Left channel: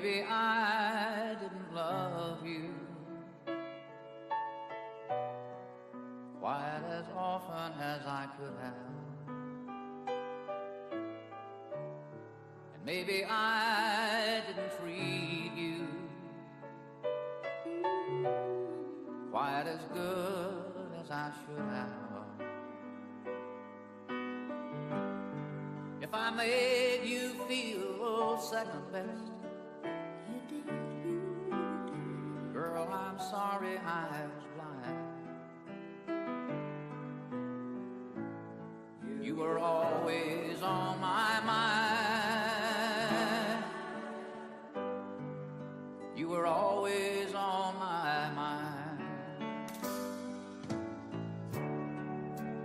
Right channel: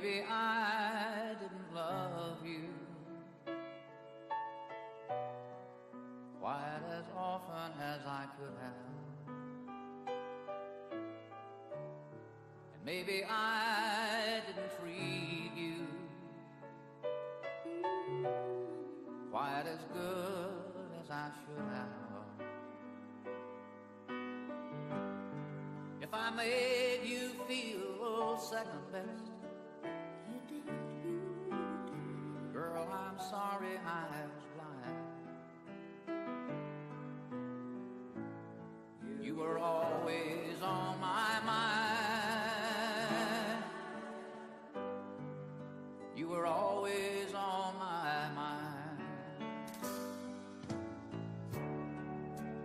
maybe I didn't love you quite as often as I could have. And maybe I didn't treat you quite as good as I should have. If I made you feel second best, girl, I'm sorry I was blind. You were always on my mind. You were always on my mind.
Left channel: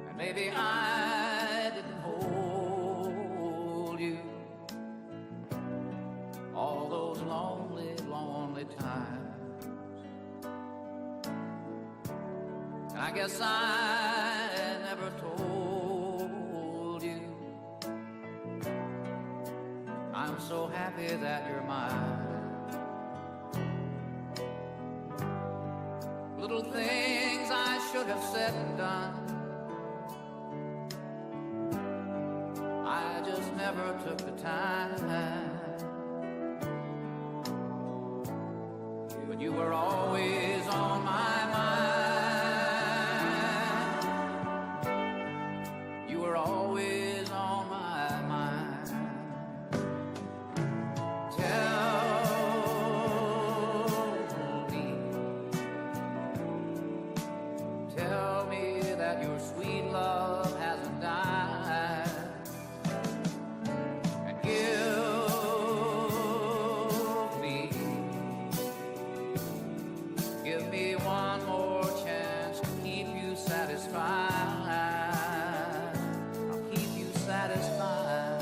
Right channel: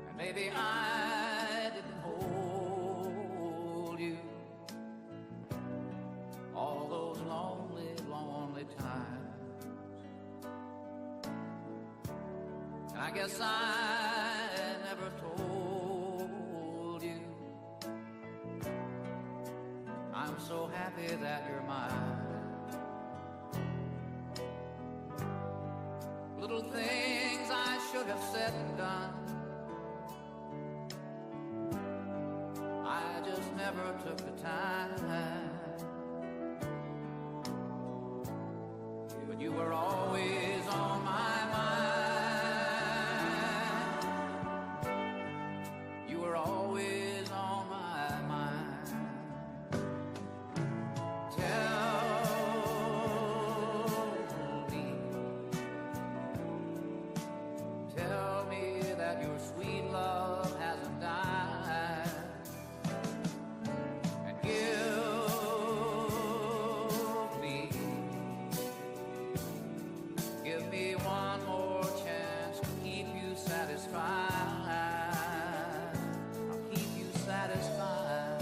And maybe I didn't hold you all those lonely, lonely times. I guess I never told you I'm so happy that you're mine. Little things I should have said and done, I just never took the time. But you were always on my mind. You were always on my mind. Tell me that your sweet love hasn't died. And give me one more chance to keep you satisfied. I'll keep you satisfied.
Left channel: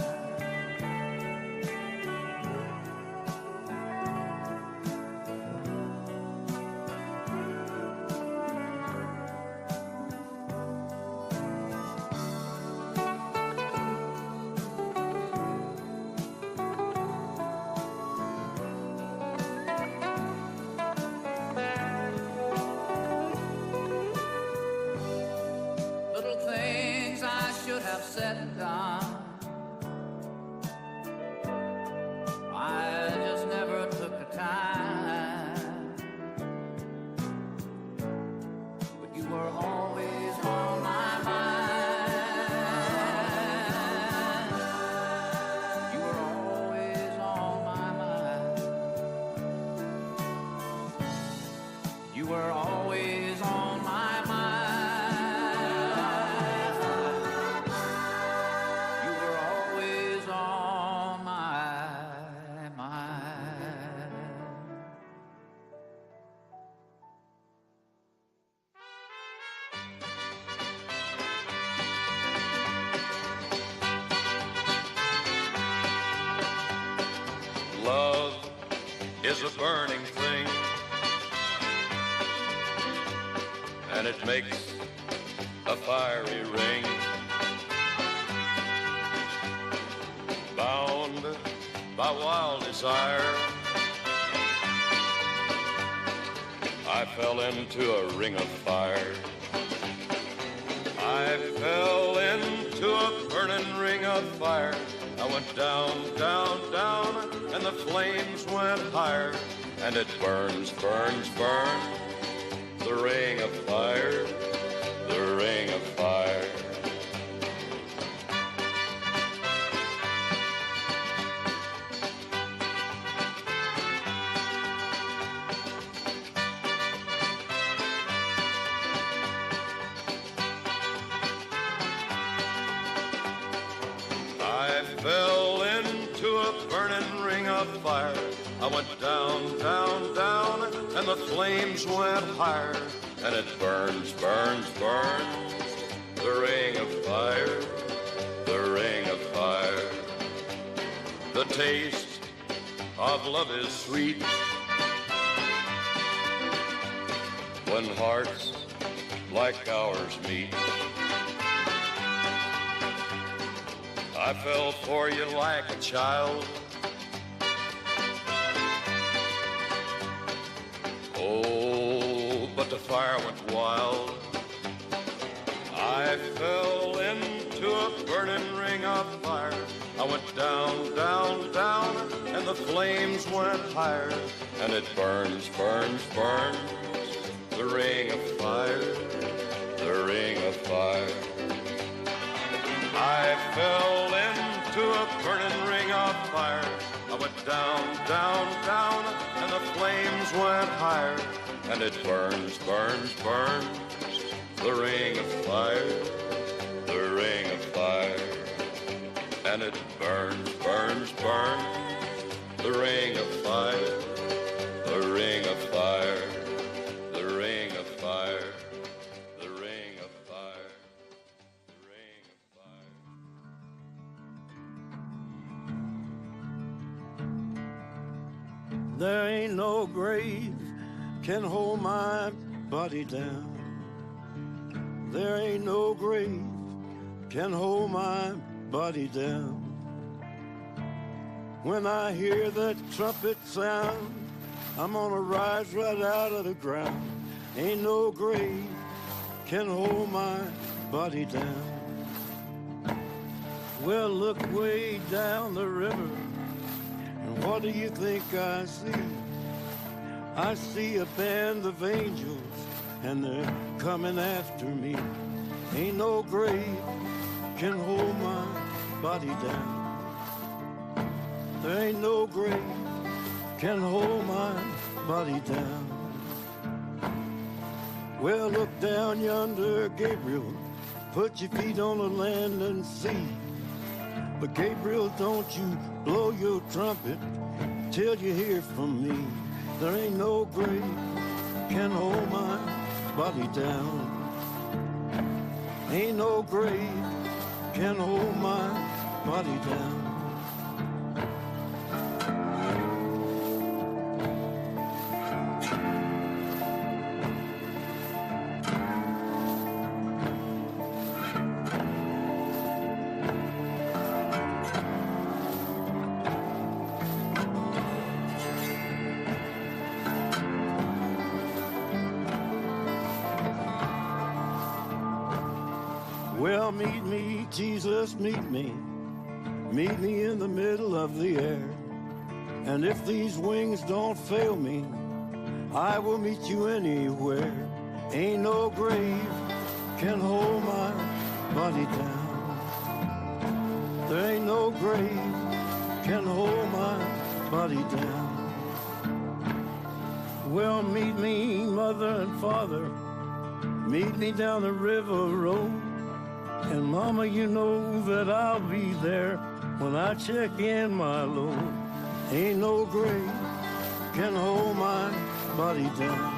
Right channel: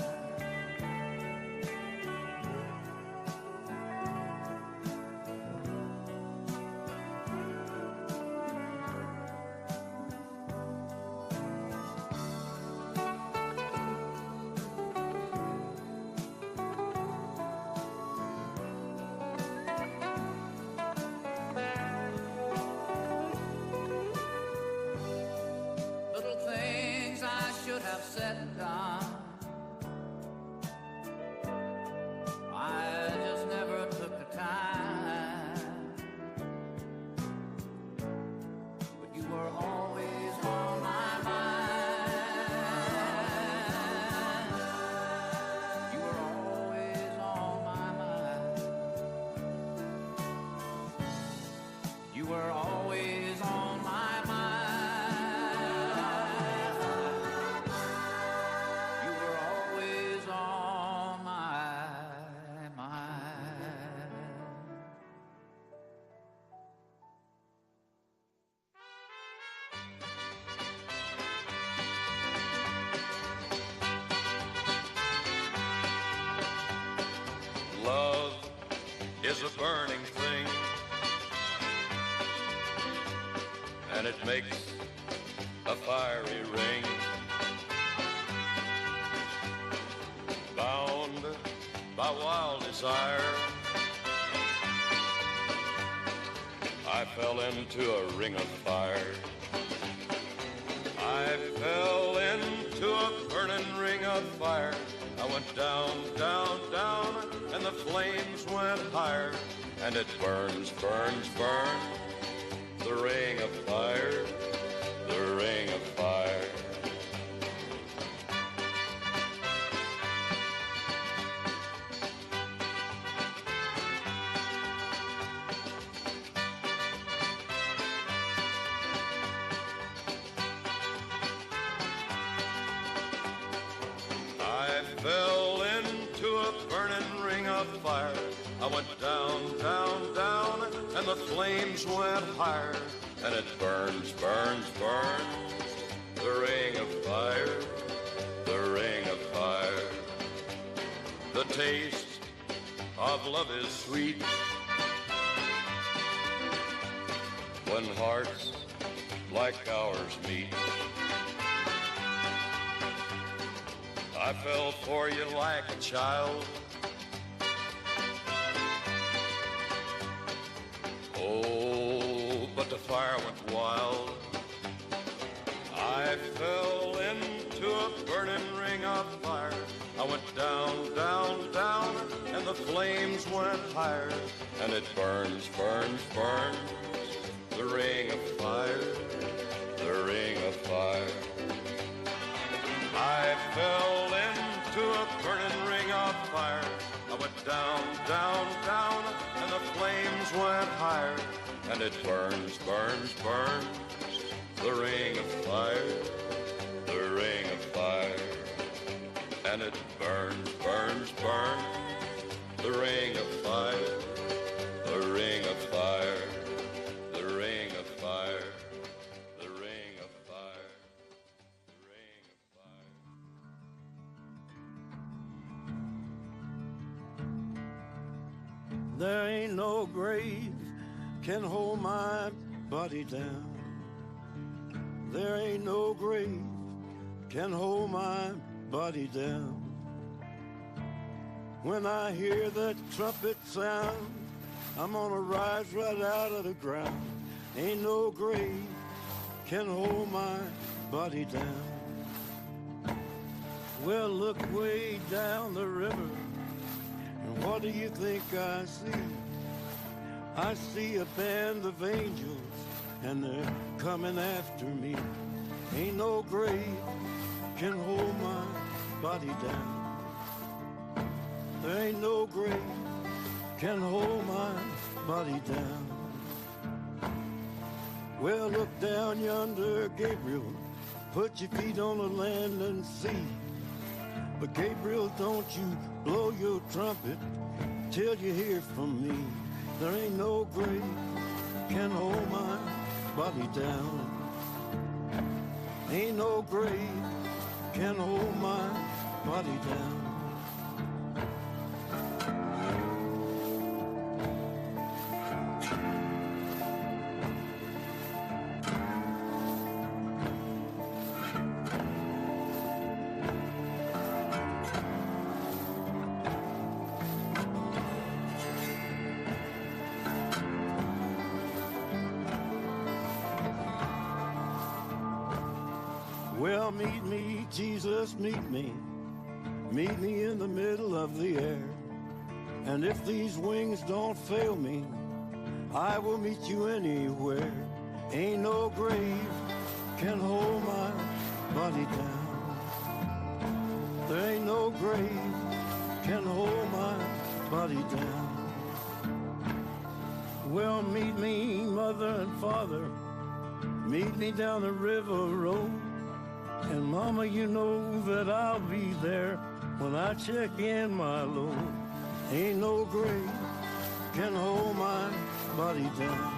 Little things I should have said and done, I just never took the time. But you were always on my mind. You were always on my mind. You were always on my mind. You were always on my mind. Love is a burning thing, and it makes a fiery ring. Bound by wild desire, I fell into a ring of fire. I fell into a burning ring of fire. I went down, down, down, and the flames went higher. And it burns, burns, burns, the ring of fire, the ring of fire. I fell into a burning ring of fire. I went down, down, down, and the flames went higher. And it burns, burns, burns, the ring of fire, the ring of fire. The taste of love is sweet when hearts like ours meet. I fell for you like a child, Oh, but the fire went wild. I fell into a burning ring of fire. I went down, down, down, and the flames went higher. And it burns, burns, burns, the ring of fire, the ring of fire. I fell into a burning ring of fire. I went down, down, down, and the flames went higher. And it burns, burns, burns, the ring of fire, the ring of fire. And it burns, burns, burns, the ring of fire, the ring of fire, the ring of fire, the ring of fire, the ring of fire. There ain't no grave can hold my body down. There ain't no grave can hold my body down. When I hear that trumpet sound, I'm gonna rise right out of the ground. Ain't no grave can hold my body down. Well, look way down the river, and what do you think I see? I see a band of angels, and they're coming after me. Ain't no grave can hold my body down. There ain't no grave can hold my body down. Well, look down yonder, Gabriel. Put your feet on the land and see. But Gabriel, don't you blow your trumpet till you hear from me. There ain't no grave can hold my body down. Ain't no grave can hold my body down. Well, meet me, Jesus, meet me. Meet me in the middle of the air. And if these wings don't fail me, I will meet you anywhere. Ain't no grave can hold my body down. There ain't no grave can hold my body down. Well, meet me, mother and father. Meet me down the river road. And mama, you know that I'll be there when I check in my load. Ain't no grave can hold my body down.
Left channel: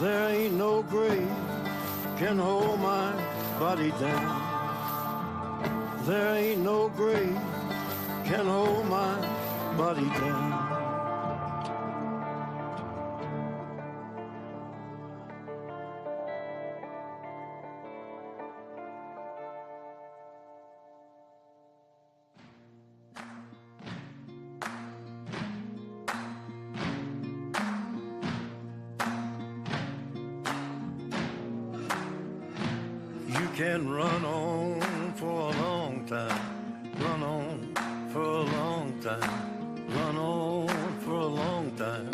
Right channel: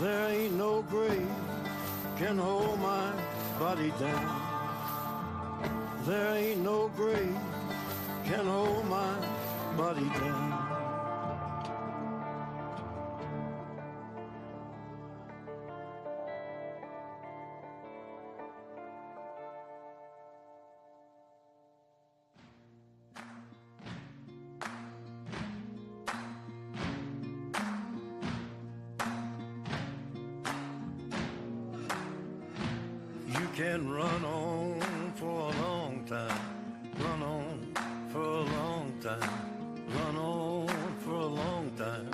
There ain't no grave can hold my body down. There ain't no grave can hold my body down. You can run on for a long time, run on for a long time, run on for a long time.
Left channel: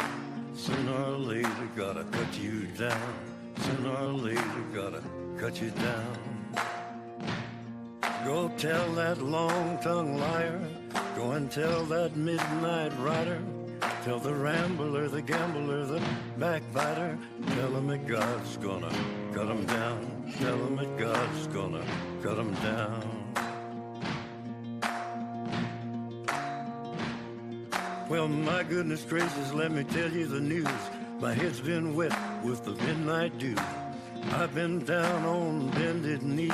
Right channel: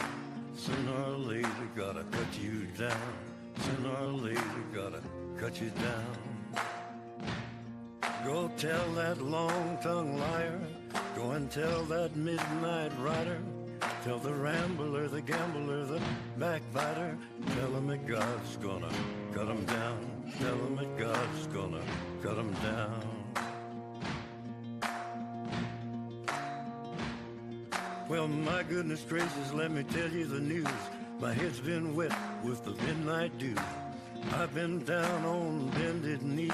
Sooner or later gotta cut you down, sooner or later gotta cut you down. Go tell that long-tongued liar, go and tell that midnight rider, tell the rambler, the gambler, the backbiter, tell him that God's gonna cut him down. Tell him that God's gonna cut him down. Well, my goodness gracious, let me tell you the news. My head's been wet with the midnight dew. I've been down on bended knee,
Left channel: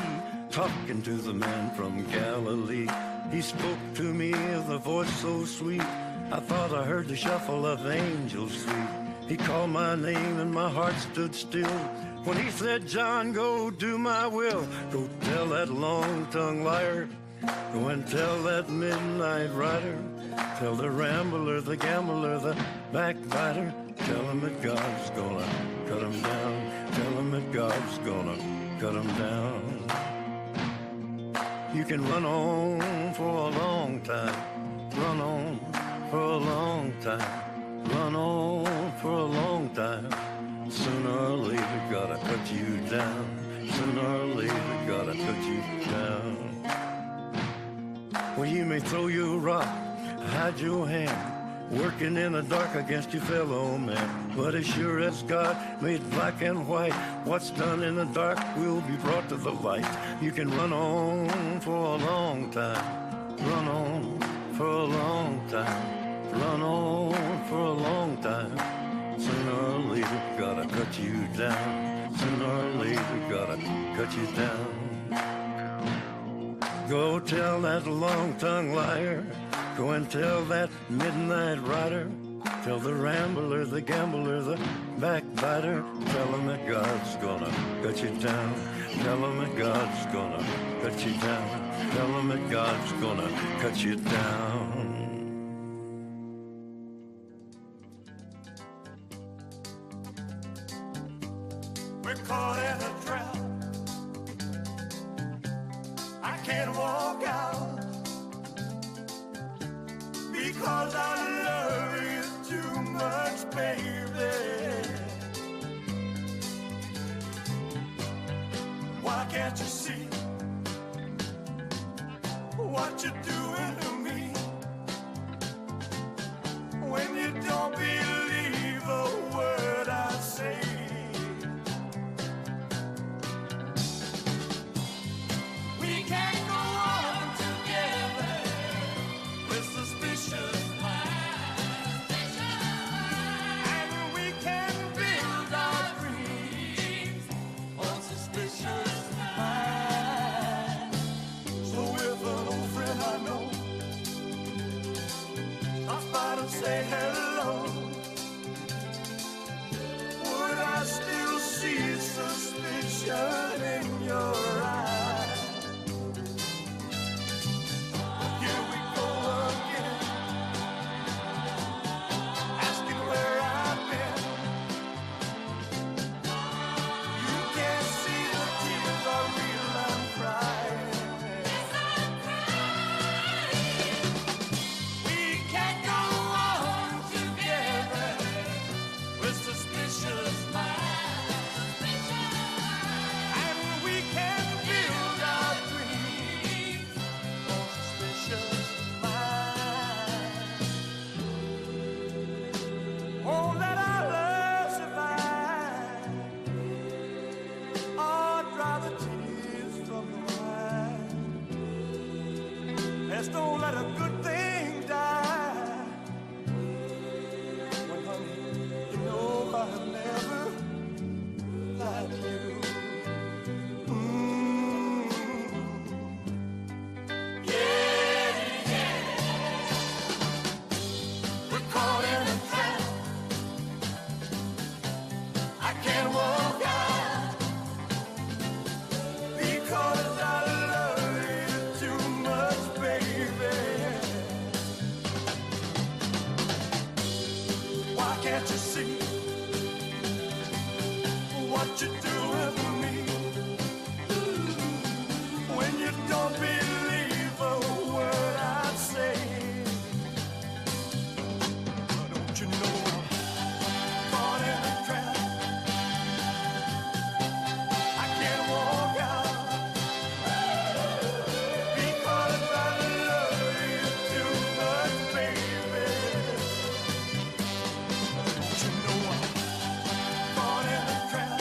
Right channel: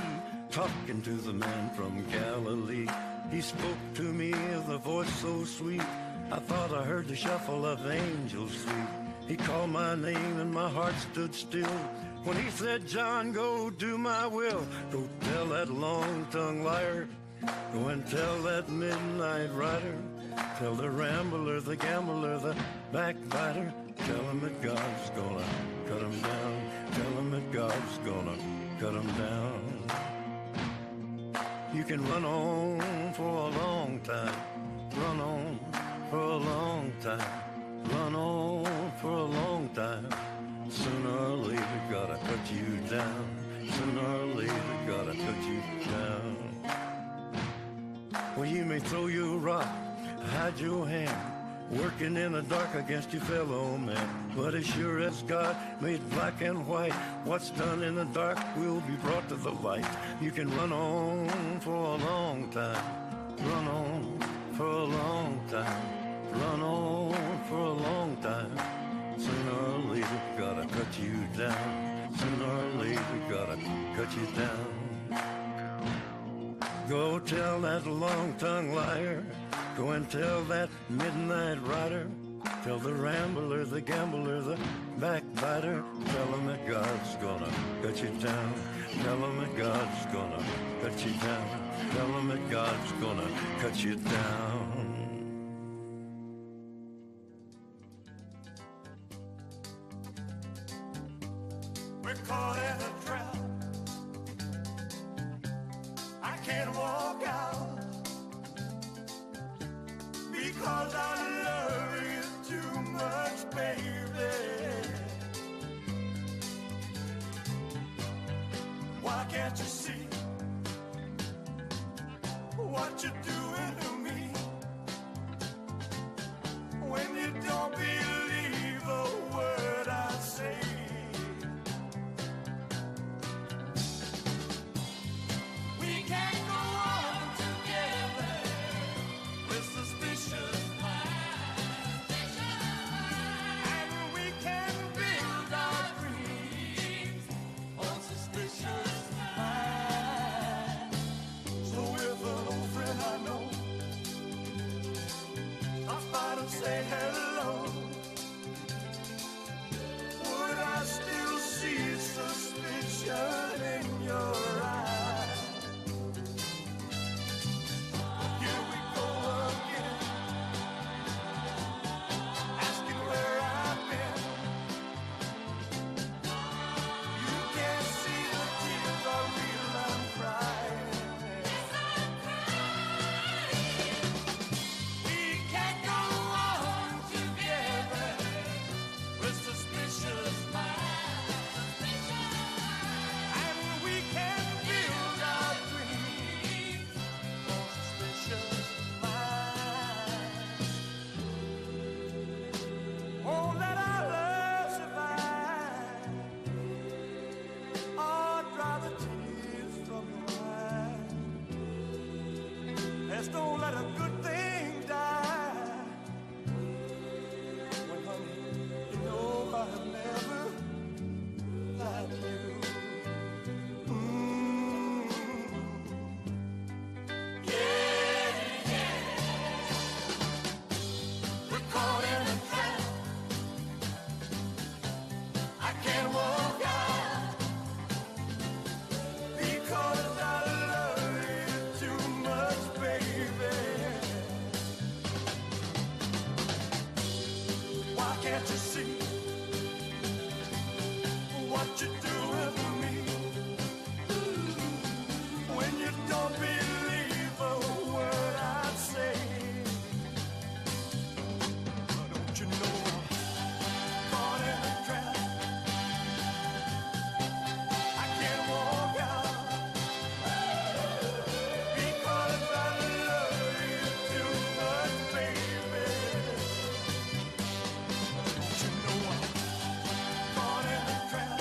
talking to the man from Galilee. He spoke to me with a voice so sweet, I thought I heard the shuffle of angels sweet. He called my name and my heart stood still when he said, John, go do my will. Go tell that long-tongued liar, go and tell that midnight rider, tell the rambler, the gambler, the backbiter, Tell him that God's gonna cut him down. Tell him that God's gonna cut him down. You can run on for a long time. Run on for a long time. Run on for a long time. Sooner or later, gotta cut you down. Sooner or later, gotta cut you down. Well, you may throw your rock, hide your hand, working in the dark against your fellow man. But as sure as God made black and white, what's done in the dark will be brought to the light. You can run on for a long time. Run on for a long time. Run on for a long time. Sooner or later, gotta cut you down. Sooner or later, gotta cut you down. Go tell that long-tongued liar. Go and tell that midnight rider. Tell the rambler, the gambler, the backbiter. Tell him that God's gonna cut you down. Tell him that God's gonna cut you down. Tell him that God's gonna cut you down. We're caught in a trap. I can't walk out because I love you too much, baby. Why can't you see what you're doing to me when you don't believe a word I say? We can't go on together with suspicious minds, and we can build our dreams on suspicious minds. So if an old friend I know stops by to say hello, would I still see suspicion in your eyes? Here we go again, asking where I've been. You can't see the tears are real, I'm crying. We can't go on together with suspicious minds, and we can build our dreams on suspicious minds. Won't let our love survive, or dry the tears from your eyes. Let's don't let a good thing die. When, honey, you know I've never liked you. We're caught in a trap. I can't walk out because I love you too much, baby. Why can't you see what you're doing to me when you don't believe a word I say? Don't you know I'm caught in a trap? I can't walk out because I love you too much, baby. Don't you know I'm caught in a trap?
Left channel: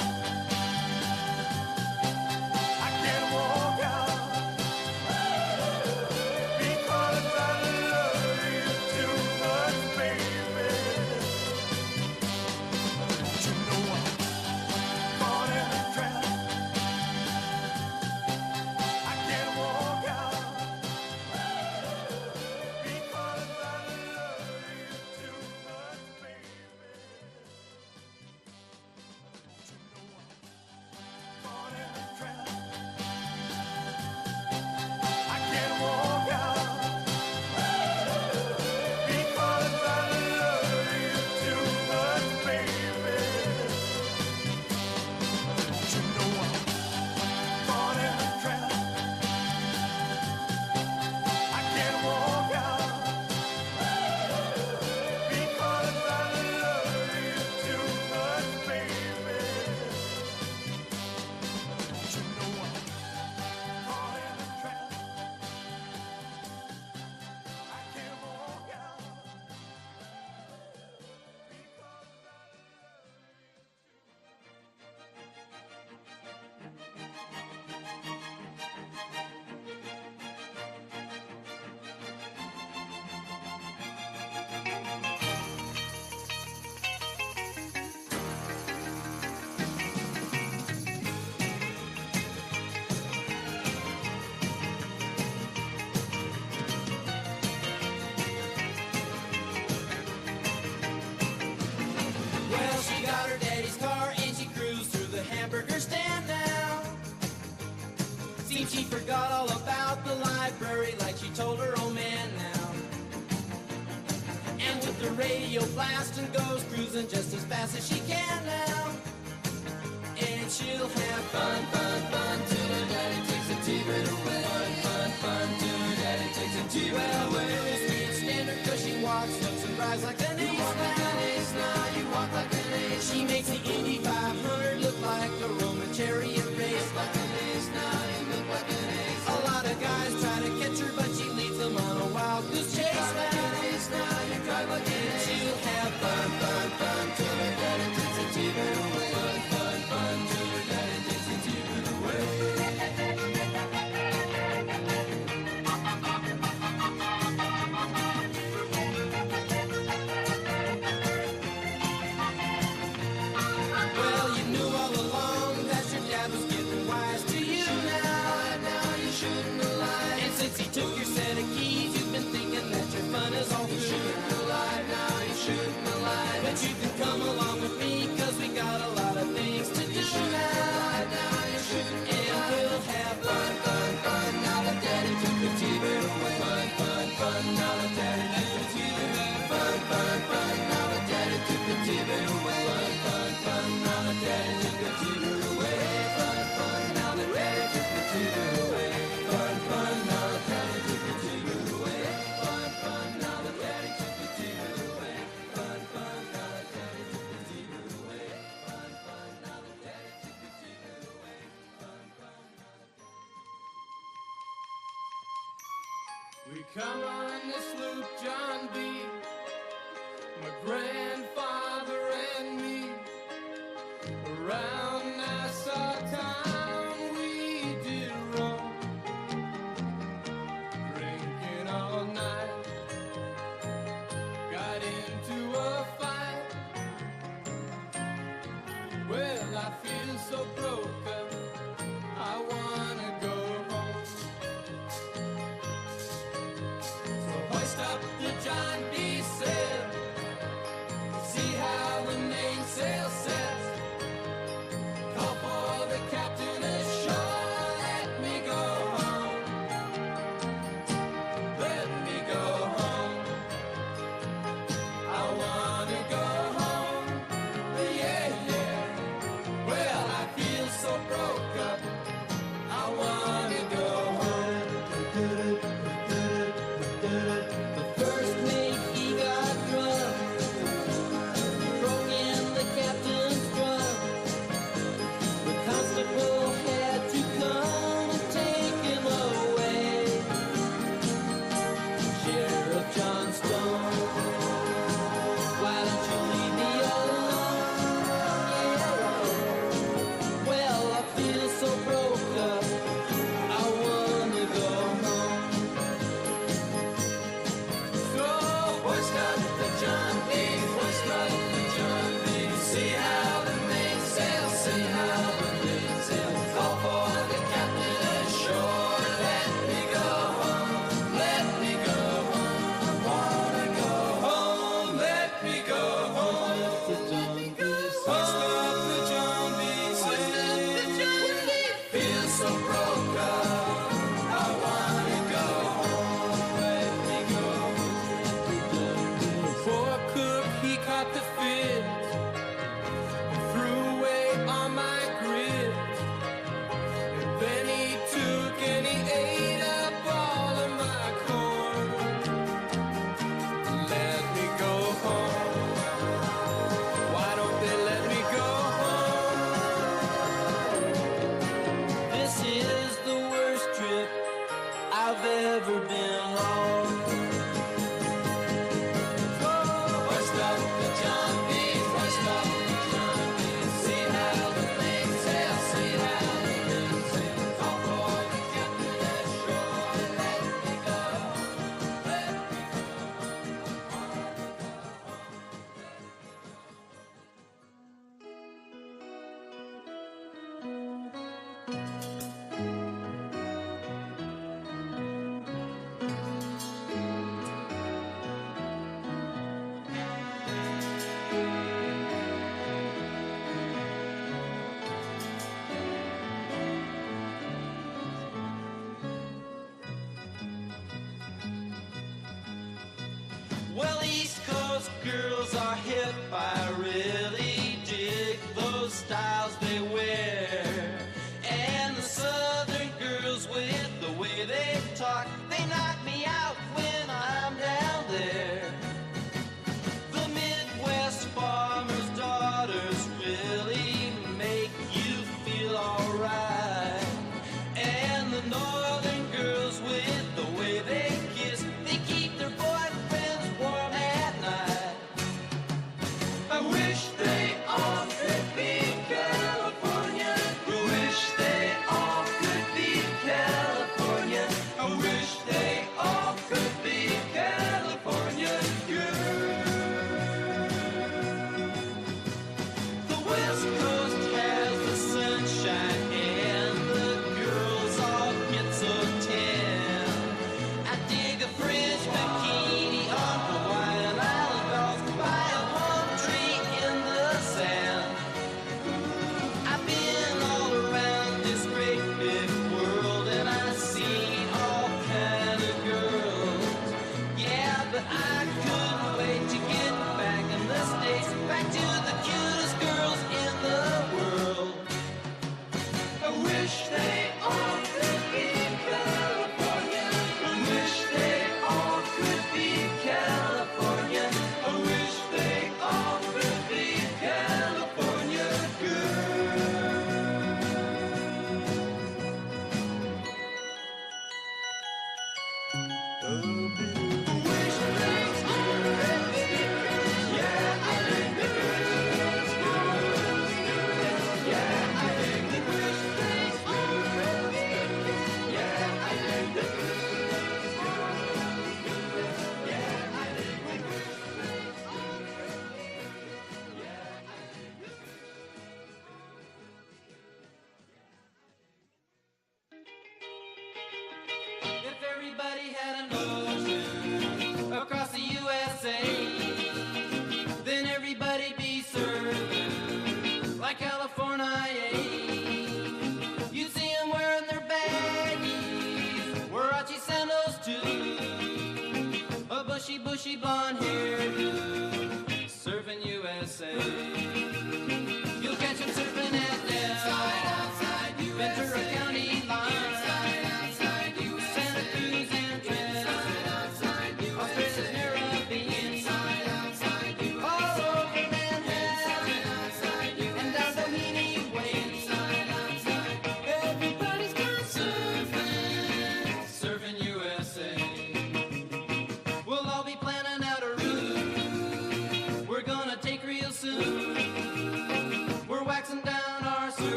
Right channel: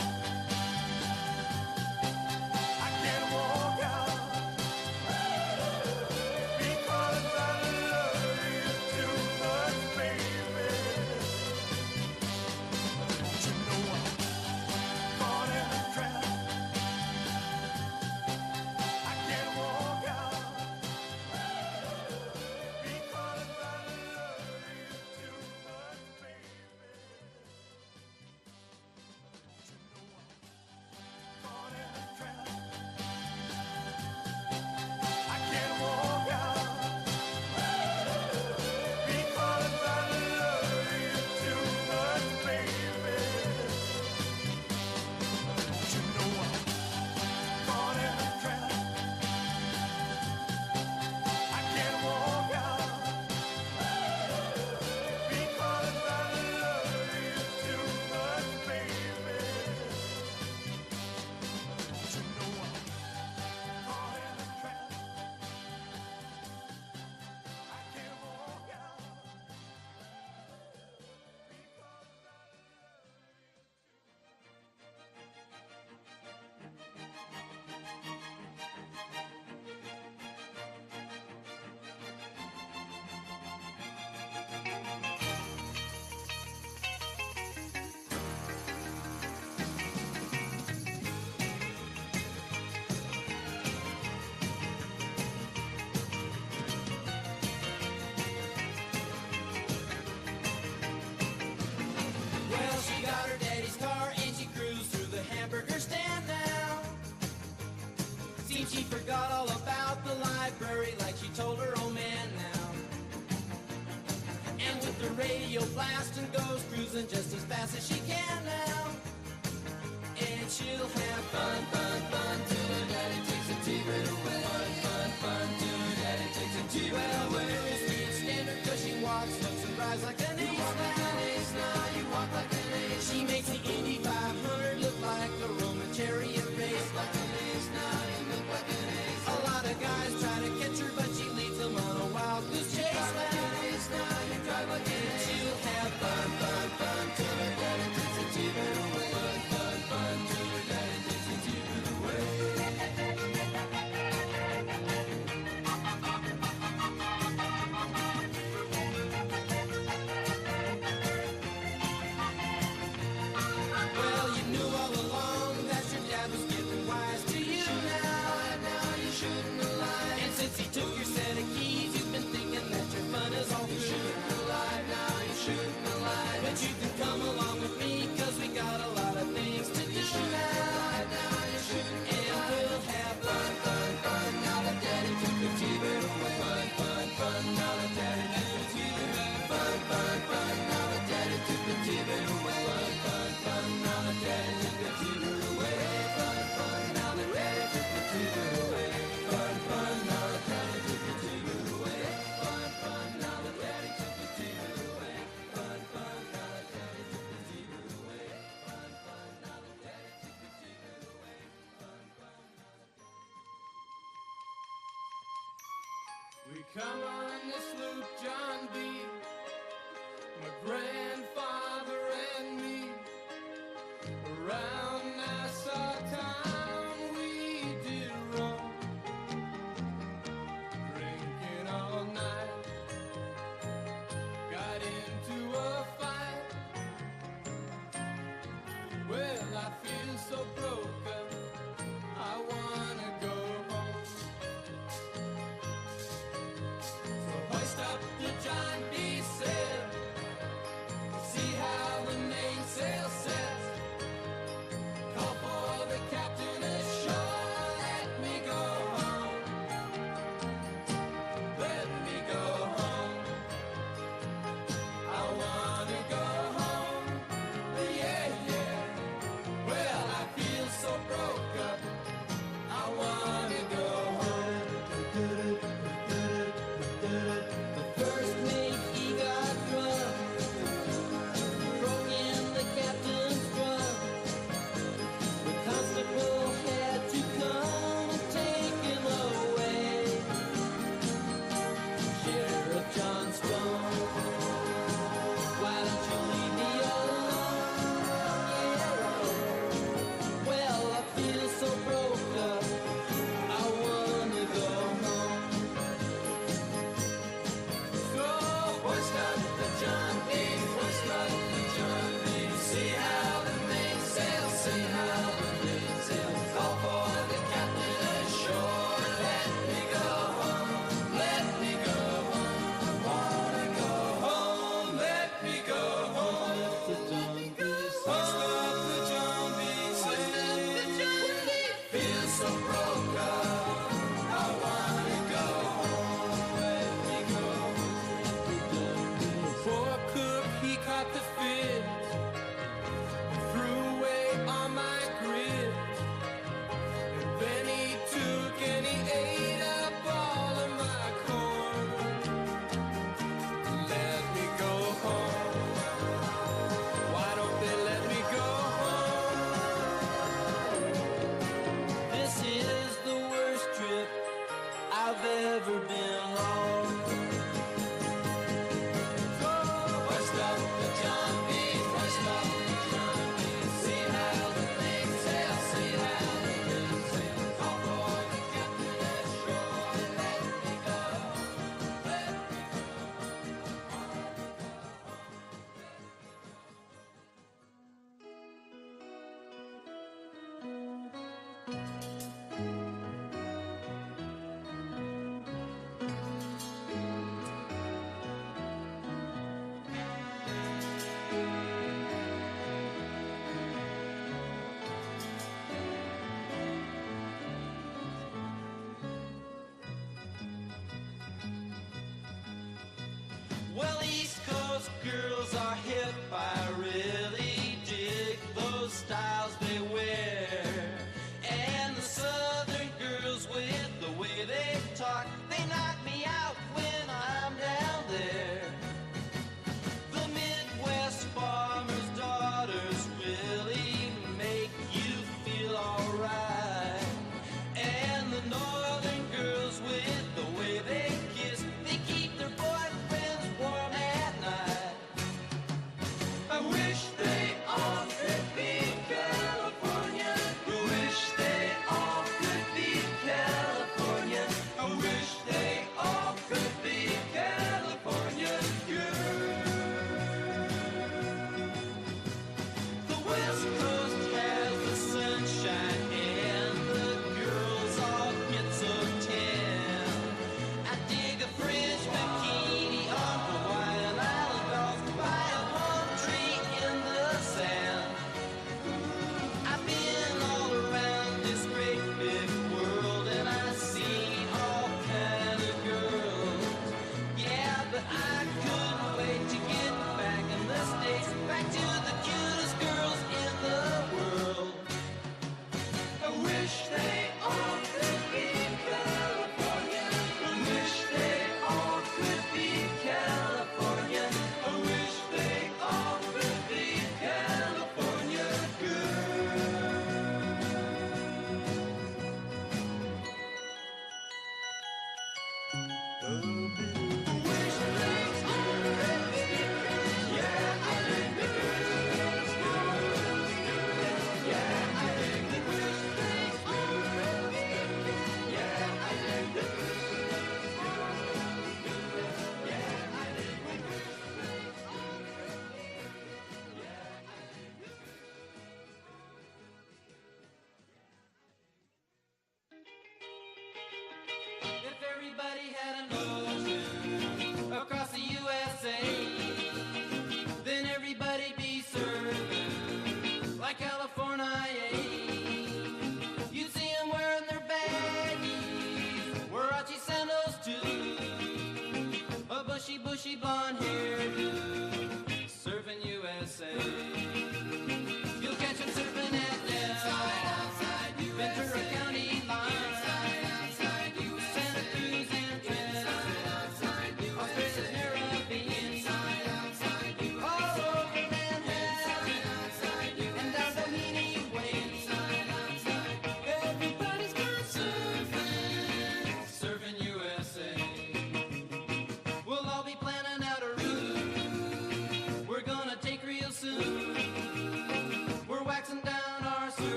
Come on the sloop, John B. My grandfather and me. Around Nassau town we did roam, drinking all night. Got into a fight. Well, I feel so broken. I wanna go home. So hoist up your John D. sail. See how the mainsail sets. Call for the captain ashore. Let me go home. Let me go home. I wanna go home. Yeah, yeah. Well, I feel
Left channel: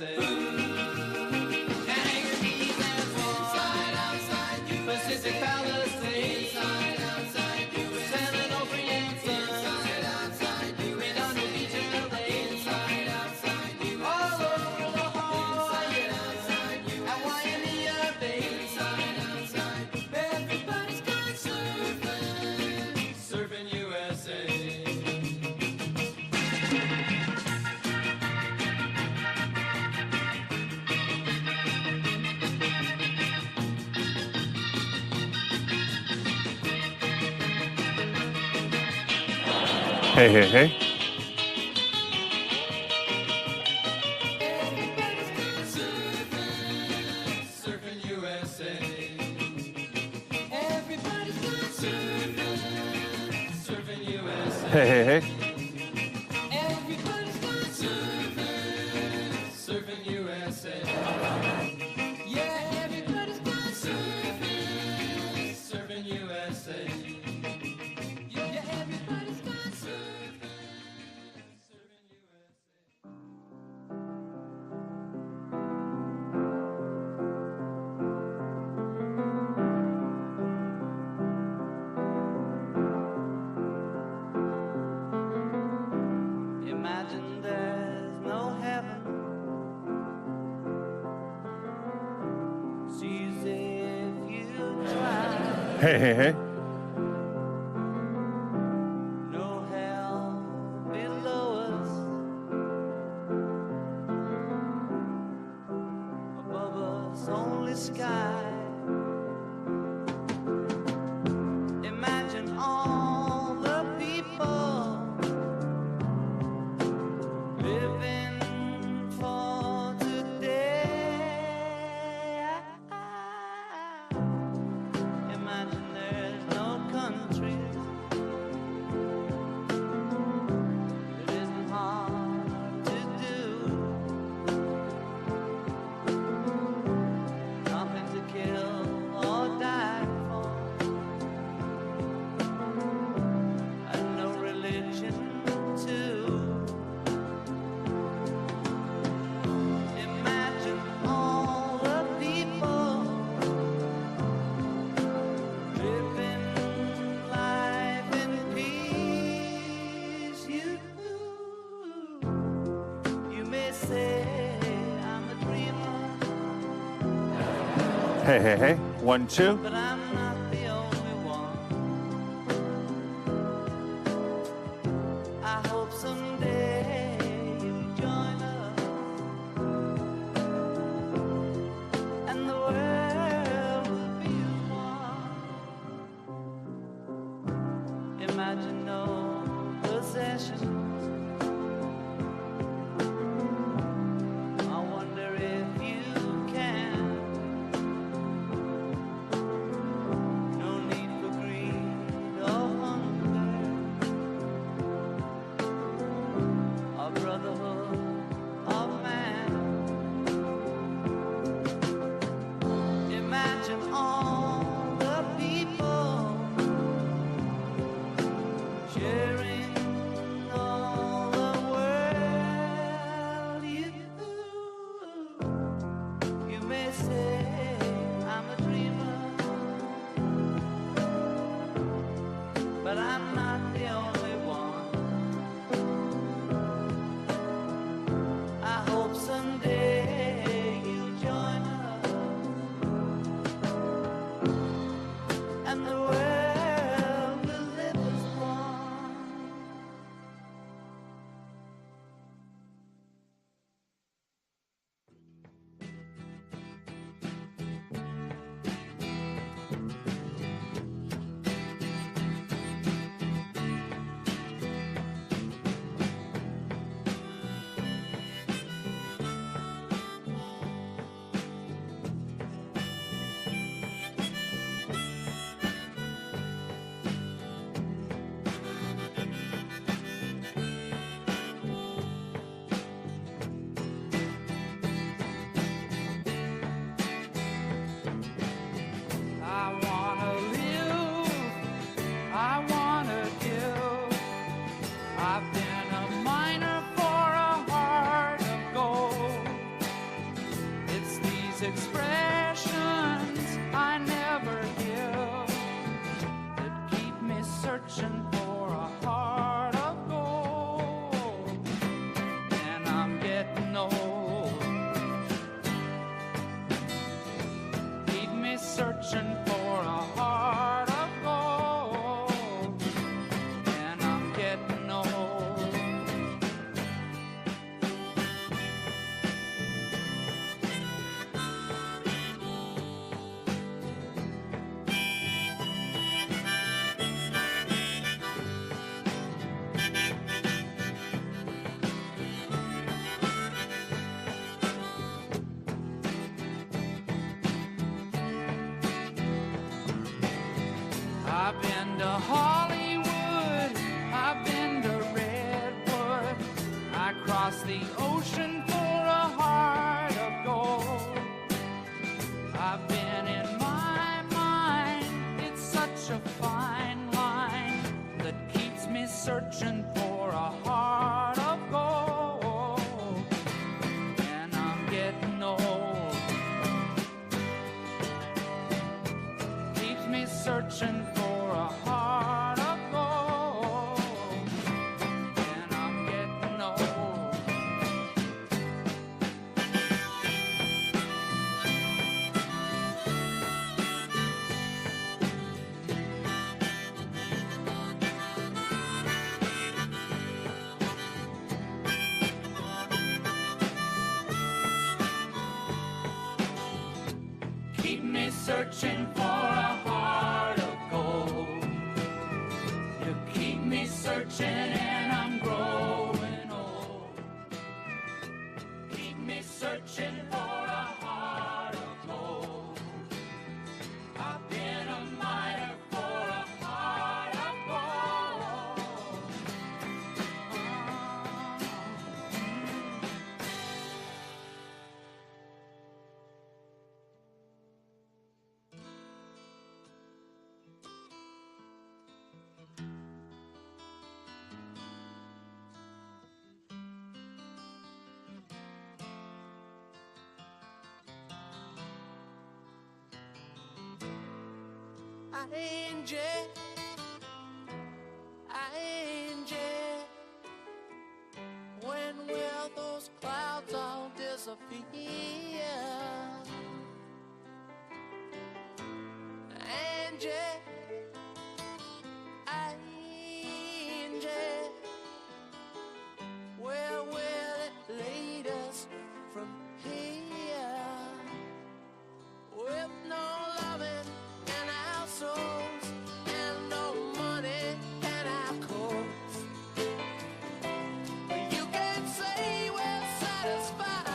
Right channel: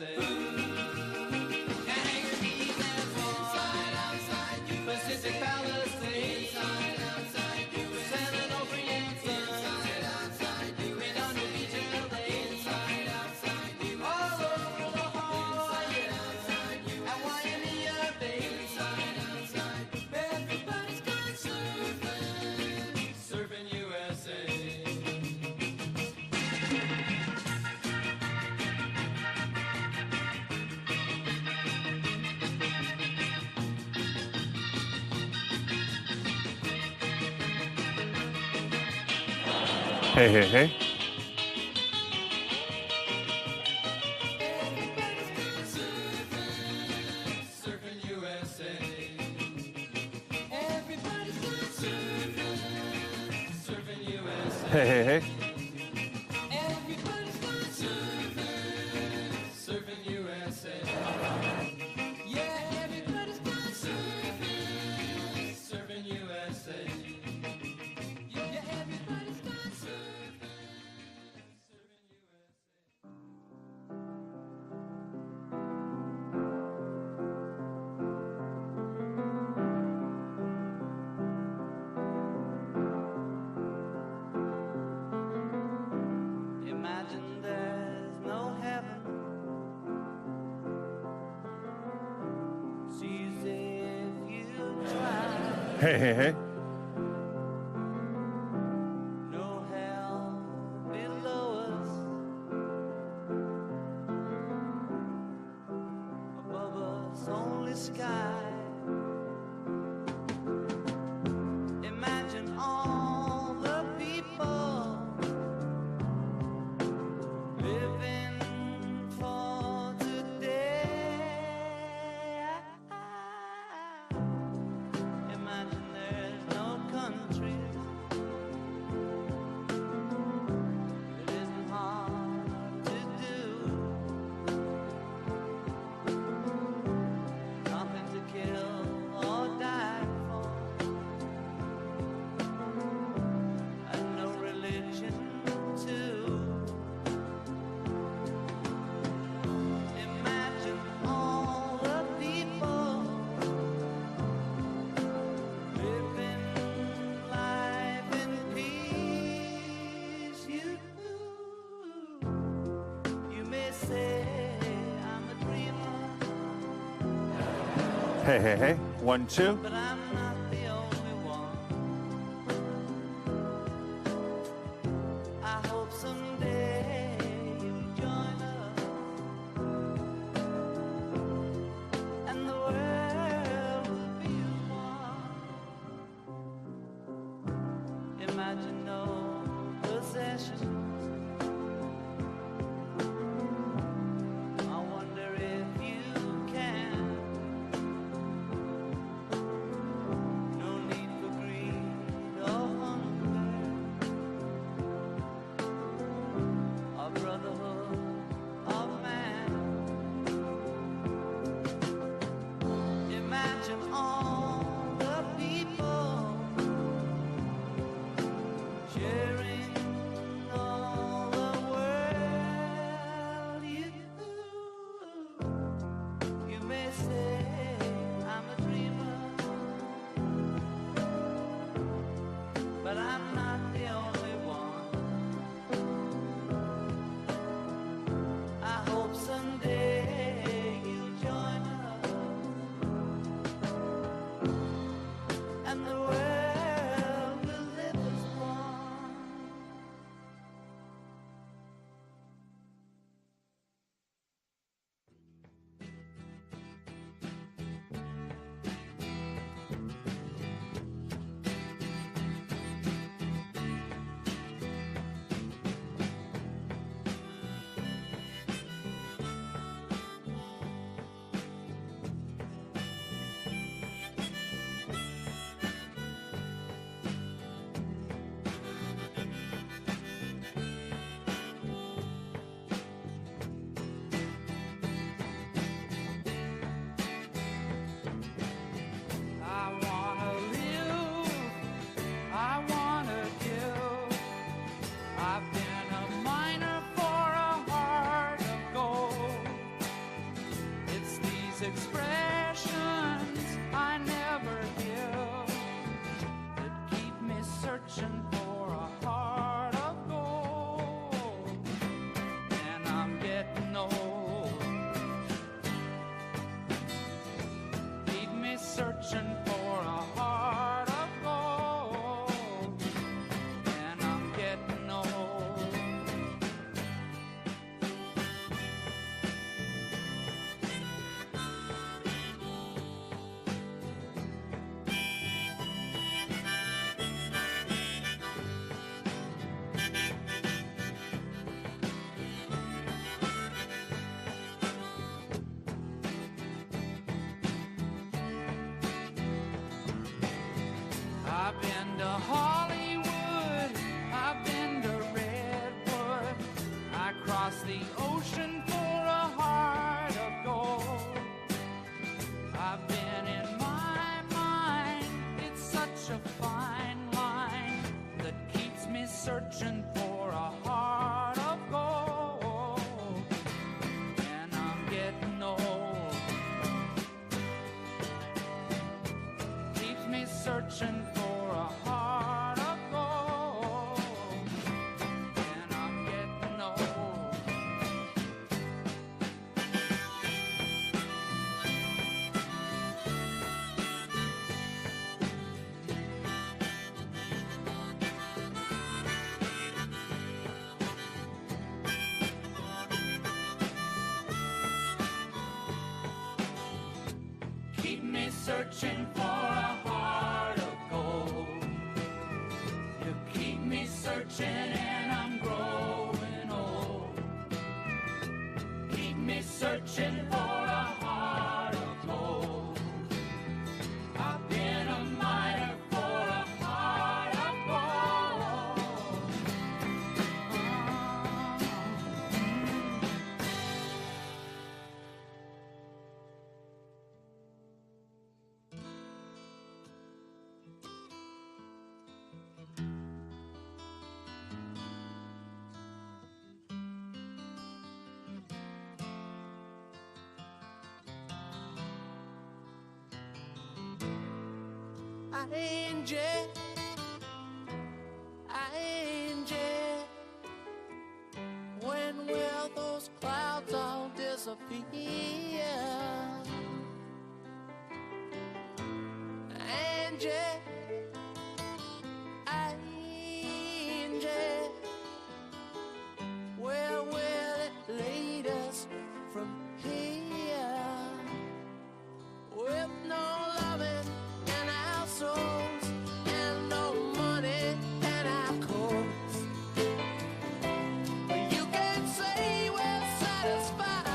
USA. Magazines and inside, outside, Pacific Palisades. Inside, outside, USA. Salmon over Yankee. Inside, outside, Redondo Beach, LA. Inside, outside, all over the whole inside, outside, Hawaii, Bay. Inside, outside, everybody's gone surfing, surfing USA. Hey, hey, hey. Everybody's gone surfing, surfing USA. Everybody's gone surfing, surfing USA. Hey, hey, hey. Everybody's gone surfing, surfing USA. Yeah, everybody's gone surfing, surfing USA. Yeah, everybody's gone surfing, surfing USA. Imagine there's no heaven. Sees if you try. Hey, hey, hey. No hell below us. Above us only sky. Imagine all the people living for today. Imagine there's no countries. It isn't hard to do. Nothing to kill or die for. And no religion too. Imagine all the people living life in peace. You may say I'm a dreamer, Hey, hey, hey. 1, 2. but I'm not the only one. I hope someday you'll join us, and the world will be one. Imagine no possessions. I wonder if you can. expressions I never give that keep me searching for a heart of gold. And I'm getting old. Keep me searching for a heart of gold. And I'm getting old. I've been to Hollywood, I've been to Redwood, I crossed the ocean for a heart of gold. I've been in my mind, it's such a fine line that keeps me searching for a heart of gold. And I'm getting old. Keeps me searching for a heart of gold. And I'm getting old. Keep me searching for a heart of gold. You keep me searching and I'm growing old. Keep me searching for a heart of gold. I've been a miner for a heart of gold. Angel, angel, when will those clouds all disappear? Angel, angel, where will it lead us from here? With no loving in our souls and no money in our clothes, you can't say we're satisfied.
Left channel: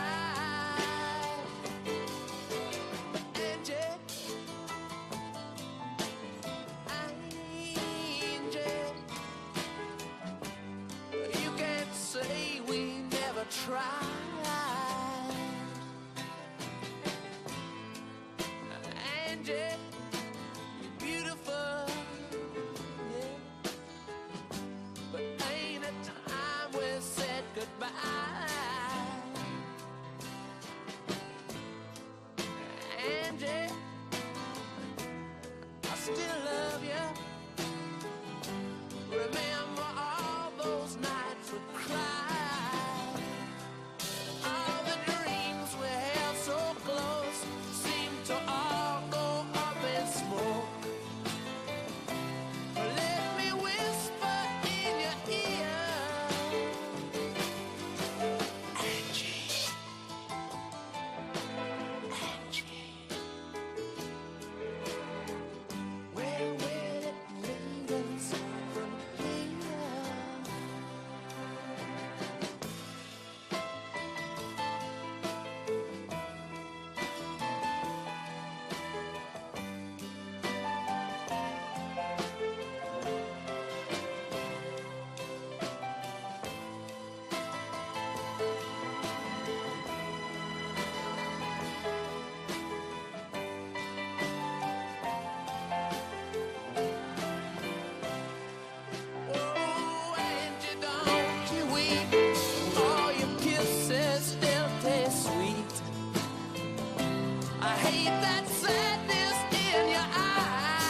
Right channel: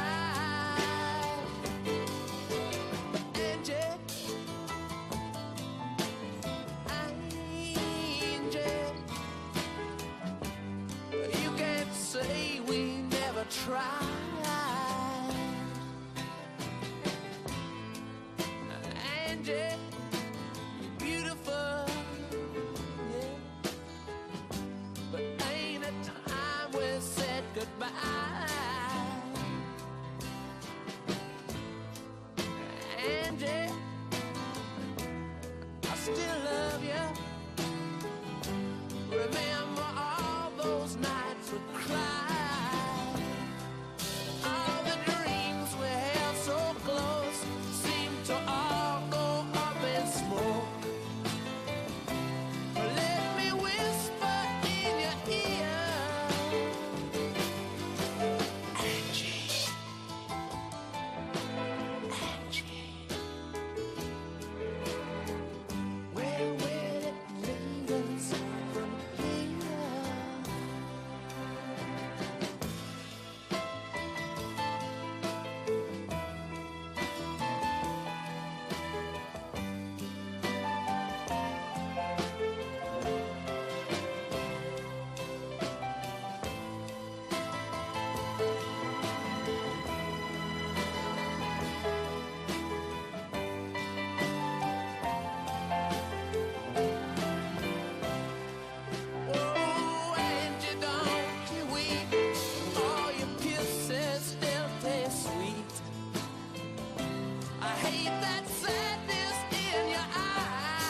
hate that sadness in your eyes.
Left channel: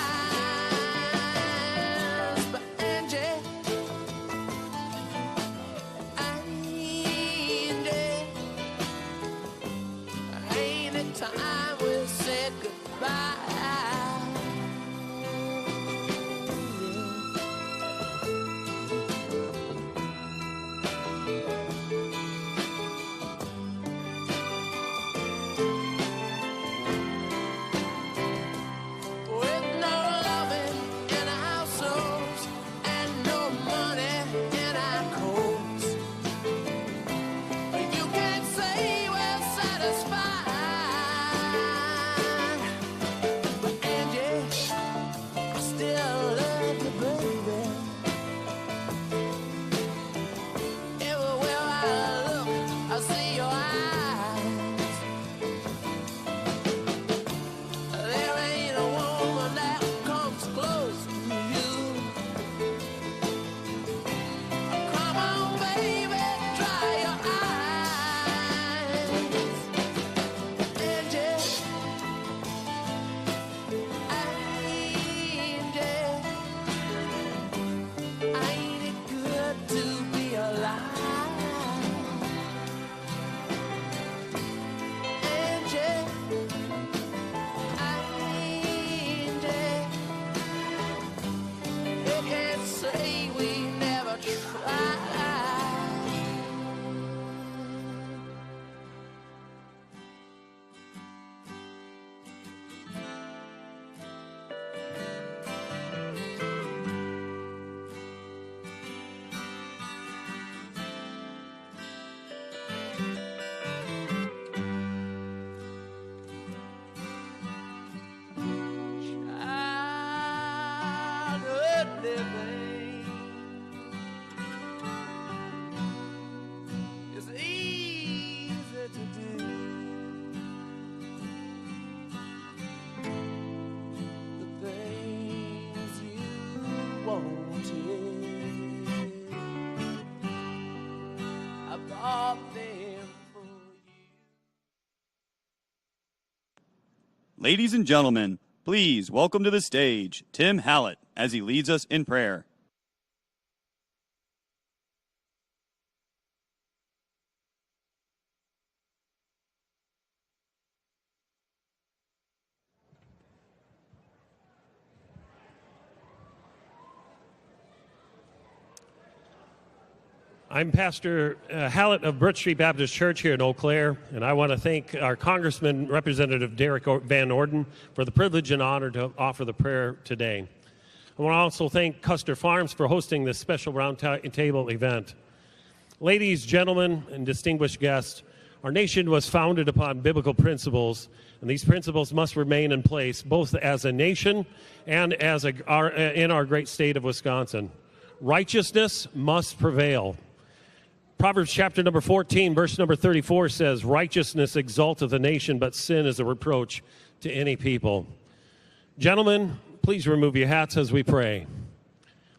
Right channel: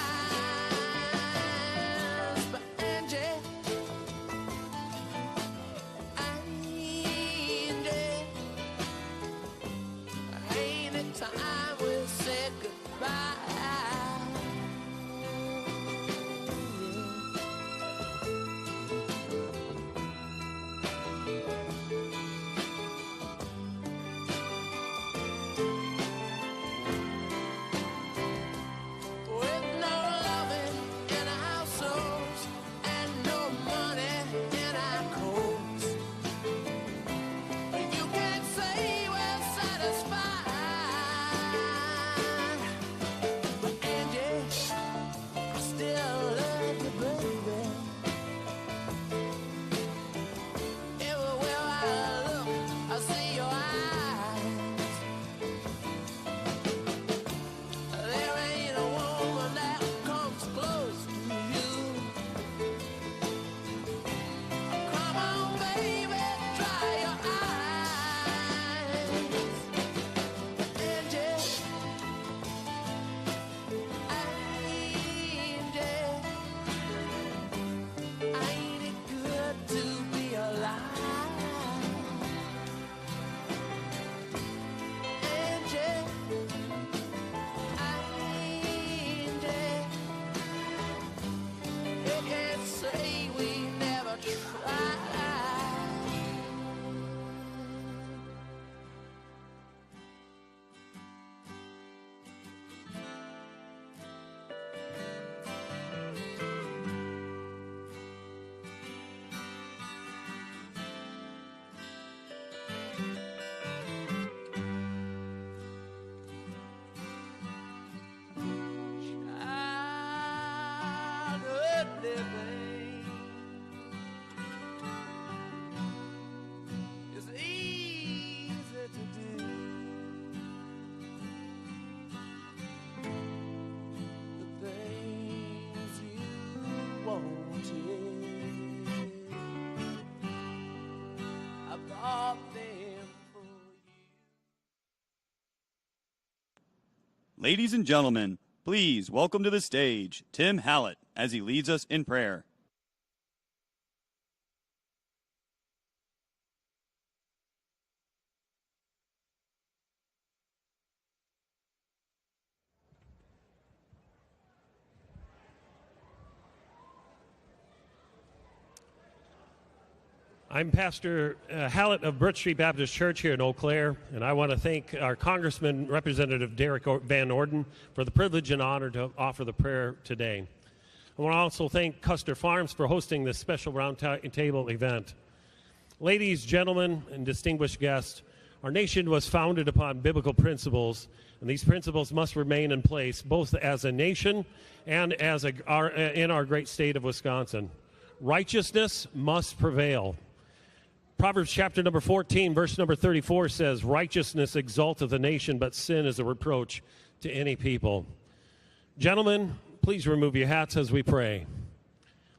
But Angie, ain't it time we said goodbye? With no loving in our households and no money in our coats, you can't say we're satisfied. But Angie, I still love you, baby. Everywhere I look, I see your eyes. There ain't a woman that comes close to you. Come on, baby, dry your eyes. Angie, ain't it good to be alive? Angie, you can't say we never tried. Childhood living is easy to do. The things you wanted, I bought them for you. Ladies and gentlemen, please welcome to the stage Tim Hallett as he leads us in prayer. I'm Pastor Hallett of Brook Street Baptist Church here in Eau Claire, and I want to thank our Congressman, Representative Derek Van Orden, for the privilege and honor to offer the prayer today. I want to also thank Custer Farms for hosting this special roundtable event. Ladies, gentlemen, and distinguished guests, our nation was founded upon biblical principles, and these principles must remain in place both as a nation and as in our great state of Wisconsin. Righteousness must prevail. Proverbs chapter number 14, verse number 34 says, "Righteousness exalteth a nation, but sin is a reproach to any people." Gentlemen, please remove your hats as we pray.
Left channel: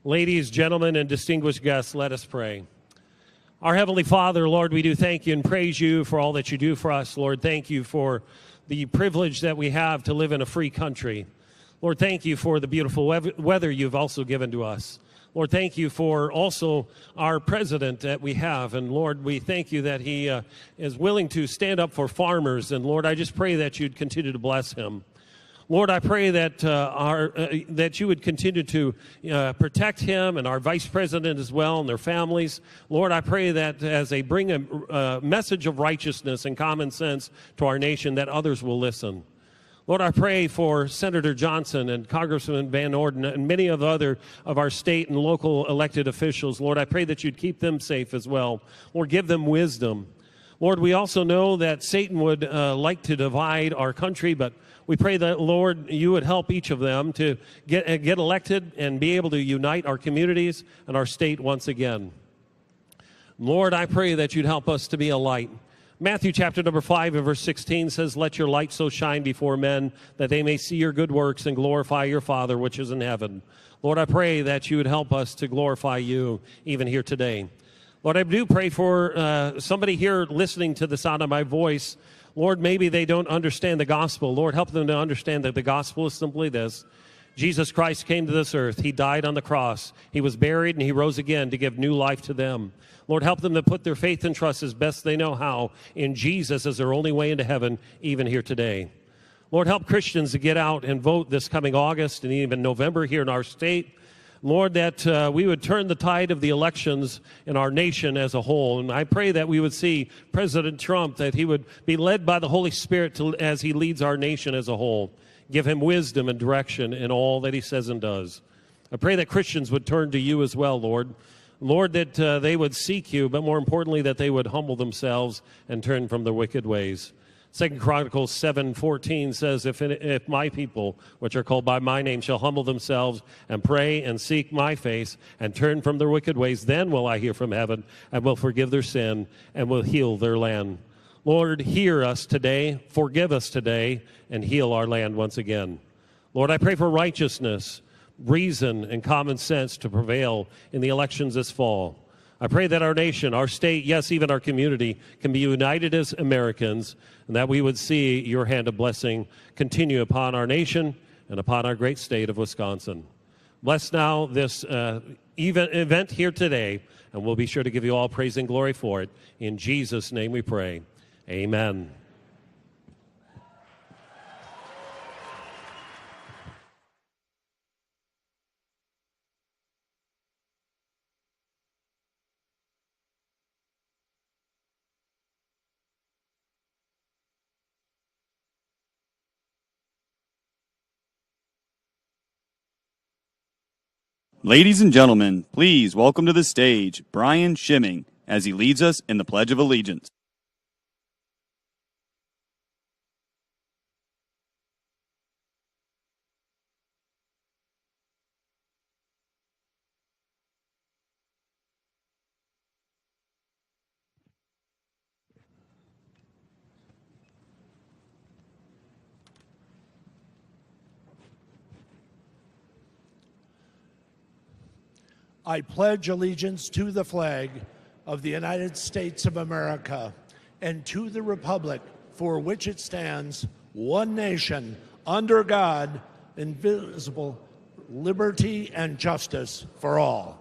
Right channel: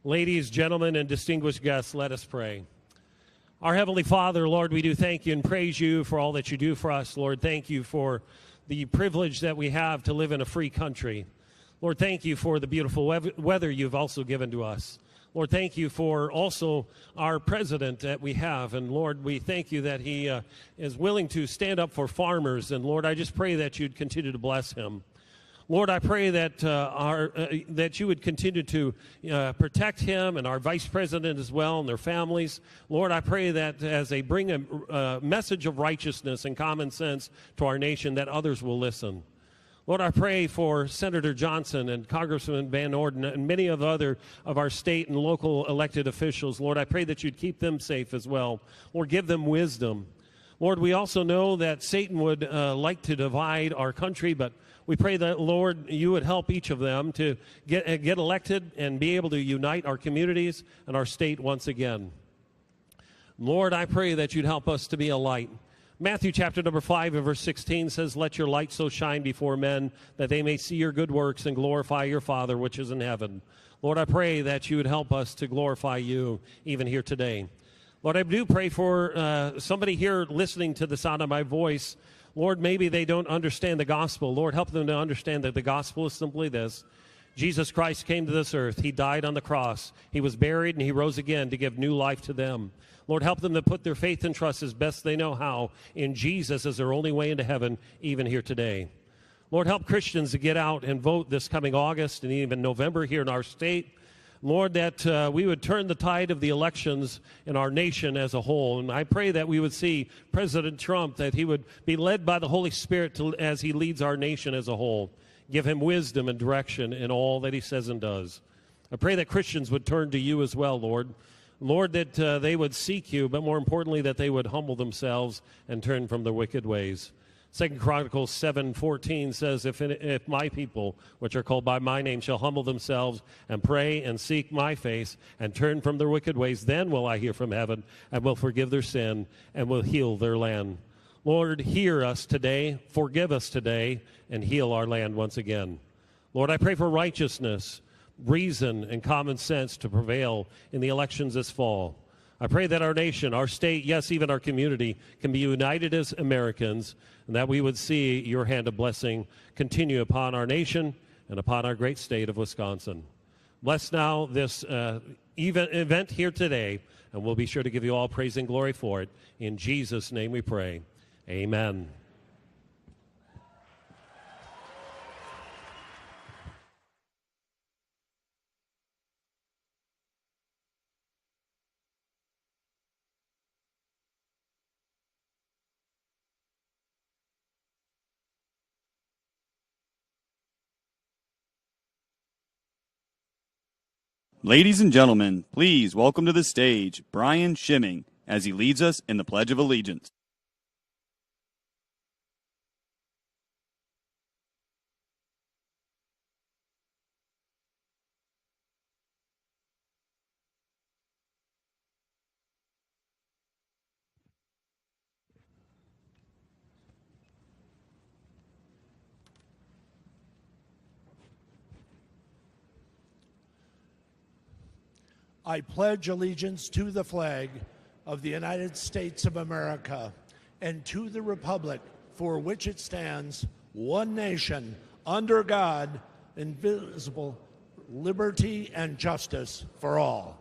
Ladies, gentlemen, and distinguished guests, let us pray. Our Heavenly Father, Lord, we do thank you and praise you for all that you do for us. Lord, thank you for the privilege that we have to live in a free country. Lord, thank you for the beautiful weather you've also given to us. Lord, thank you for also our president that we have. And Lord, we thank you that he is willing to stand up for farmers. And Lord, I just pray that you'd continue to bless him. Lord, I pray that that you would continue to protect him and our vice president as well and their families. Lord, I pray that as they bring a message of righteousness and common sense to our nation, that others will listen. Lord, I pray for Senator Johnson and Congressman Van Orden and many of other of our state and local elected officials. Lord, I pray that you'd keep them safe as well. Lord, give them wisdom. Lord, we also know that Satan would like to divide our country, but we pray that, Lord, you would help each of them to get elected and be able to unite our communities and our state once again. Lord, I pray that you'd help us to be a light. Matthew chapter number 5 and verse 16 says, "Let your light so shine before men that they may see your good works and glorify your Father which is in heaven." Lord, I pray that you would help us to glorify you even here today. Lord, I do pray for somebody here listening to the sound of my voice. Lord, maybe they don't understand the gospel. Lord, help them to understand that the gospel is simply this. Jesus Christ came to this earth. He died on the cross. He was buried, and he rose again to give new life to them. Lord, help them to put their faith and trust as best they know how in Jesus as their only way into heaven, even here today. Lord, help Christians to get out and vote this coming August and even November here in our state. Lord, that we would turn the tide of the elections in our nation as a whole. And I pray that we would see President Trump, that he would be led by the Holy Spirit as he leads our nation as a whole. Give him wisdom and direction in all that he says and does. I pray that Christians would turn to you as well, Lord. Lord, that they would seek you, but more importantly, that they would humble themselves and turn from their wicked ways. 2 Chronicles 7:14 says, if my people, which are called by my name, shall humble themselves and pray and seek my face and turn from their wicked ways, then will I hear from heaven and will forgive their sin and will heal their land. Lord, hear us today, forgive us today, and heal our land once again. Lord, I pray for righteousness, reason, and common sense to prevail in the elections this fall. I pray that our nation, our state, yes, even our community can be united as Americans, and that we would see your hand of blessing continue upon our nation and upon our great state of Wisconsin. Bless now this event here today, and we'll be sure to give you all praise and glory for it. In Jesus' name we pray. Amen. Ladies and gentlemen, please welcome to the stage Brian Shimming as he leads us in the Pledge of Allegiance. I pledge allegiance to the flag of the United States of America and to the republic for which it stands, one nation, under God, indivisible, liberty and justice for all.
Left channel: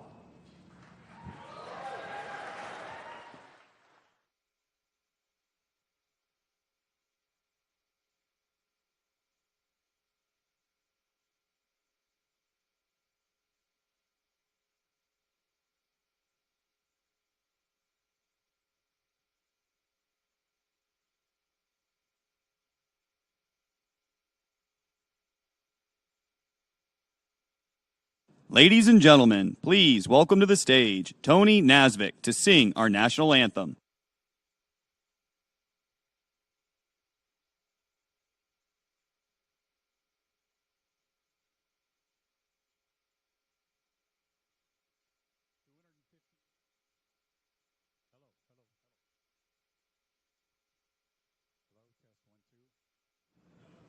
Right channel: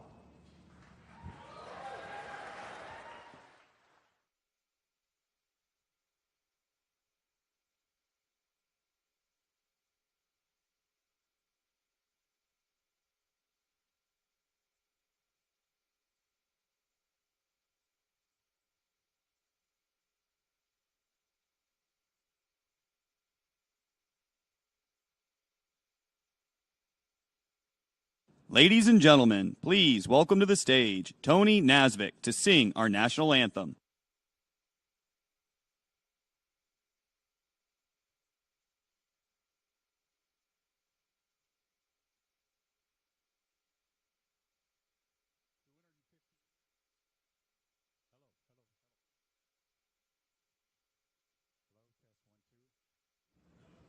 Ladies and gentlemen, please welcome to the stage Tony Nasvik to sing our national anthem.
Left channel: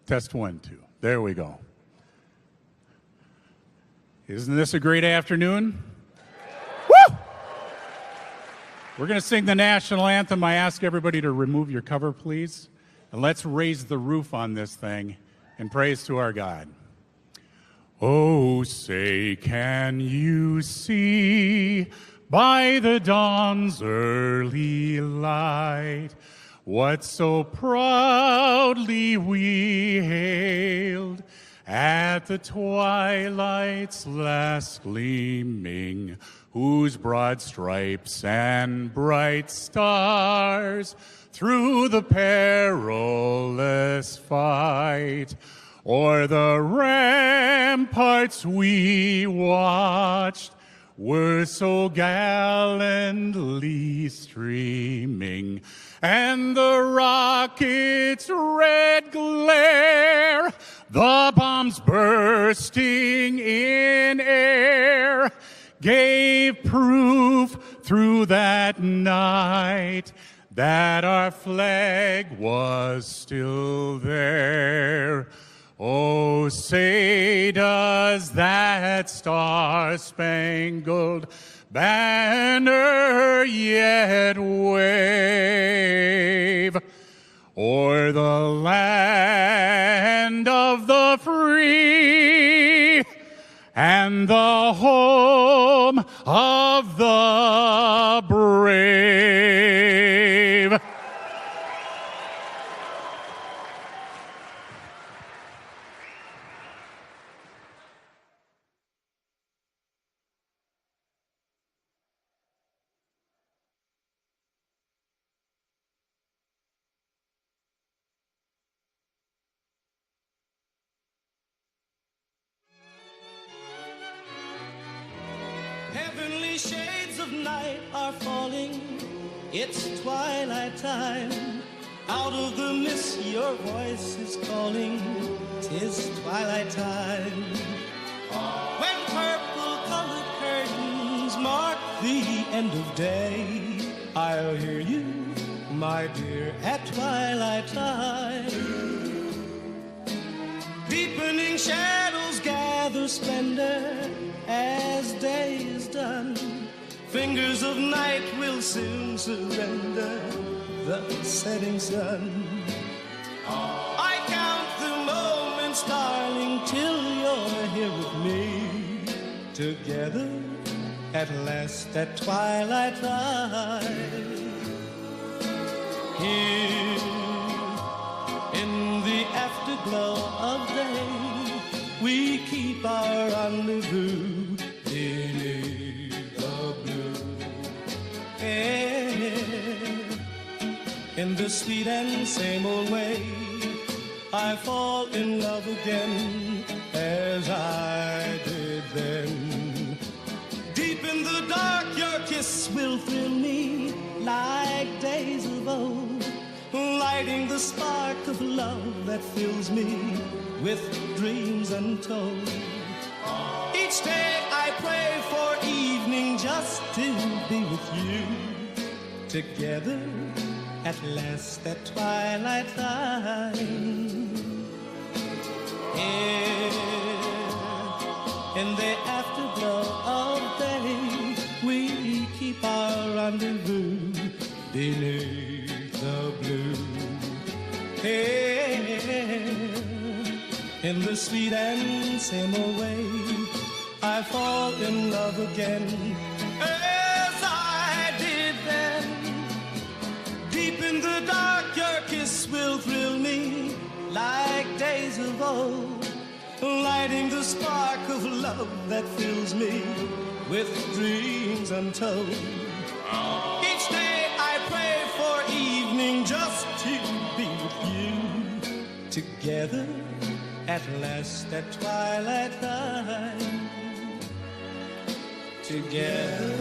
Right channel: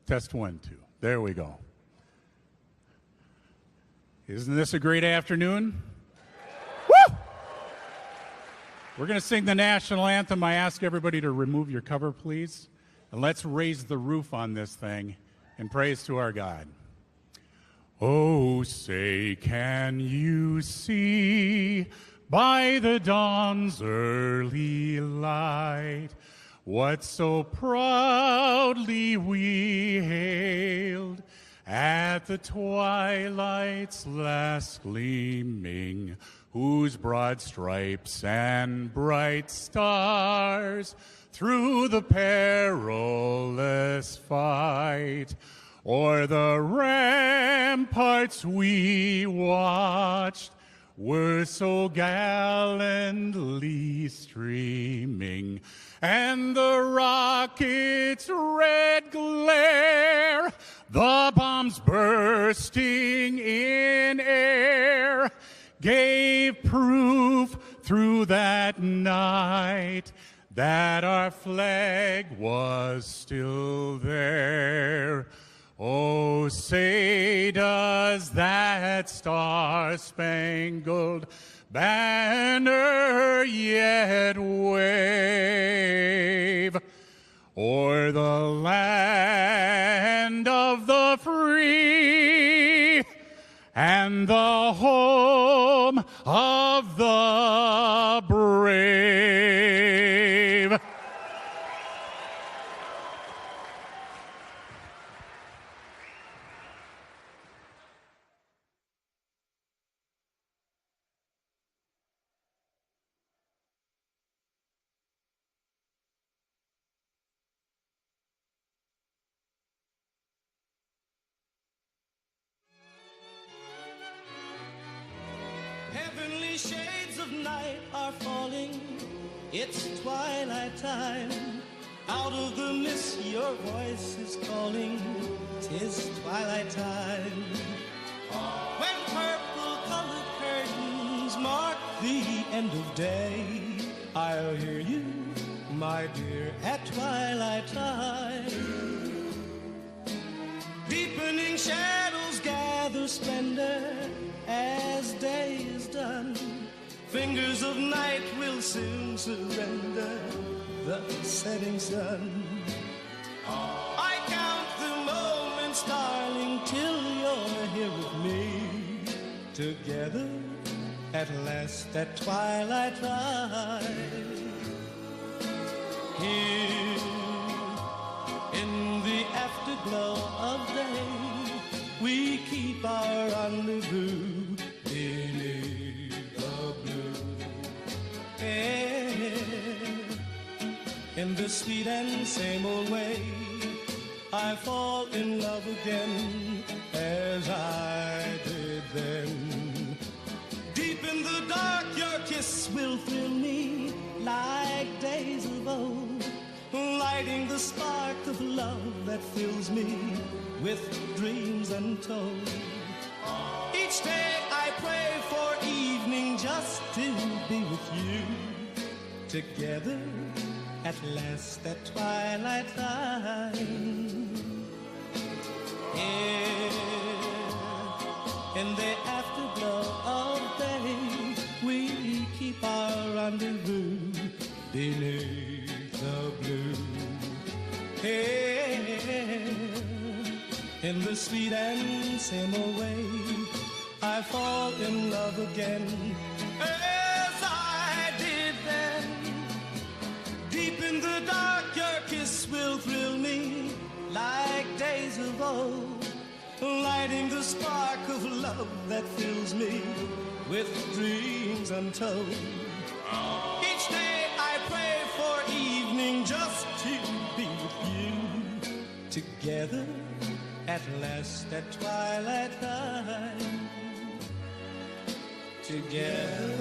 Test 1, 2. There we go. Isn't this a great afternoon? Woo! We're going to sing the national anthem. I ask everybody to remove your cover, please. And let's raise the roof on this thing in praise to our God. Oh, say, can you see by the dawn's early light what so proudly we hailed at the twilight's last gleaming, whose broad stripes and bright stars through the perilous fight o'er the ramparts we watched were so gallantly streaming, and the rocket's red glare, the bombs bursting in air, gave proof through that night that our flag was still there. Oh, say does that star-spangled banner yet wave o'er the land of the free and the home of the brave. Heavenly shades of night are falling. It's twilight time. Out of the mist your voice is calling. 'Tis twilight time. When purple-colored curtains mark the end of day, I'll hear you, my dear, at twilight time. Deepening shadows gather splendor as day is done. Fingers of night will soon surrender the setting sun. I count the moments, darling, till you're here with me. Together at last at twilight time. Here in the afterglow of day, we keep our rendezvous beneath the blue air. In the sweet and same old way, I fall in love again as I did then. Deep in the dark, your kiss will thrill me like days of old, lighting the spark of love that fills me with dreams untold. Each day I pray for evening just to be with you. Together at last at twilight time. Here in the afterglow of day, we keep our rendezvous beneath the blue. Here in the sweet and same old way, I fall in love again as I did then. Deep in the dark, your kiss will thrill me like days of old, lighting the spark of love that fills me with dreams untold. Each day I pray for evening just to be with you. Together at last at twilight time. Together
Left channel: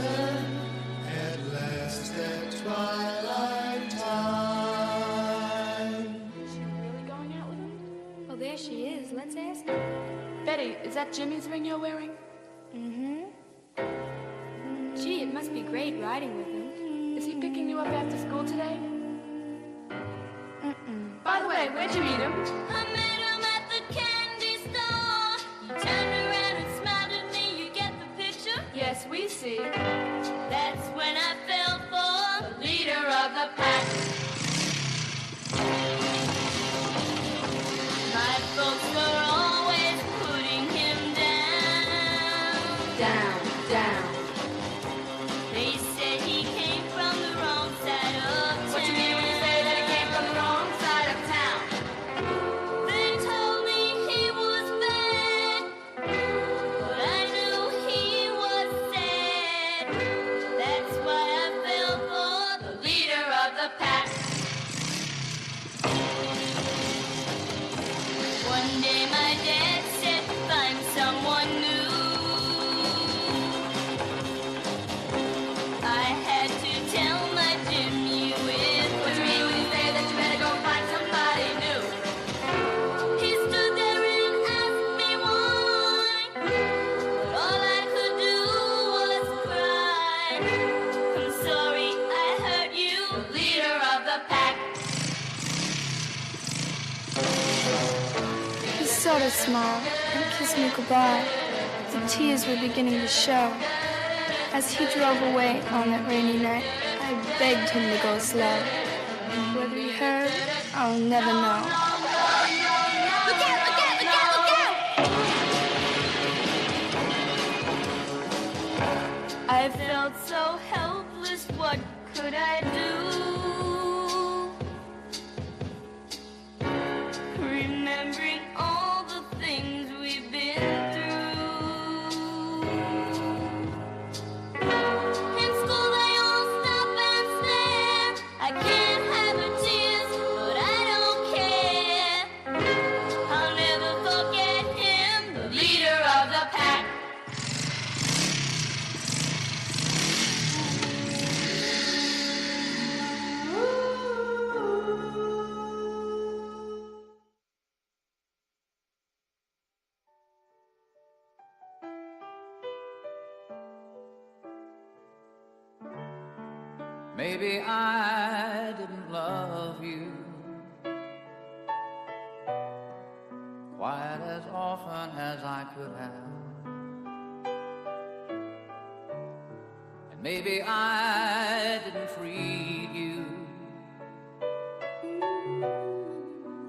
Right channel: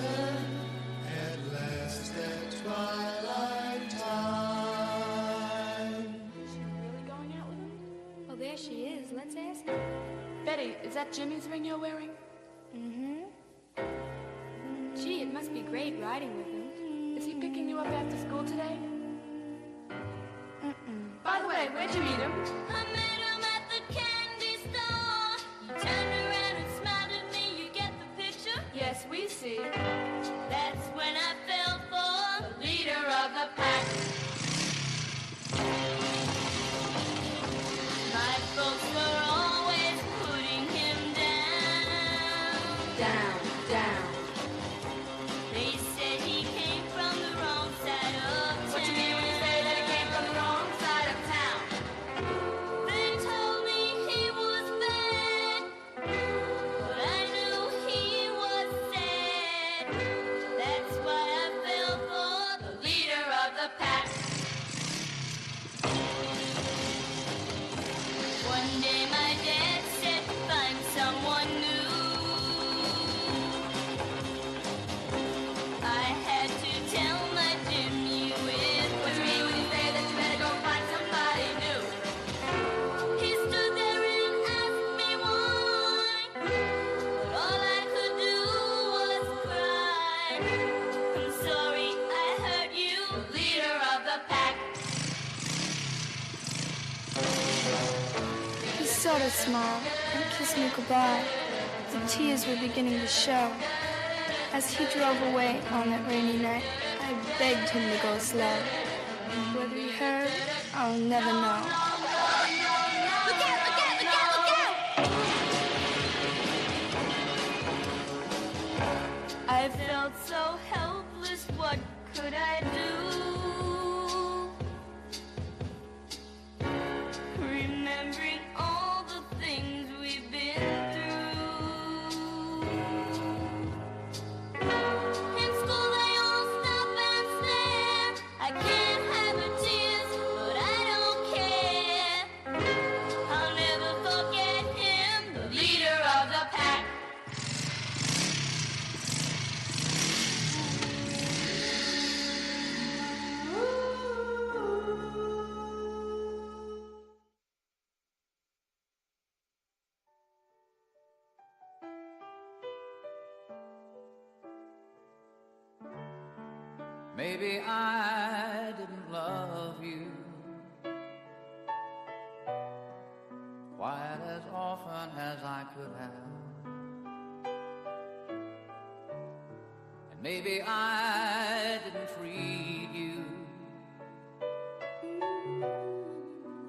at last at twilight time. Really going out with him? Well, there she is. Let's ask her. Betty, is that Jimmy's ring you're wearing? Mm-hmm. Gee, it must be great riding with him. Is he picking you up after school today? By the way, where'd you meet him? I met him at the candy store. He turned around and smiled at me. You get the picture? Yes, we see. That's when I fell for the leader of the pack. My folks are always putting him down. Down, down. They said he came from the wrong side of town. What you mean when you say that he came from the wrong side of town? They told me he was bad, but I knew he was sad. That's why I fell for the leader of the pack. One day my dad said, find someone new. I had to tell my Jimmy with What you mean when you say that you better go find somebody new? He stood there and asked me why, but all I could do was cry. I'm sorry I hurt you, leader of the pack. He sort of smiled and kissed me goodbye. The tears were beginning to show. As he drove away on that rainy night, I begged him to go slow. Whether he heard, I'll never know. Look out, look out, look out, look out! I felt so helpless, what could I do? Remembering all the things we've been through. In school they all stop and stare. I can't hide my tears, but I don't care. I'll never forget him, the leader of the pack. Maybe I didn't love you quite as often as I could have. And maybe I didn't treat you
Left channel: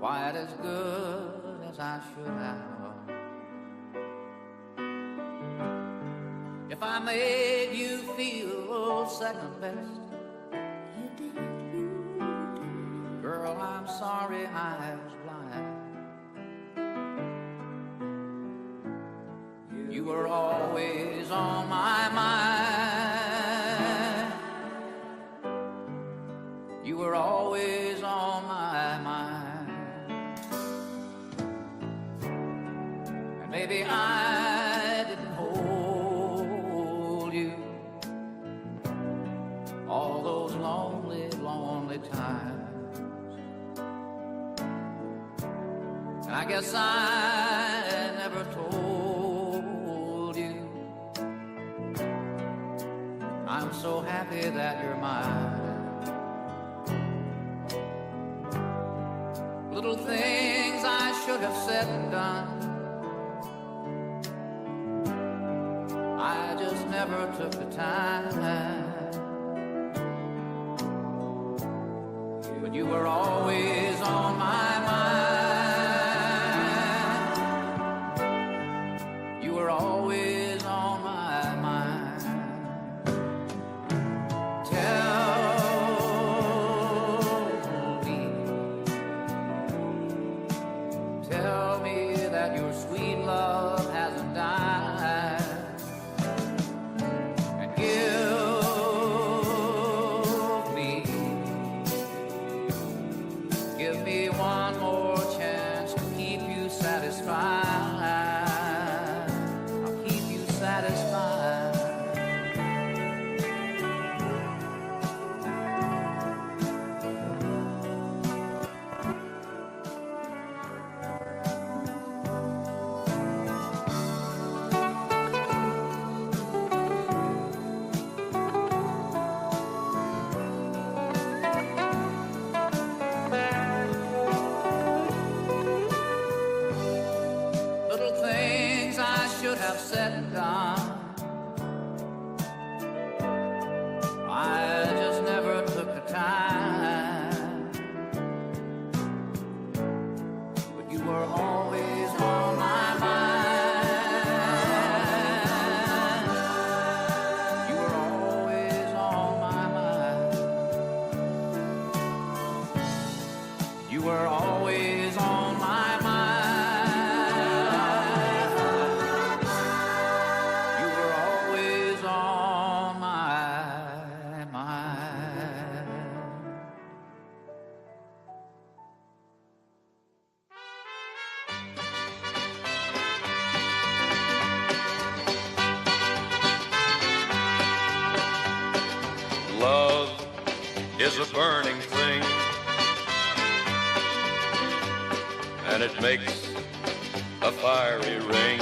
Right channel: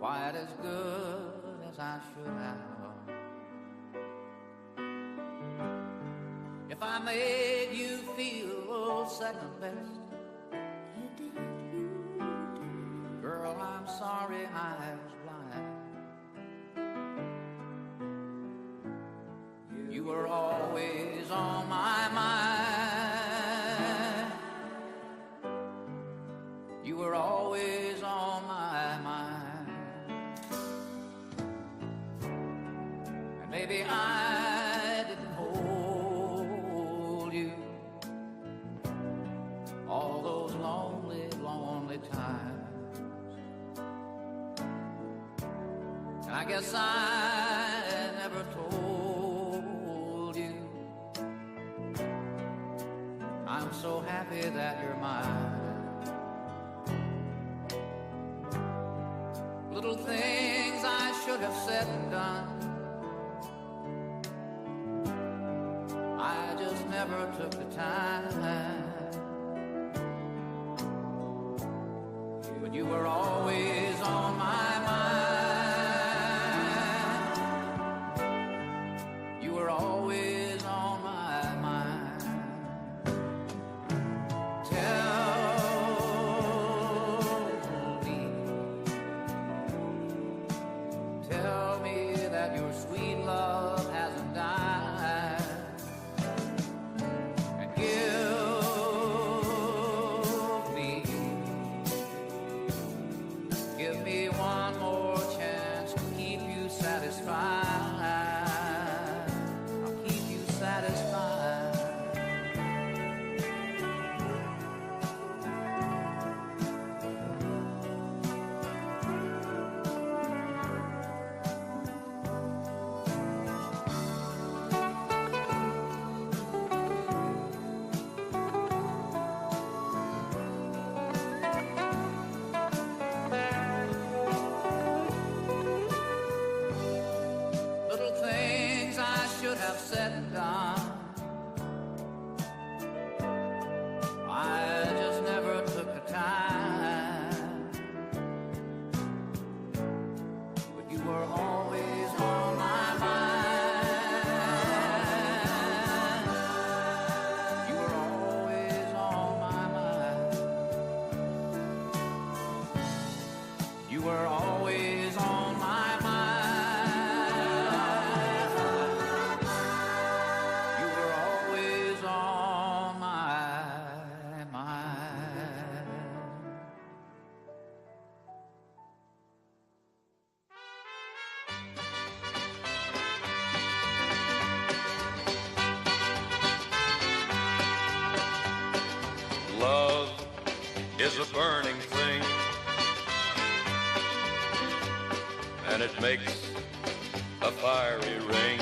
quite as good as I should have. If I made you feel second best, girl, I'm sorry I was blind. You were always on my mind. You were always on my mind. And maybe I didn't hold you all those lonely, lonely times. I guess I never told you I'm so happy that you're mine. Little things I should have said and done, I just never took the time. But you were always on my mind. You were always on my mind. Tell me that your sweet love hasn't died. And give me one more chance to keep you satisfied. I'll keep you satisfied. Little things I should have said and done, I just never took the time. But you were always on my mind. You were always on my mind. You were always on my mind. You were always on my mind. Love is a burning thing, and it makes a fiery ring.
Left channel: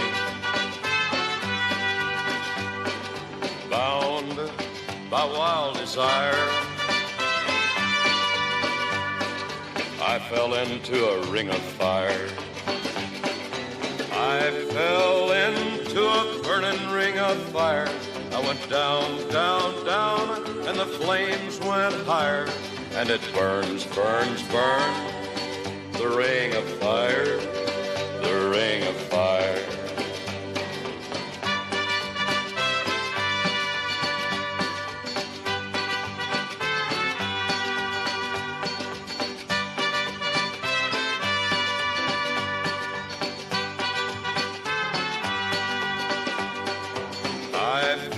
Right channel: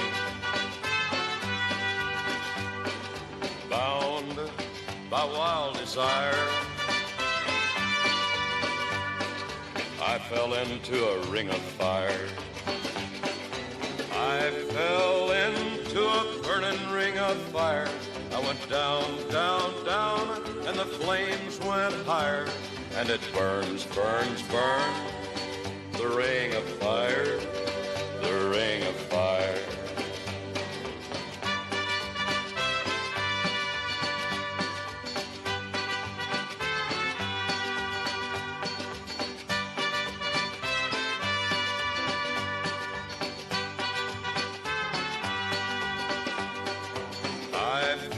Bound by wild desire, I fell into a ring of fire. I fell into a burning ring of fire. I I went down, down, down, and the flames went higher, and it burns, burns, burns, the ring of fire, the ring of fire.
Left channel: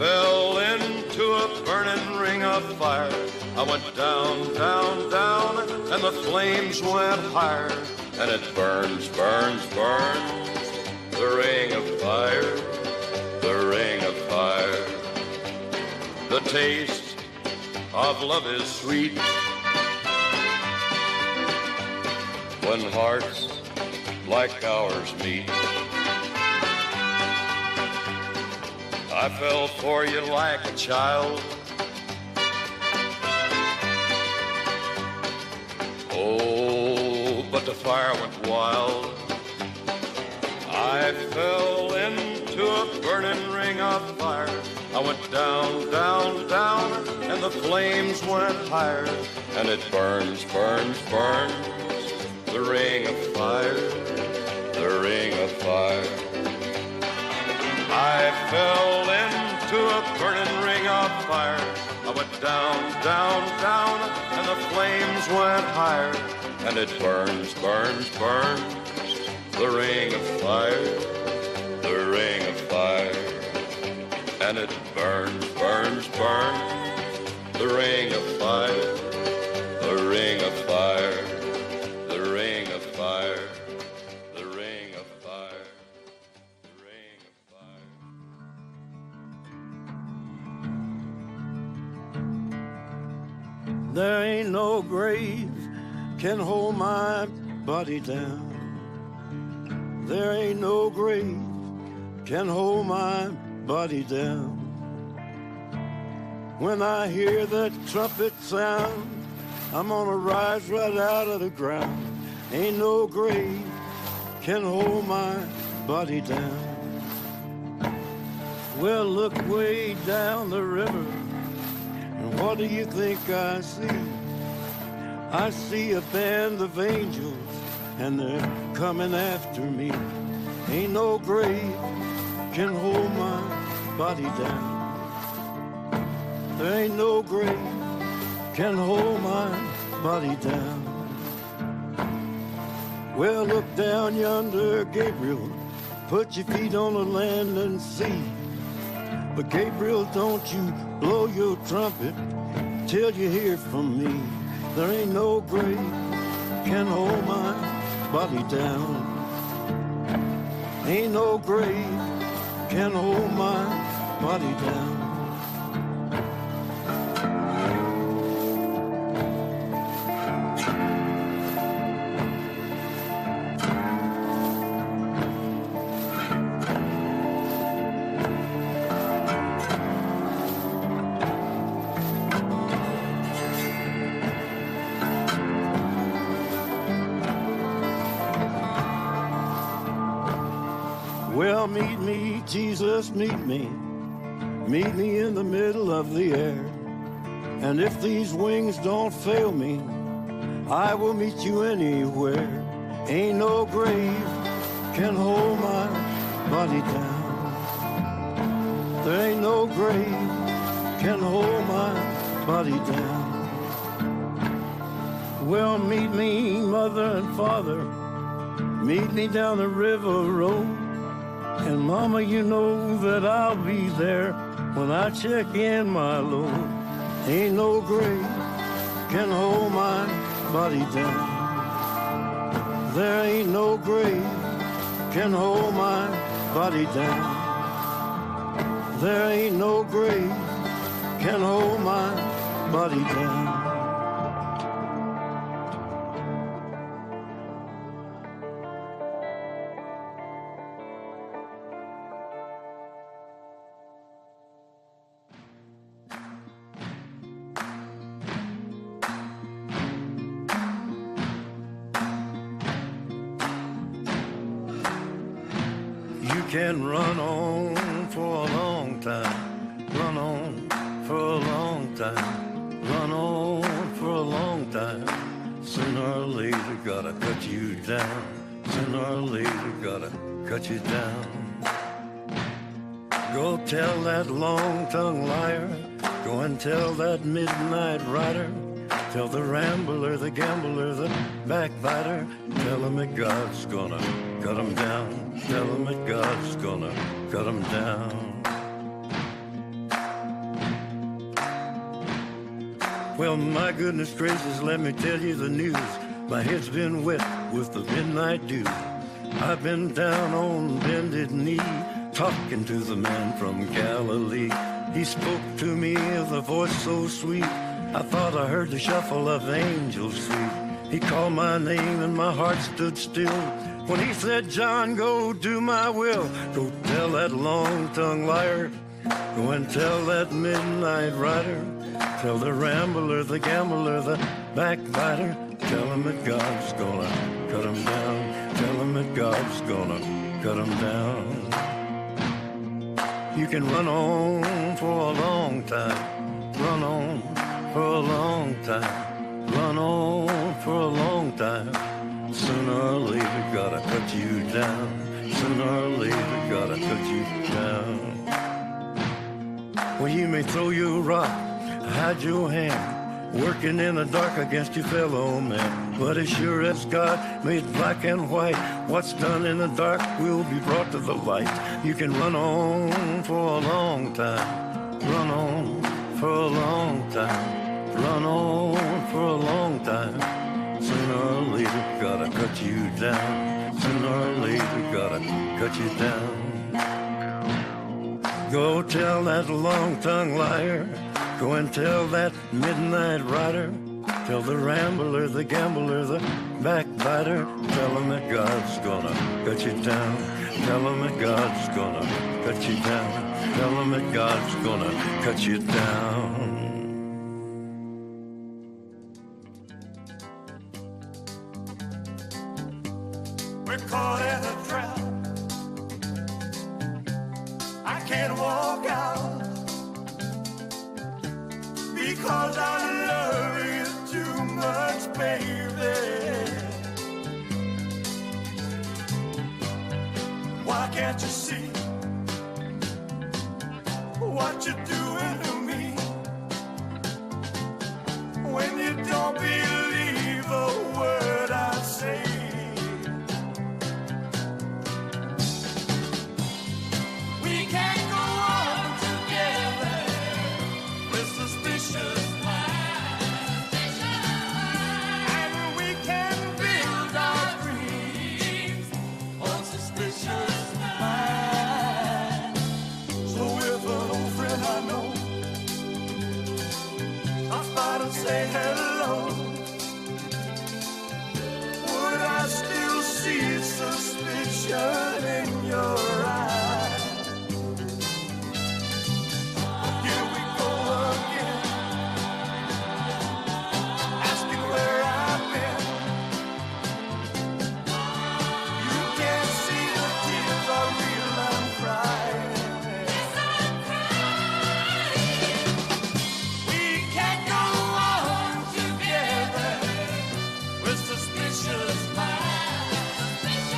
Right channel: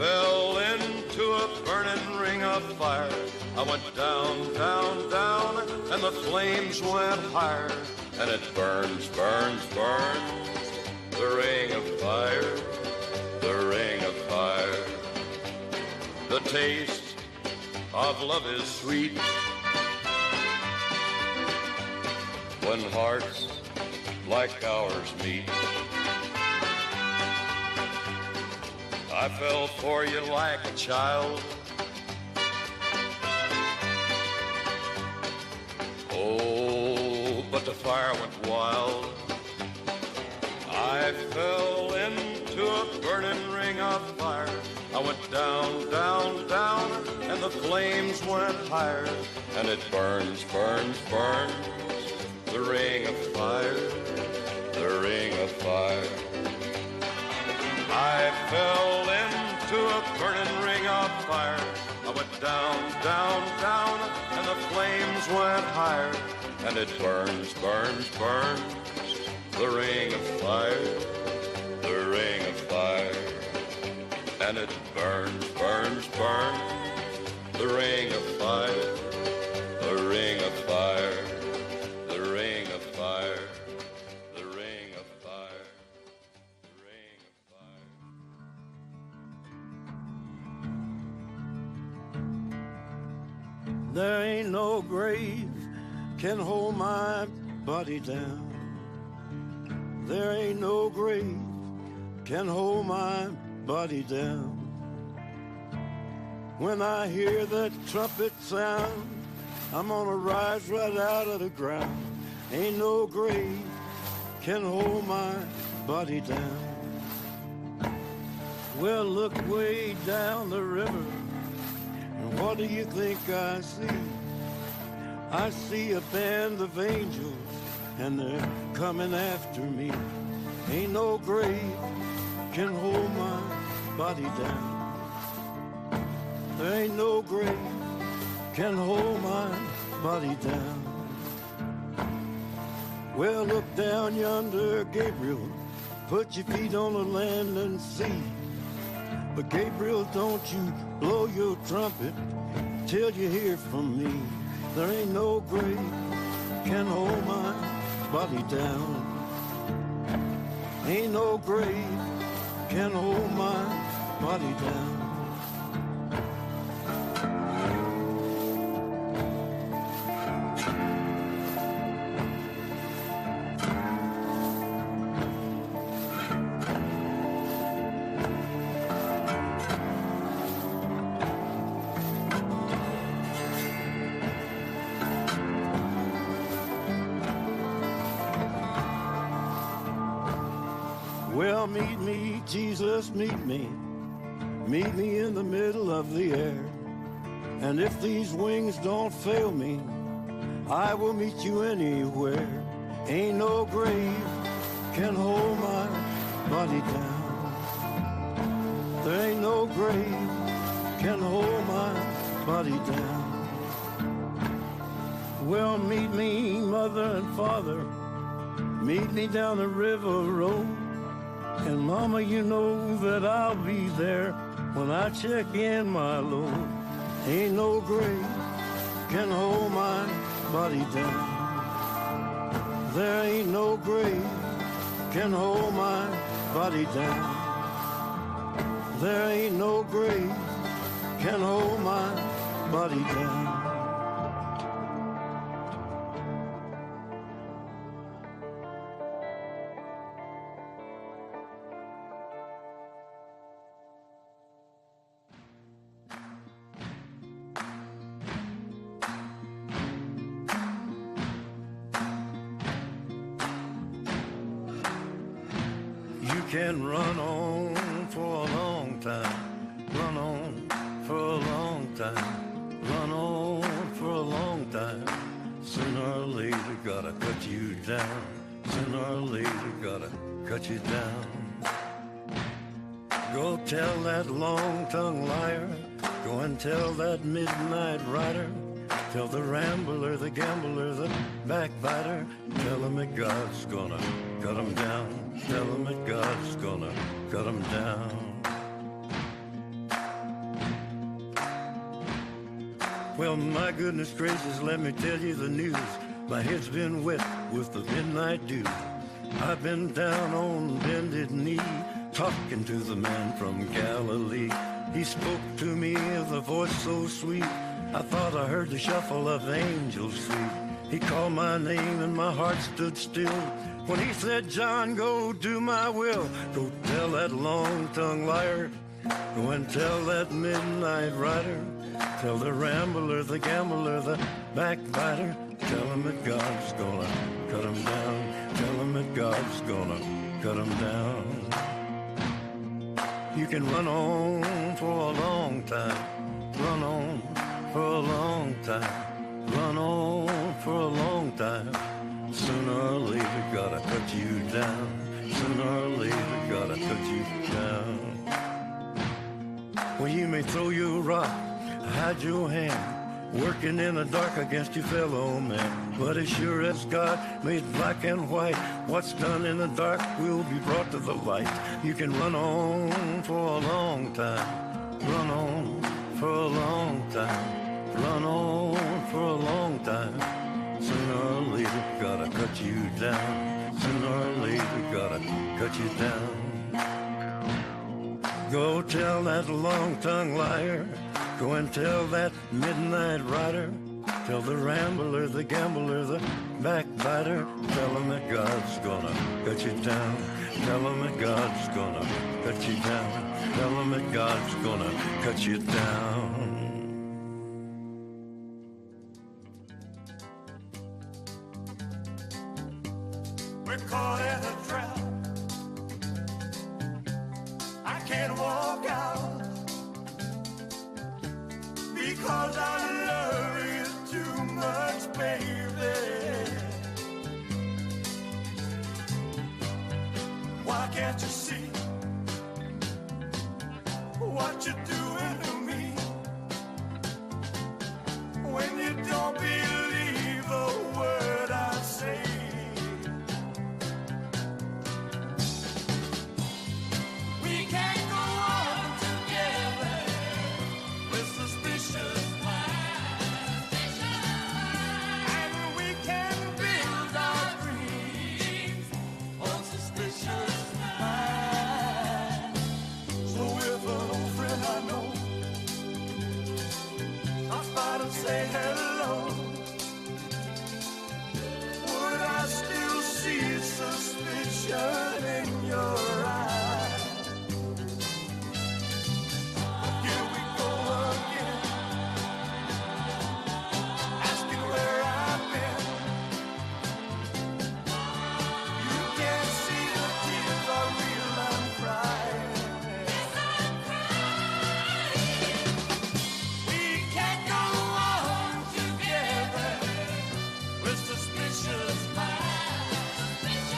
Fell into a burning ring of fire. I went down, down, down, and the flames went higher, and it burns, burns, burns, the ring of fire, the ring of fire. The taste of love is sweet when hearts like ours meet. I fell for you like a child. Oh, but the fire went wild. I fell into a burning ring of fire. I went down, down, down, and the flames went higher, and it burns, burns, burns, the ring of fire, the ring of fire. I fell into a burning ring of fire. I went down, down, down, and the flames went higher, and it burns, burns, burns, the ring of fire, the ring of fire. And it burns, burns, burns, the ring of fire, the ring of fire, the ring of fire, the ring of fire. There ain't no grave can hold my body down. There ain't no grave can hold my body down. When I hear that trumpet sound, I'm gonna rise right out of the ground. Ain't no grave can hold my body down. Well, look way down the river, and what do you think I see? I see a band of angels, and they're coming after me. Ain't no grave can hold my body down. There ain't no grave can hold my body down. Well, look down yonder, Gabriel. Put your feet on the land and see. But Gabriel, don't you blow your trumpet till you hear from me. There ain't no grave can hold my body down. Ain't no grave can hold my body down. Well, meet me, Jesus, meet me. Meet me in the middle of the air. And if these wings don't fail me, I will meet you anywhere. Ain't no grave can hold my body down. There ain't no grave can hold my body down. Well, meet me, mother and father. Meet me down the river road. And mama, you know that I'll be there when I check in my load. Ain't no grave can hold my body down. There ain't no grave can hold my body down. There ain't no grave can hold my body down. You can run on for a long time, run on for a long time, run on for a long time. Sooner or later, gotta cut you down. Sooner or later, gotta cut you down. Go tell that long-tongued liar. Go and tell that midnight rider. Tell the rambler, the gambler, the backbiter. Tell him that God's gonna cut him down. Tell him that God's gonna cut him down. Well, my goodness gracious, let me tell you the news. My head's been wet with the midnight dew. I've been down on bended knee, talking to the man from Galilee. He spoke to me with a voice so sweet, I thought I heard the shuffle of angels sweet. He called my name and my heart stood still when he said, John, go do my will. Go tell that long-tongued liar. Go and tell that midnight rider. Tell the rambler, the gambler, the backbiter. Tell him that God's gonna cut him down. Tell him that God's gonna cut him down. You can run on for a long time. Run on for a long time. Run on for a long time. Sooner or later, gotta cut you down. Sooner or later, gotta cut you down. Well, you may throw your rock, hide your hand, working in the dark against your fellow man. But as sure as God made black and white, what's done in the dark will be brought to the light. You can run on for a long time. Run on for a long time. Run on for a long time. Sooner or later, gotta cut you down. Sooner or later, gotta cut you down. Go tell that long-tongued liar. Go and tell that midnight rider. Tell the rambler, the gambler, the backbiter. Tell him that God's gonna cut you down. Tell him that God's gonna cut you down. Tell him that God's gonna cut you down. We're caught in a trap. I can't walk out because I love you too much, baby. Why can't you see what you're doing to me when you don't believe a word I say? We can't go on together with suspicious minds, and we can build our dreams on suspicious minds. So if an old friend I know stops by to say hello, would I still see suspicion in your eyes? Here we go again, asking where I've been. You can't see the tears are real, I'm crying. We can't go on together with suspicious minds,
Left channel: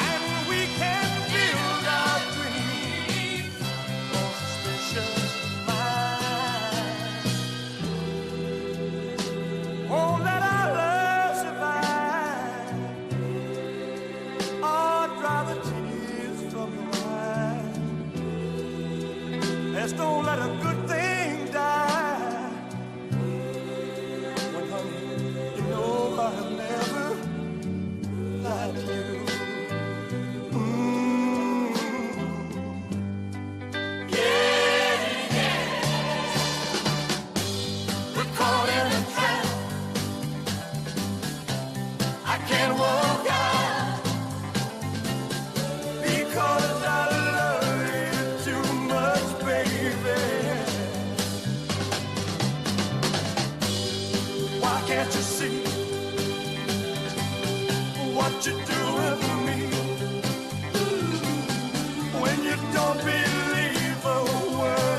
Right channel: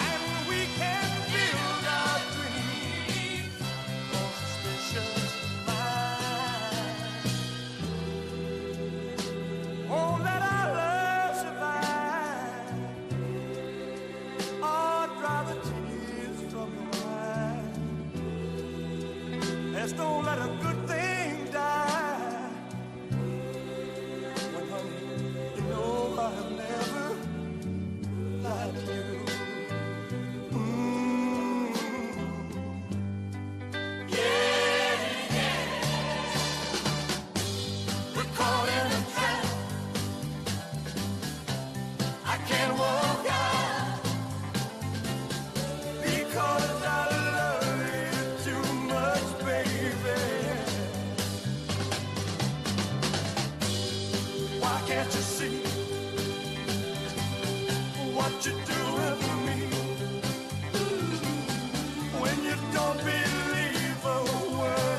and we can build our dreams on suspicious minds. Oh, let our love survive. Oh, dry the tears from your eyes. Let's don't let a good thing die. When, honey, you know I've never lied to you. We're caught in a trap. I can't walk out because I love you too much, baby. Why can't you see what you're doing to me when you don't believe a word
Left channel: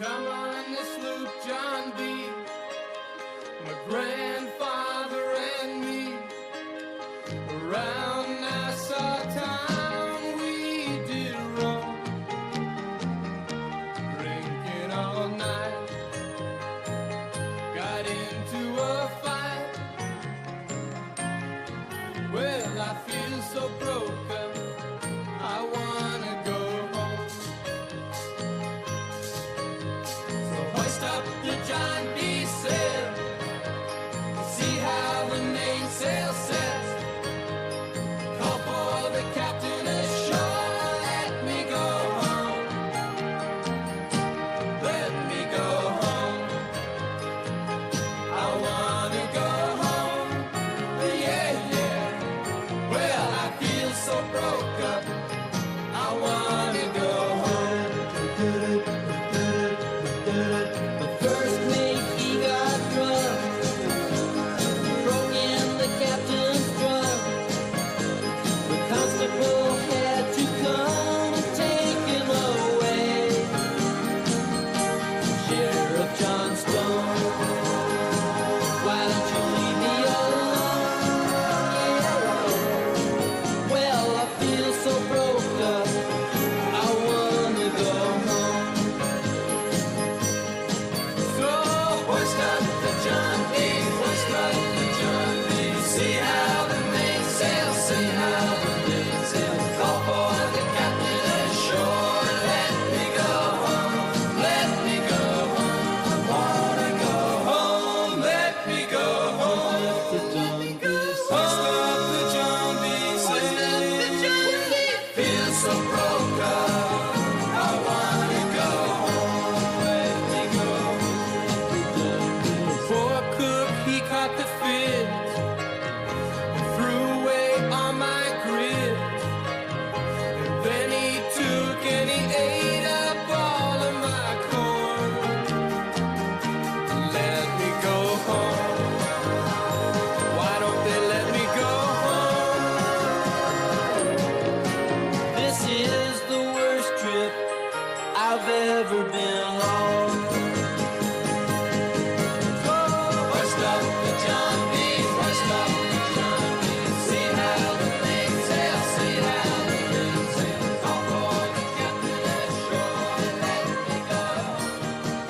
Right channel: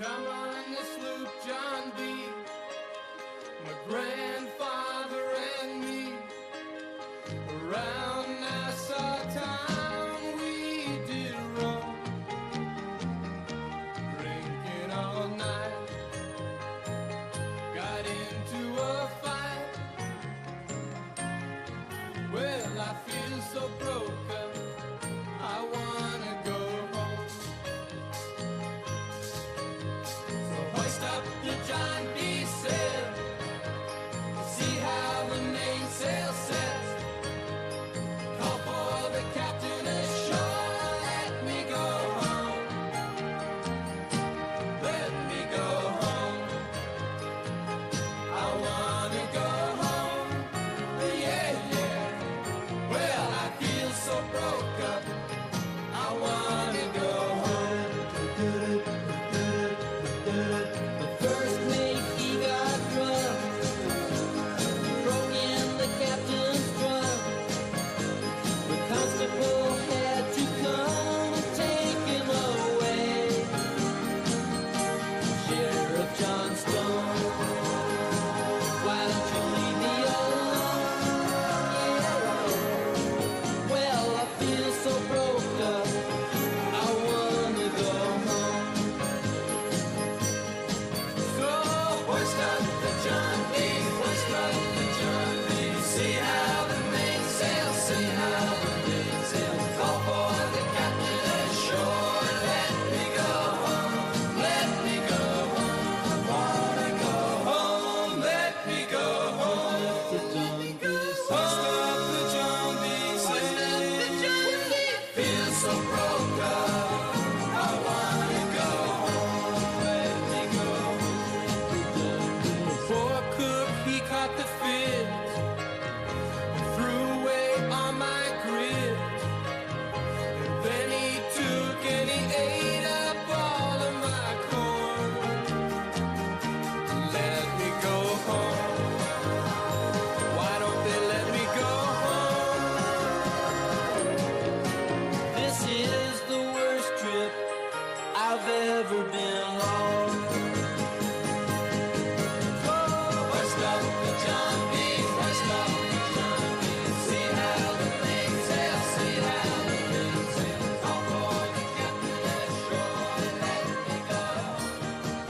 Come on the sloop, John B. My grandfather and me. Around Nassau town we did roam, drinking all night. Got into a fight. Well, I feel so broke up. I wanna go home. So hoist up your John D. sail. See how the mainsail sets. Call for the captain ashore. Let me go home. Let me go home. I wanna go home. Yeah, yeah. Well, I feel so broke up. I wanna go home. The first mate, he got drunk. Broke in the captain's trunk. The constable had to come and take him away. Sheriff John Stone, why don't you leave me alone? Well, I feel so broke up. I wanna go home. So hoist up the John D. Hoist up the John D. See how the mainsail, see how the mainsail. Call for the captain ashore. Let me go home. Let me go home. I wanna go home. Let me go home. Hoist up the John D. Hoist up the John D. Feel so broke up. I wanna go home. Let me go home. Poor cook, he caught the fit and threw away all my grit. And then he took and he ate up all of my corn. Let me go home. Why don't they let me go home? This is the worst trip I've ever been on. Hoist up the John D. Hoist up the John D. See how the mainsail, see how the mainsail. Call for the captain ashore. Let me go.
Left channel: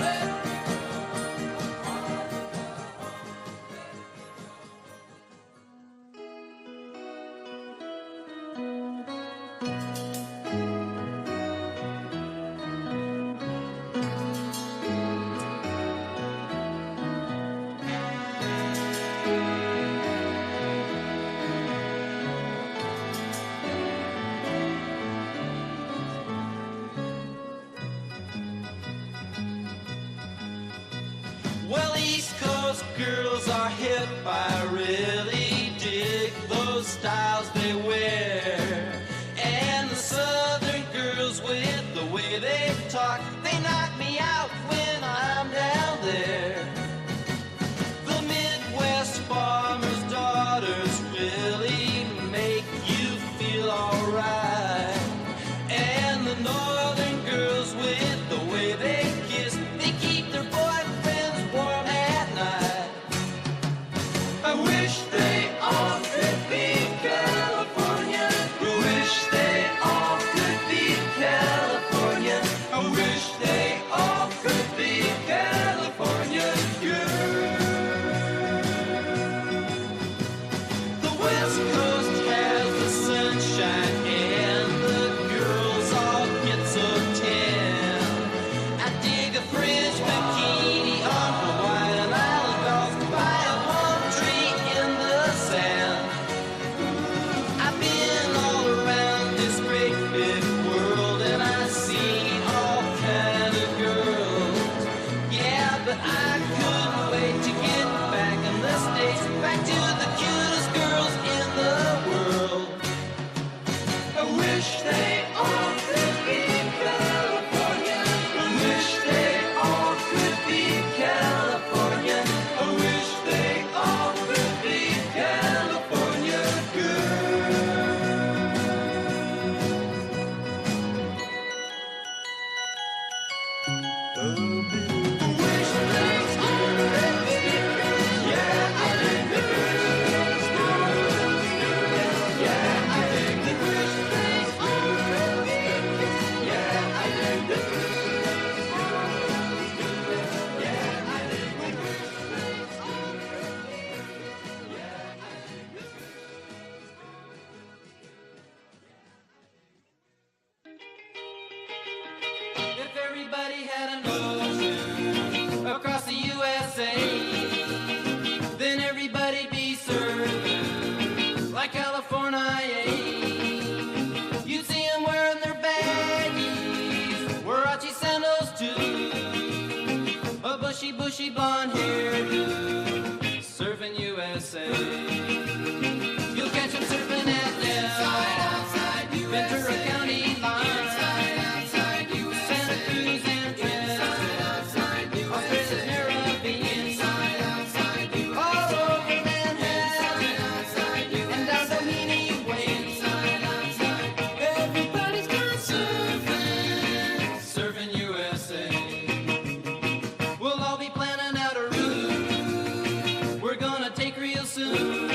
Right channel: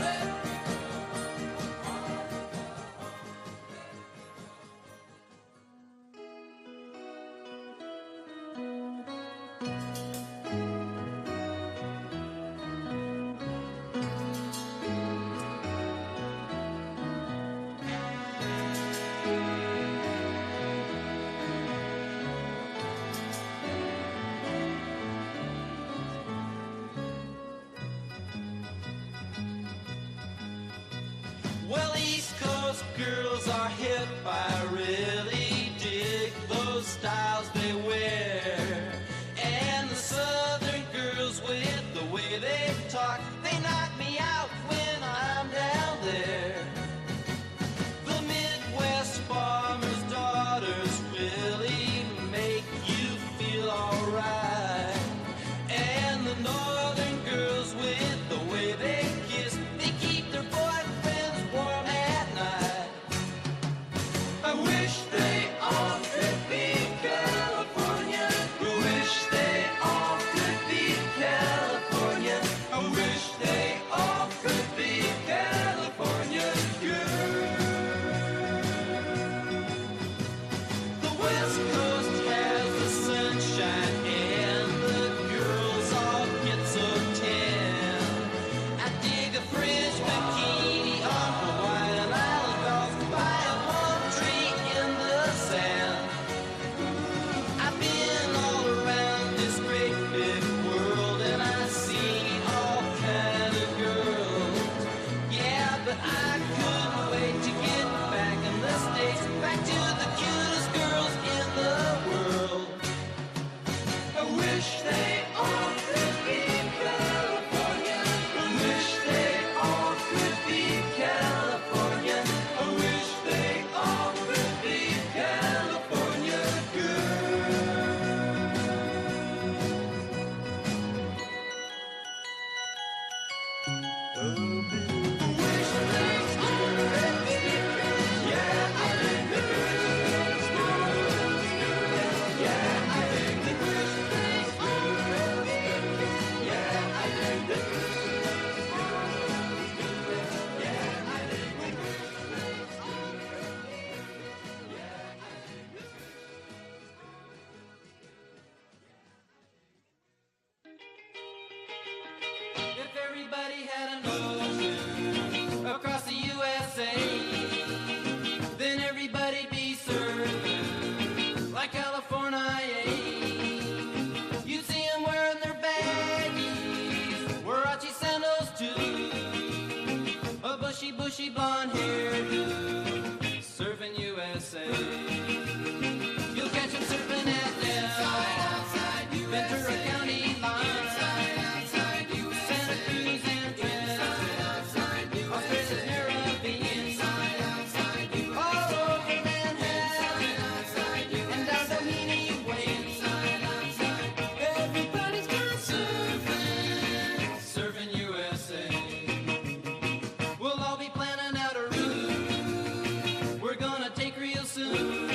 Let me go. Well, East Coast girls are hip. I really dig those styles they wear. And the Southern girls with the way they talk, they knock me out when I'm down there. The Midwest farmers' daughters really make you feel alright. And the Northern girls with the way they kiss, they keep their boyfriends warm at night. I wish they all could be California. funky blonde hairdo, serving USA. You'll catch him surfing at outside USA. Ventura County line. Inside USA. Santa Cruz and outside USA. Caribbean. Outside USA. All over Manhattan. And down Doheny Way. Everybody's gone surfing. Surfing USA. We'll all be planning out a route we're gonna take real soon.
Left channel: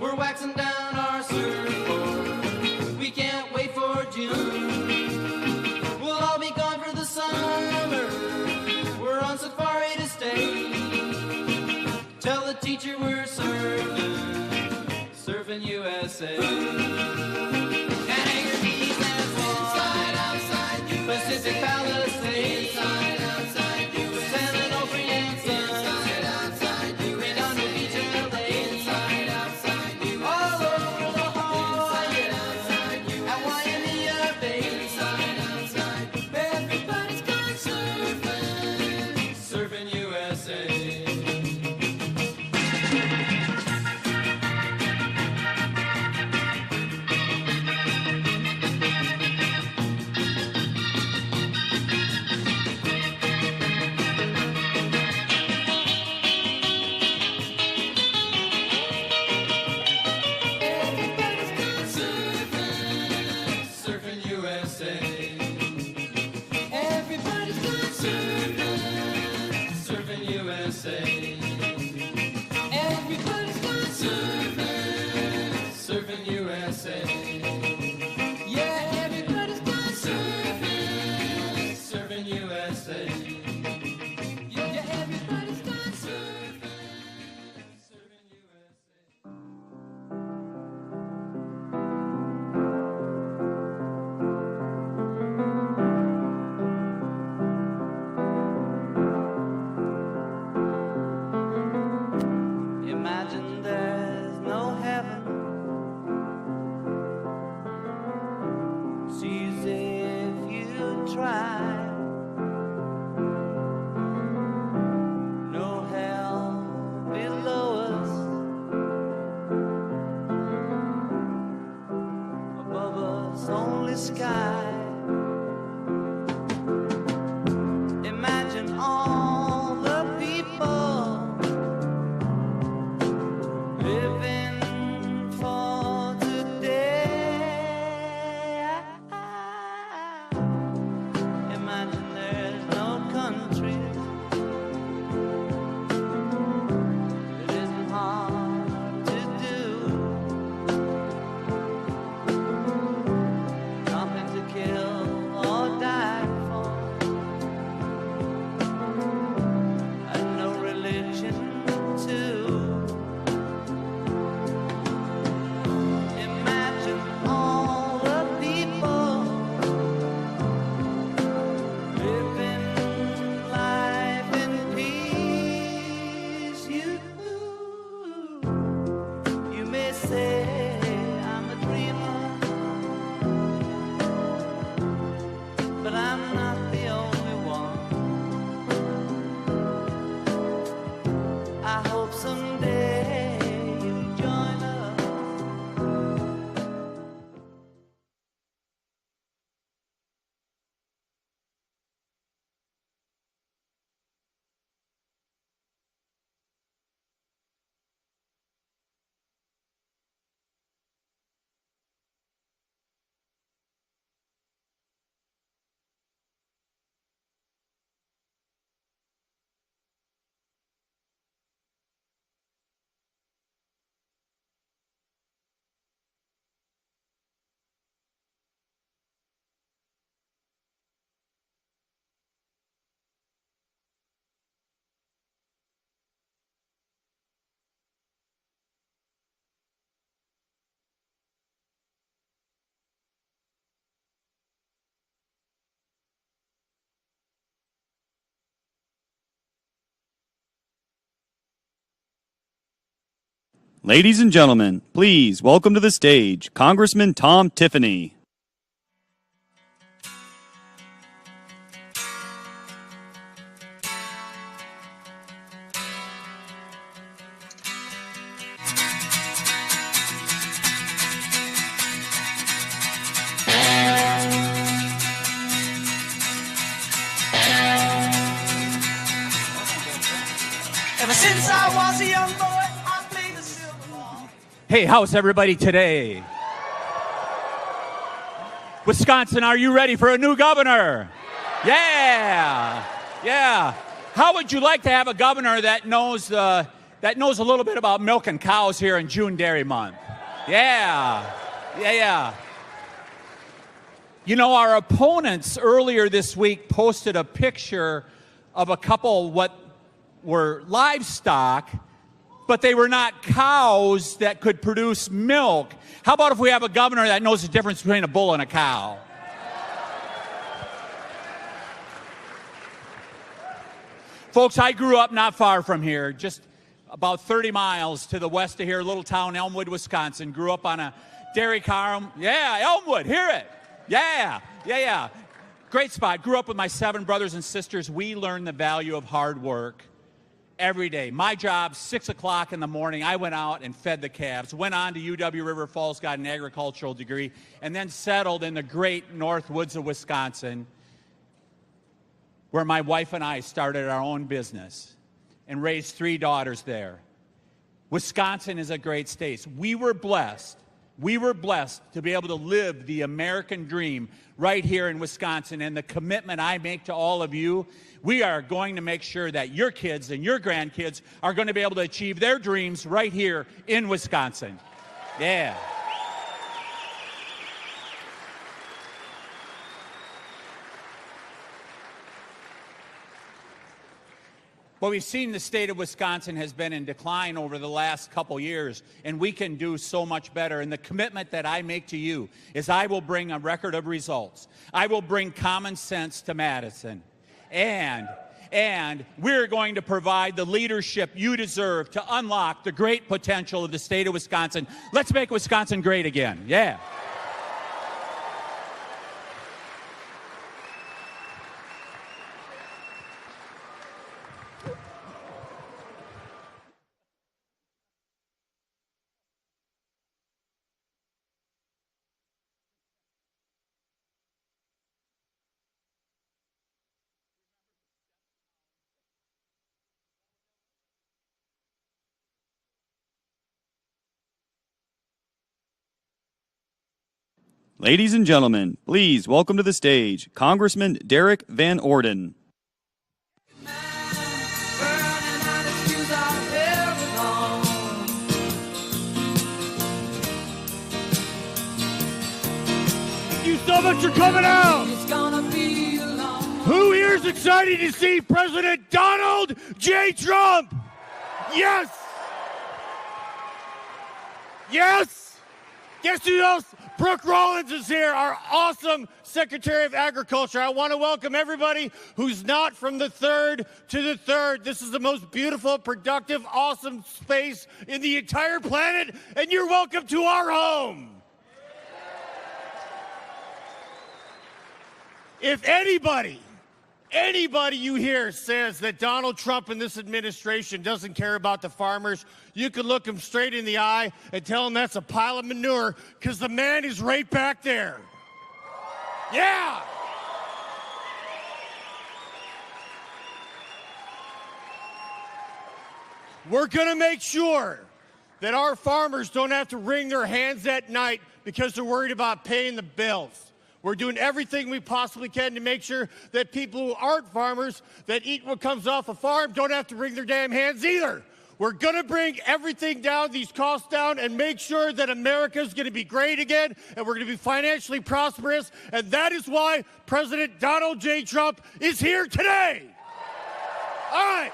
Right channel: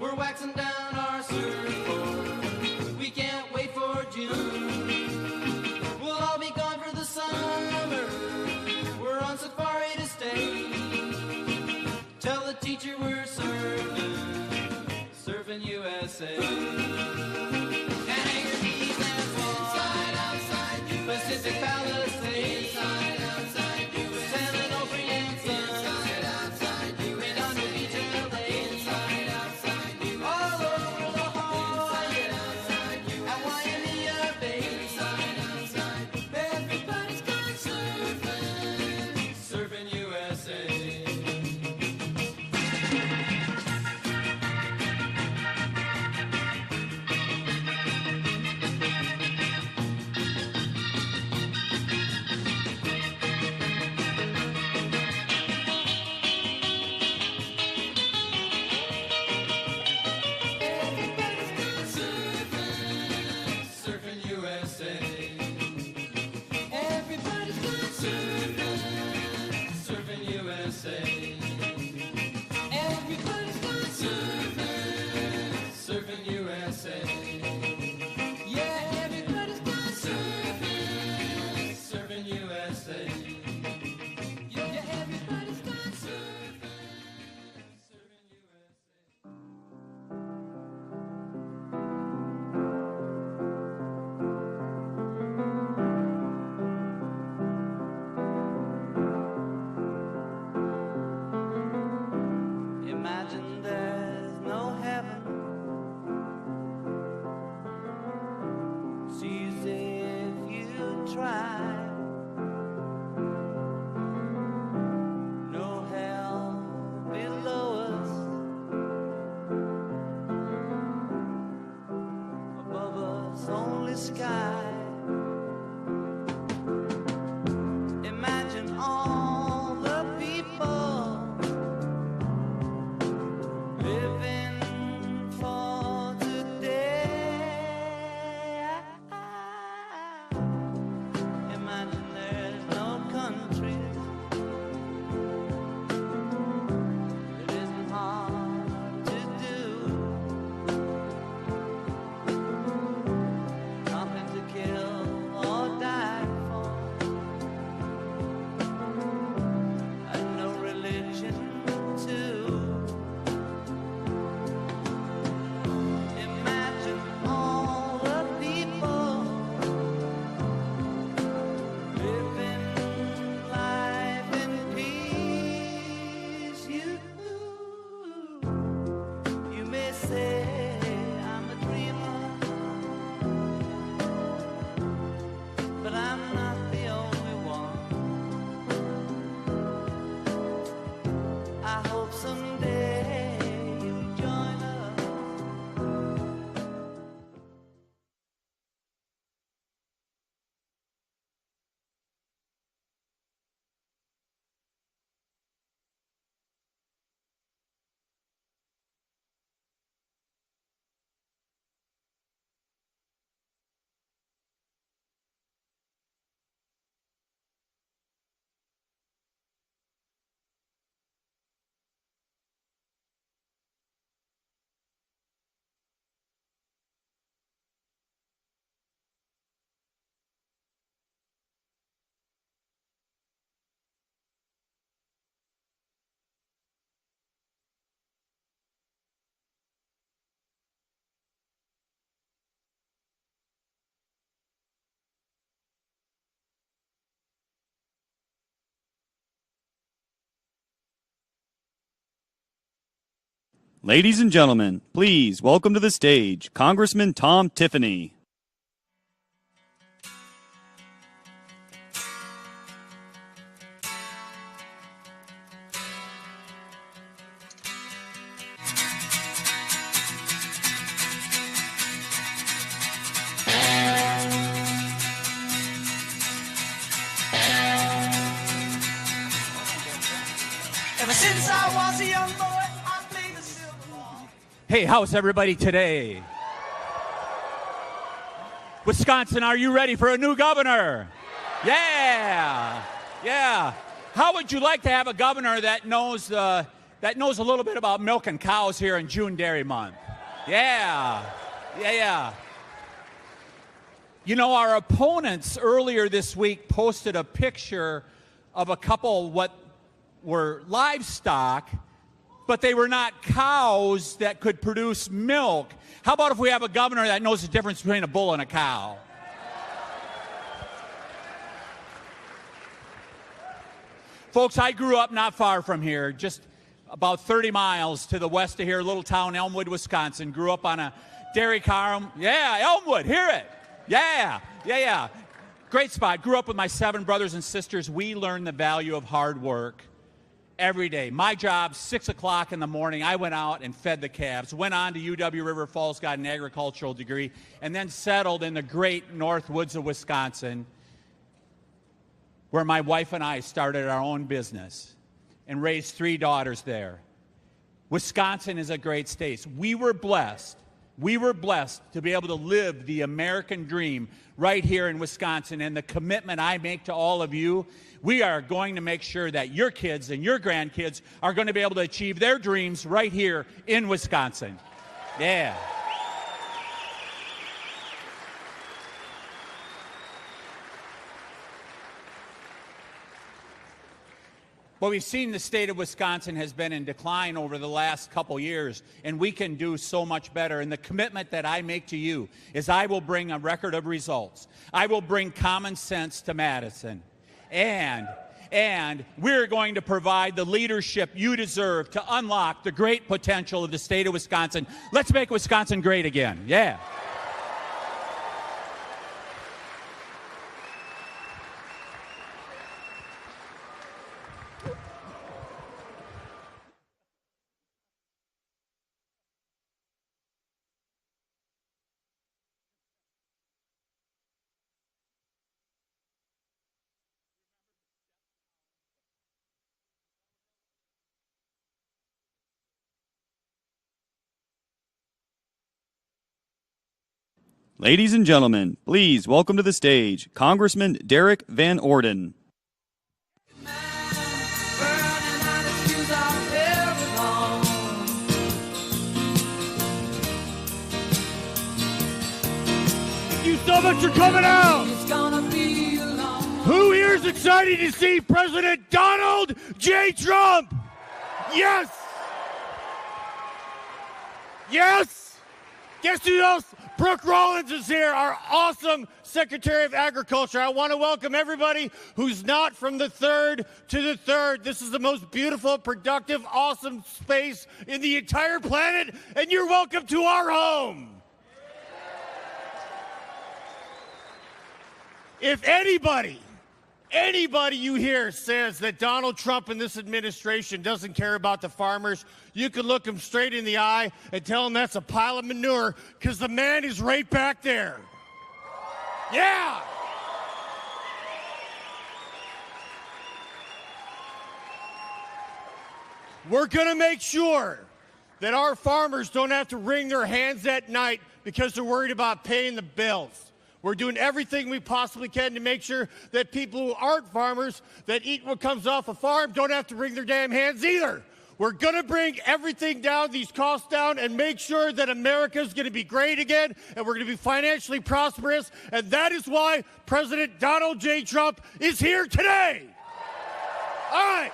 We're waxing down our surfboard. We can't wait for June. We'll all be gone for the summer. We're on safari to stay. Tell the teacher we're surfing. Surfing USA. And Anchor Beach and outside USA. Pacific Palisades. Outside USA. San Onofre and Sun. Outside USA. Redondo Beach, LA. Outside USA. All over the Hawaii. At Waimea Bay. Outside. Everybody's gone surfing. Surfing USA. Everybody's gone surfing. Surfing USA. Everybody's gone surfing. Surfing USA. Everybody's gone surfing. Surfing USA. Yeah, everybody's gone surfing. Surfing USA. Yeah, everybody's gone surfing. Surfing USA. Imagine there's no heaven. Sees if you try. No hell below us. Above us only sky. Imagine all the people living for today. Imagine there's no country. It isn't hard to do. Nothing to kill or die for. And no religion too. Imagine all the people living life in peace. You may say I'm a dreamer, but I'm not the only one. I hope someday you join us. Ladies and gentlemen, please welcome to the stage Congressman Tom Tiffany. Hey, how's everybody today? Wisconsin, are you ready for a new governor? Yeah. Yeah. How would you like to have a governor that knows a little bit about milking cows here in June Dairy Month? Yeah. Yeah. You know, our opponents earlier this week posted a picture of a couple what were livestock, but they were not cows that could produce milk. How about if we have a governor that knows the difference between a bull and a cow? Folks, I grew up not far from here, just about 30 miles to the west of here, little town Elmwood, Wisconsin. Grew up on a dairy farm. Yeah, Elmwood, hear it. Yeah. Great spot. Grew up with my 7 brothers and sisters. We learned the value of hard work every day. My job, 6 o'clock in the morning, I went out and fed the calves. Went on to UW River Falls, got an agricultural degree, and then settled in the great north woods of Wisconsin, where my wife and I started our own business and raised 3 daughters there. Wisconsin is a great state. We were blessed to be able to live the American dream right here in Wisconsin. And the commitment I make to all of you, we are going to make sure that your kids and your grandkids are going to be able to achieve their dreams right here in Wisconsin. Yeah. Well, we've seen the state of Wisconsin has been in decline over the last couple years, and we can do so much better. And the commitment that I make to you is I will bring a record of results. I will bring common sense to Madison. And we're going to provide the leadership you deserve to unlock the great potential of the state of Wisconsin. Let's make Wisconsin great again. Yeah. Ladies and gentlemen, please welcome to the stage Congressman Derek Van Orden. Thank you so much for coming out. Who here is excited to see President Donald J. Trump? Yes. Yes. Guess who else? Brooke Rollins is here, our awesome Secretary of Agriculture. I want to welcome everybody who's not from the 3rd to the 3rd. This is the most beautiful, productive, awesome space in the entire planet, and you're welcome to our home. If anybody you hear says that Donald Trump and this administration doesn't care about the farmers, you can look him straight in the eye and tell him that's a pile of manure, because the man is right back there. Yeah. We're going to make sure that our farmers don't have to wring their hands at night because they're worried about paying the bills. We're doing everything we possibly can to make sure that people who aren't farmers that eat what comes off a farm don't have to wring their damn hands either. We're going to bring everything down, these costs down, and make sure that America is going to be great again, and we're going to be financially prosperous. And that is why President Donald J. Trump is here today. All right.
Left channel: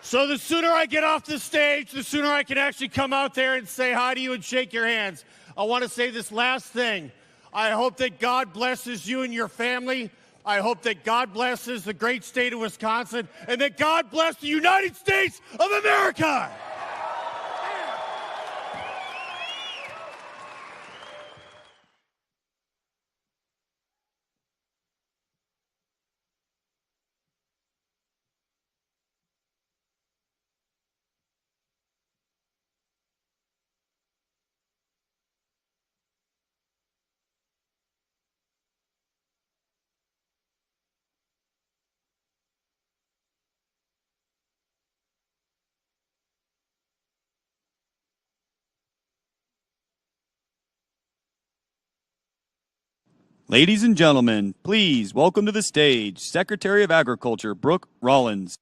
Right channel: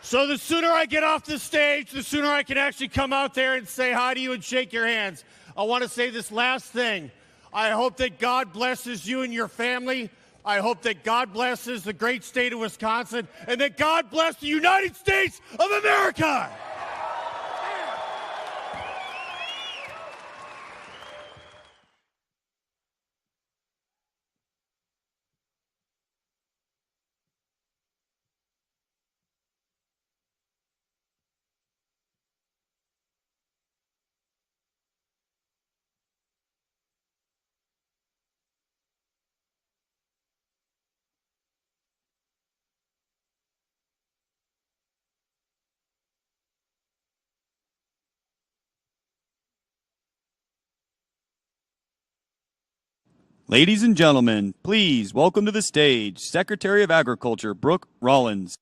So the sooner I get off the stage, the sooner I can actually come out there and say hi to you and shake your hands. I want to say this last thing. I hope that God blesses you and your family. I hope that God blesses the great state of Wisconsin, and that God bless the United States of America. Ladies and gentlemen, please welcome to the stage Secretary of Agriculture Brooke Rollins.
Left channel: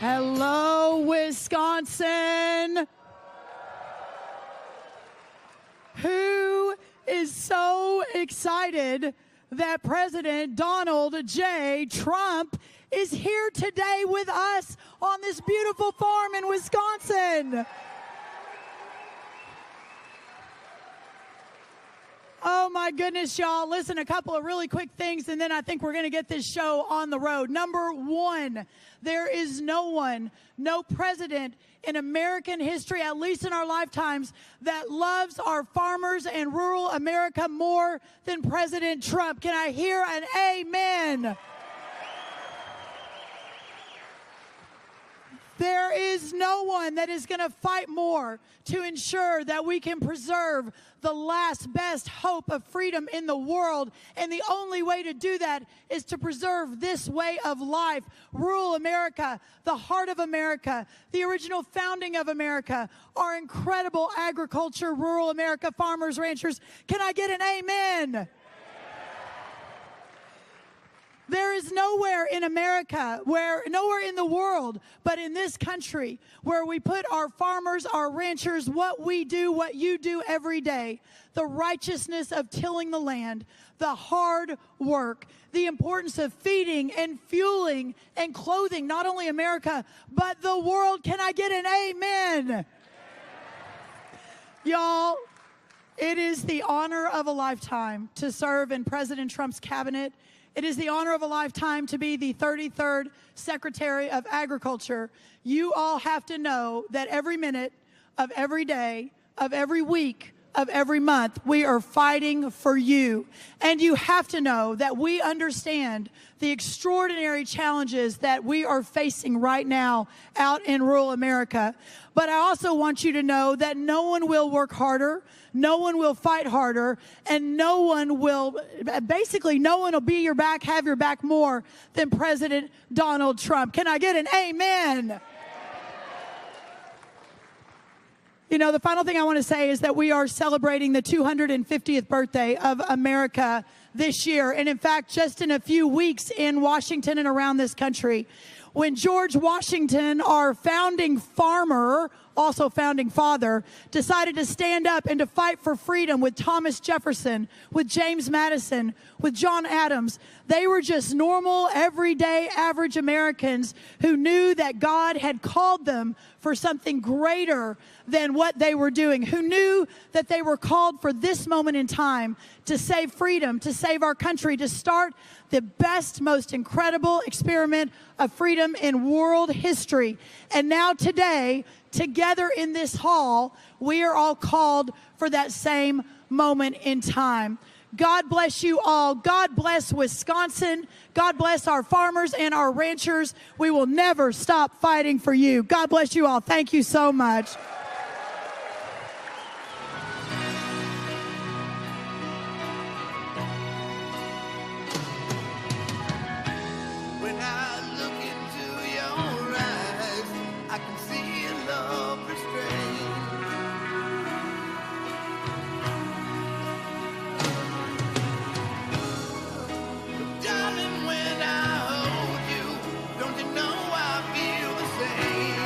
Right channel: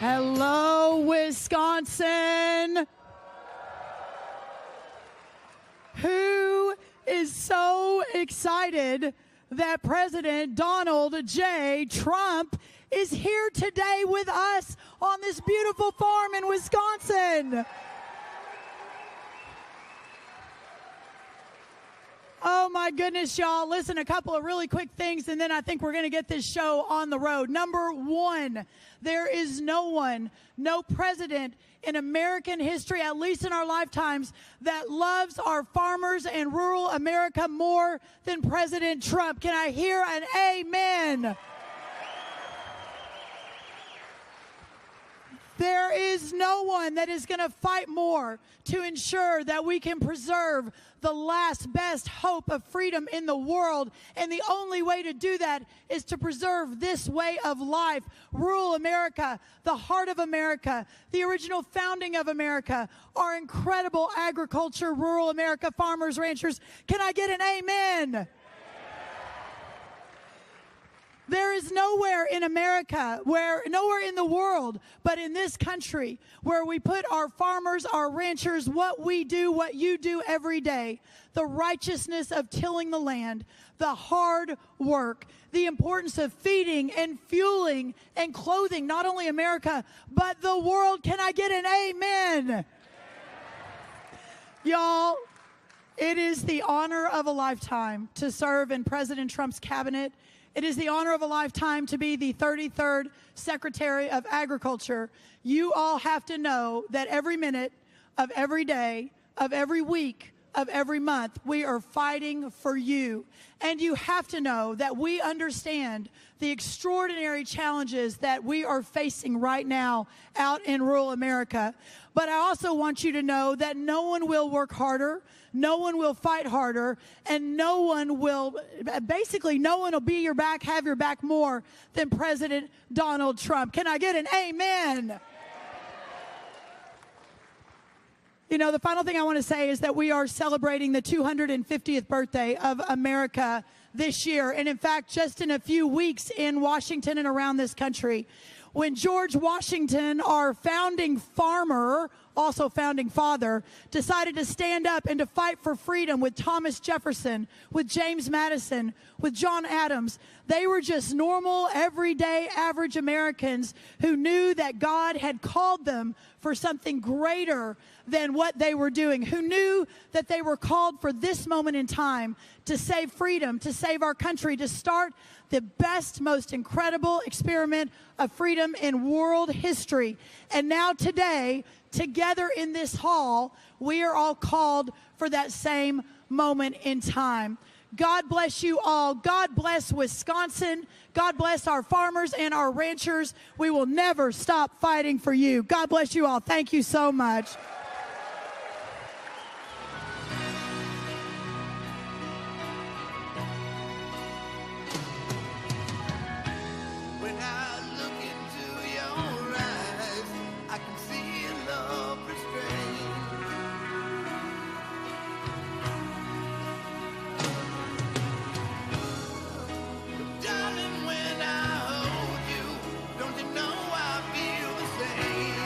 Hello, Wisconsin. Who is so excited that President Donald J. Trump is here today with us on this beautiful farm in Wisconsin? Oh my goodness, y'all. Listen, a couple of really quick things, and then I think we're going to get this show on the road. Number one, there is no one, no president in American history, at least in our lifetimes, that loves our farmers and rural America more than President Trump. Can I hear an amen? There is no one that is going to fight more to ensure that we can preserve the last best hope of freedom in the world. And the only way to do that is to preserve this way of life. Rural America, the heart of America, the original founding of America, our incredible agriculture, rural America, farmers, ranchers. Can I get an amen? There is nowhere in America, nowhere in the world, but in this country, where we put our farmers, our ranchers, what we do, what you do every day, the righteousness of tilling the land, the hard work, the importance of feeding and fueling and clothing, not only America, but the world. Can I get an amen? Y'all, it is the honor of a lifetime to serve in President Trump's cabinet. It is the honor of a lifetime to be the 33rd Secretary of Agriculture. You all have to know that every minute of every day, of every week, of every month, we are fighting for you. And you have to know that we understand the extraordinary challenges that we are facing right now out in rural America. But I also want you to know that no one will work harder, no one will fight harder, and no one will be your back, have your back more than President Donald Trump. Can I get an amen? You know, the final thing I want to say is that we are celebrating the 250th birthday of America this year. And in fact, just in a few weeks in Washington and around this country, when George Washington, our founding farmer, also founding father, decided to stand up and to fight for freedom with Thomas Jefferson, with James Madison, with John Adams, they were just normal, everyday, average Americans who knew that God had called them for something greater than what they were doing, who knew that they were called for this moment in time to save freedom, to save our country, to start the best, most incredible experiment of freedom in world history. And now today, together in this hall, we are all called for that same moment in time. God bless you all. God bless Wisconsin. God bless our farmers and our ranchers. We will never stop fighting for you. God bless you all. Thank you so much. When I look into your eyes, I can see love restrained. Darling, when I hold you, don't you know I feel the same?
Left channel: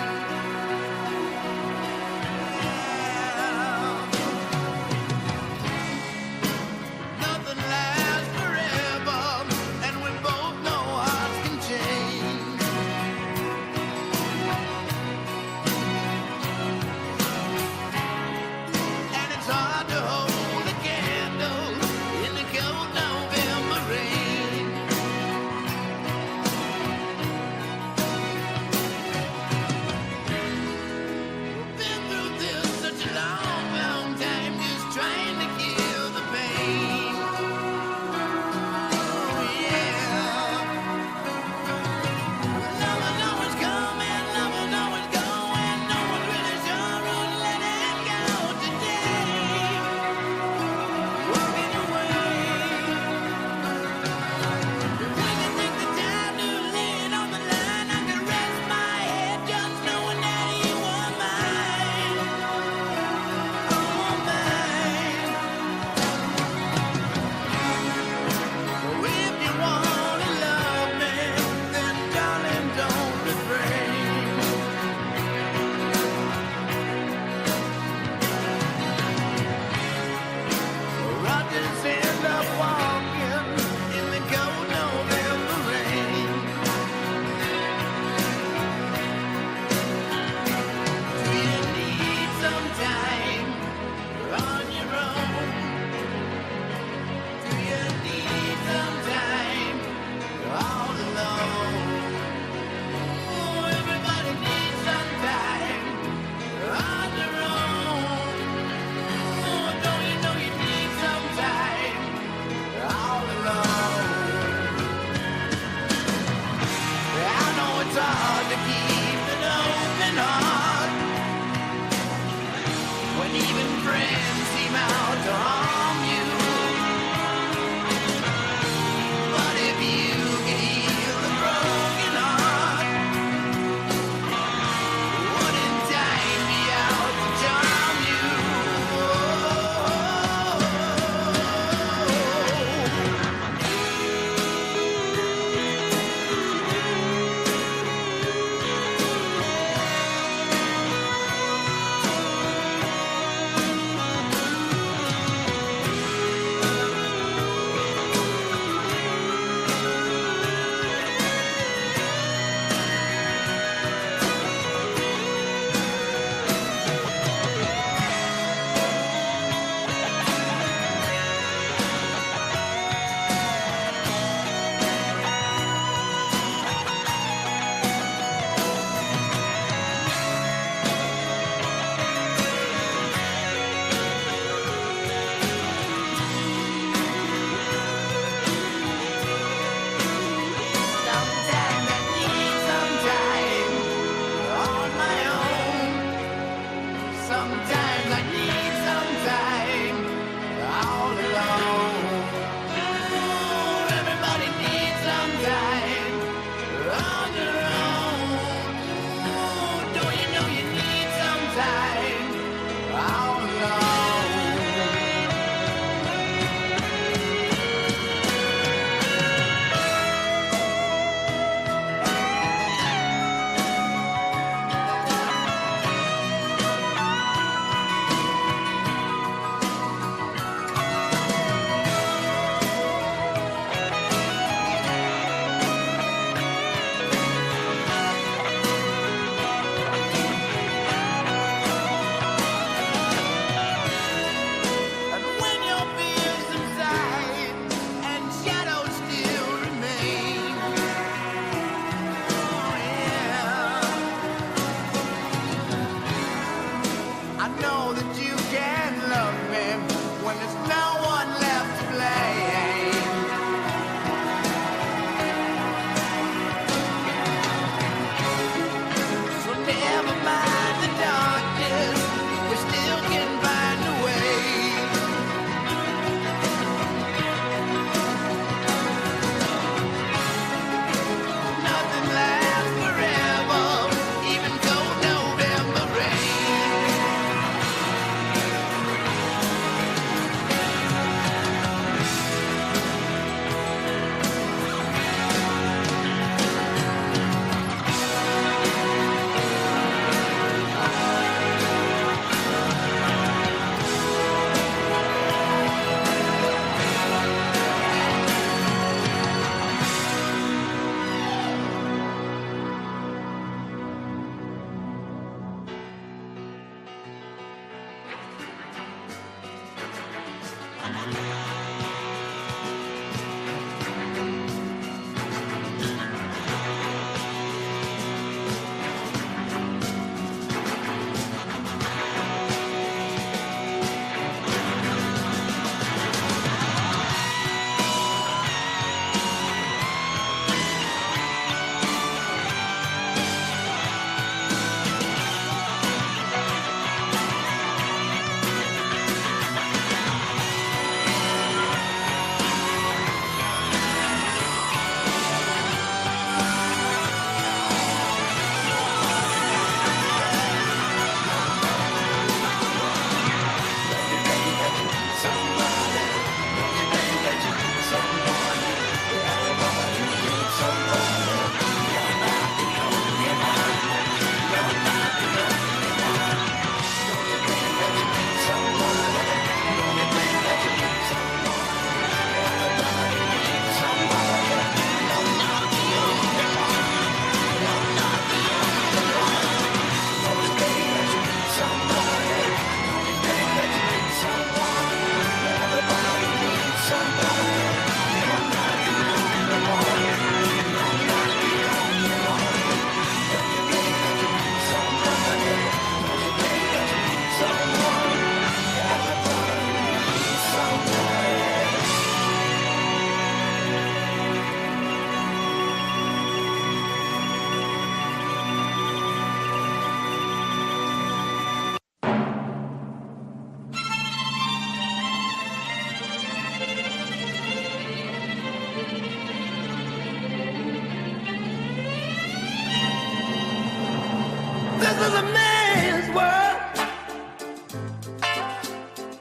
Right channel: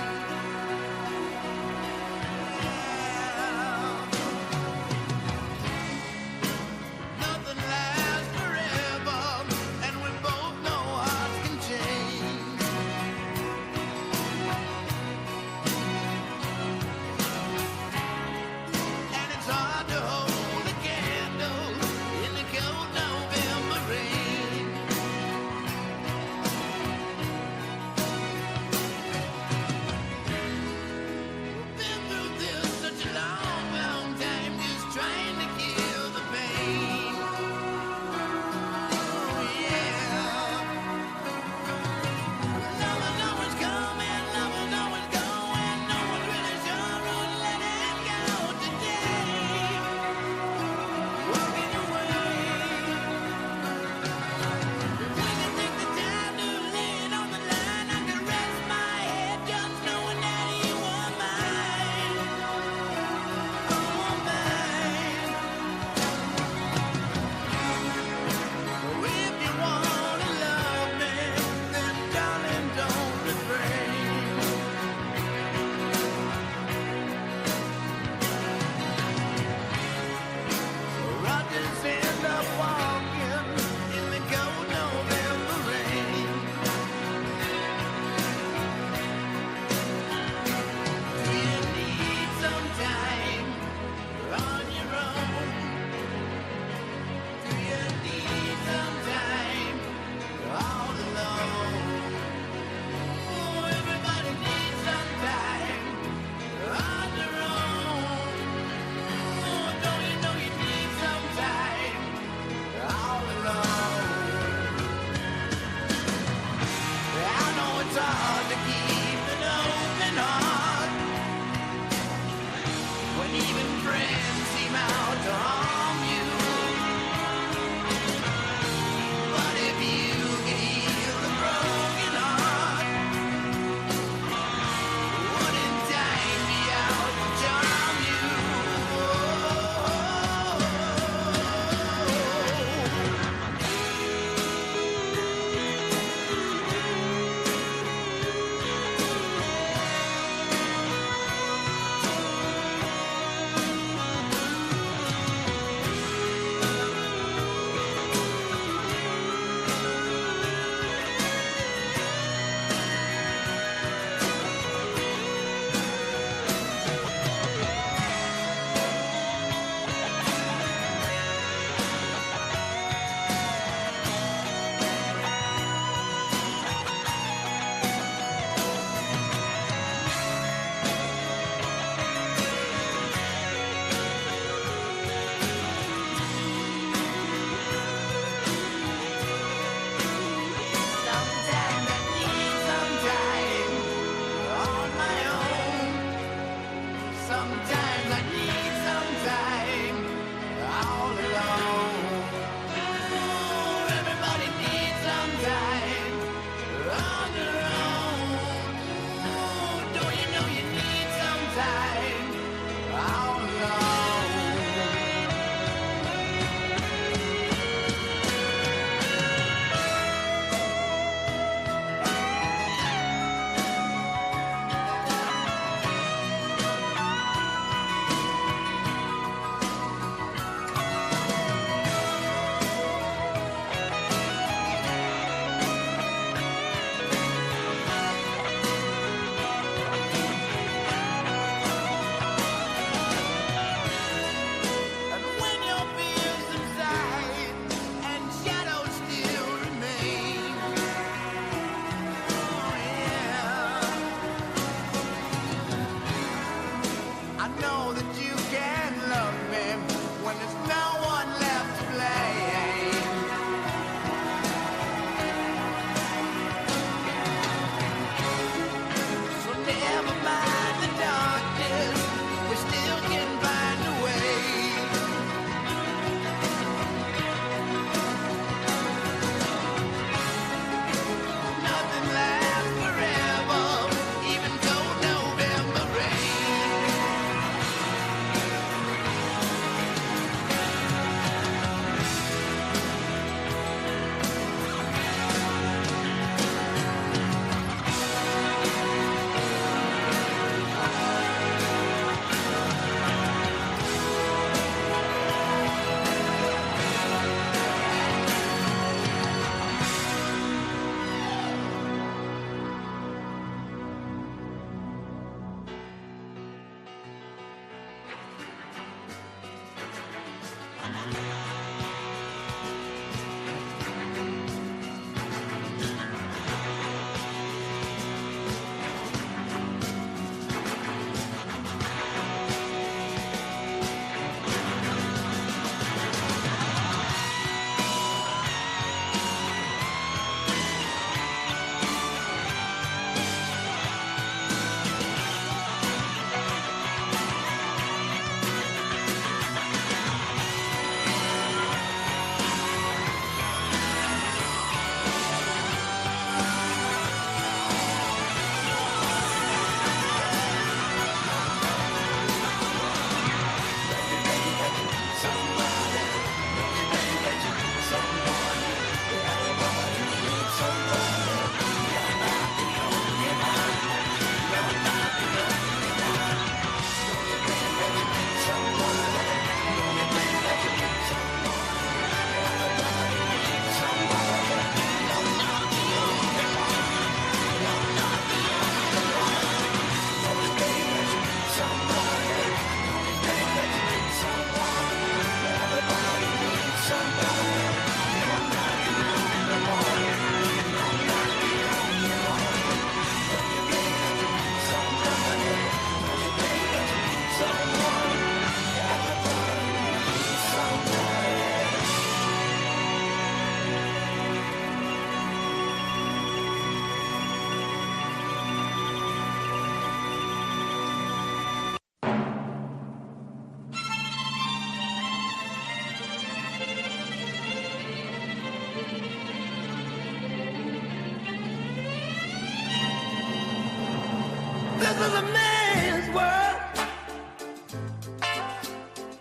world.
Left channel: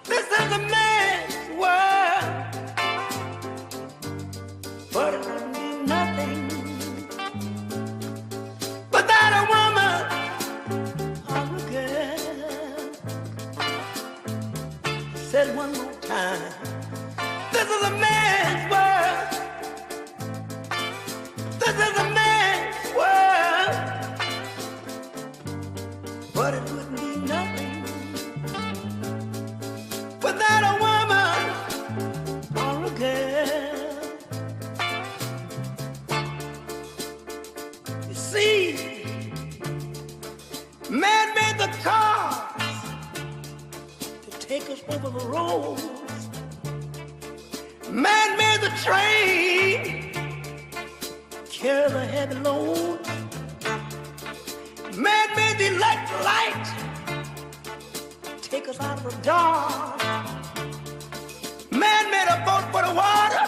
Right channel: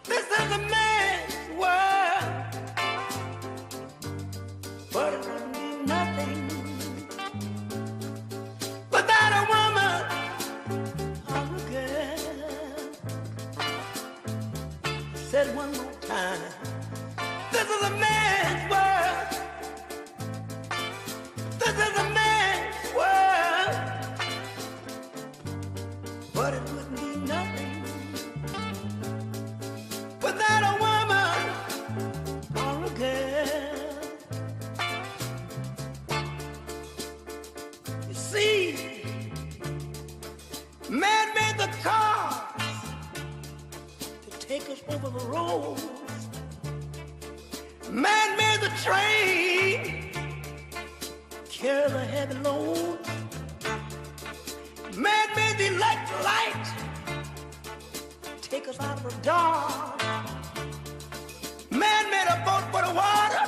This is a man's world. But it would be nothing without a woman or a girl. Said one more time. This is a man's world. This is a man's world. But it wouldn't be nothing without a woman or a girl. You see, man made the cars to take us over the roads. Man made the train carry the heavy load. Man made the electric light take us out of the dark. Man made a boat for the water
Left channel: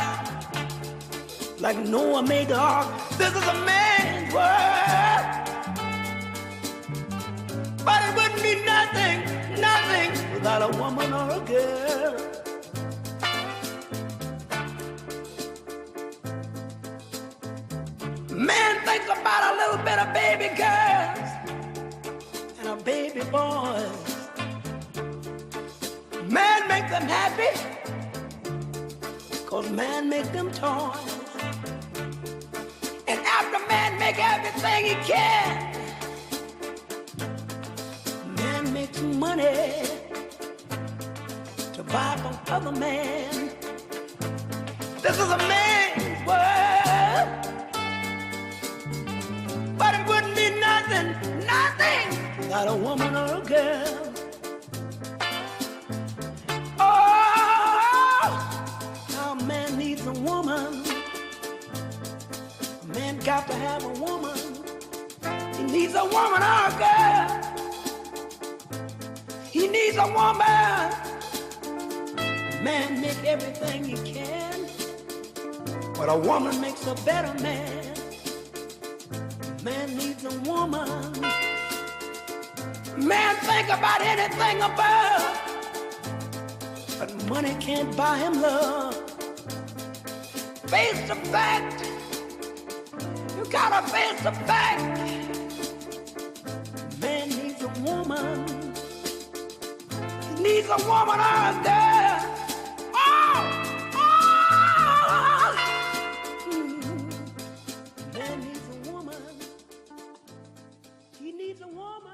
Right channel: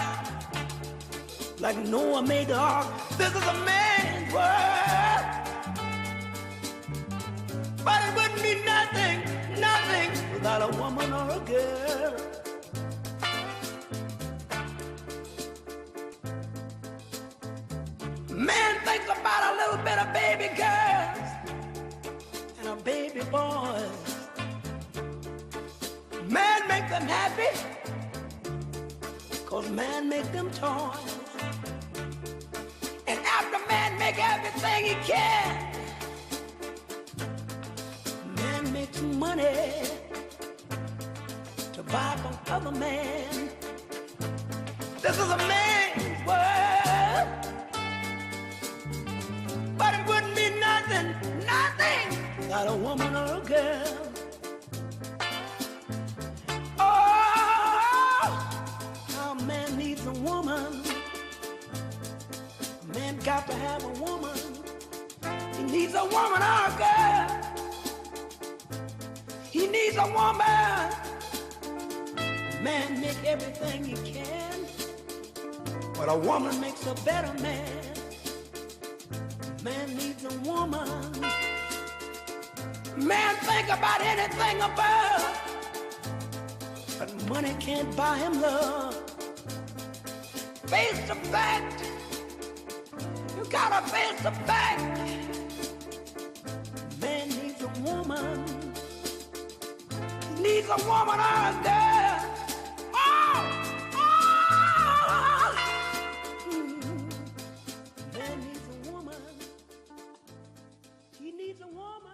like Noah made the ark. This is a man's world. But it wouldn't be nothing, nothing without a woman or a girl. Man thinks about a little bit of baby girls and a baby boys. Man make them happy, 'cause man make them toys. And after man make everything he can, man makes money to buy from other men. This is a man's world. But it wouldn't be nothing, nothing without a woman or a girl. Oh, now man needs a woman. Man got to have a woman. He needs a woman or a girl. He needs a woman. Man make everything he can, but a woman makes a better man. Man needs a woman. Man think about anything above, but money can't buy him love. Face the fact. You gotta face the fact. Man needs a woman. He needs a woman or a girl. Oh! Oh! Man needs a woman. He needs a woman.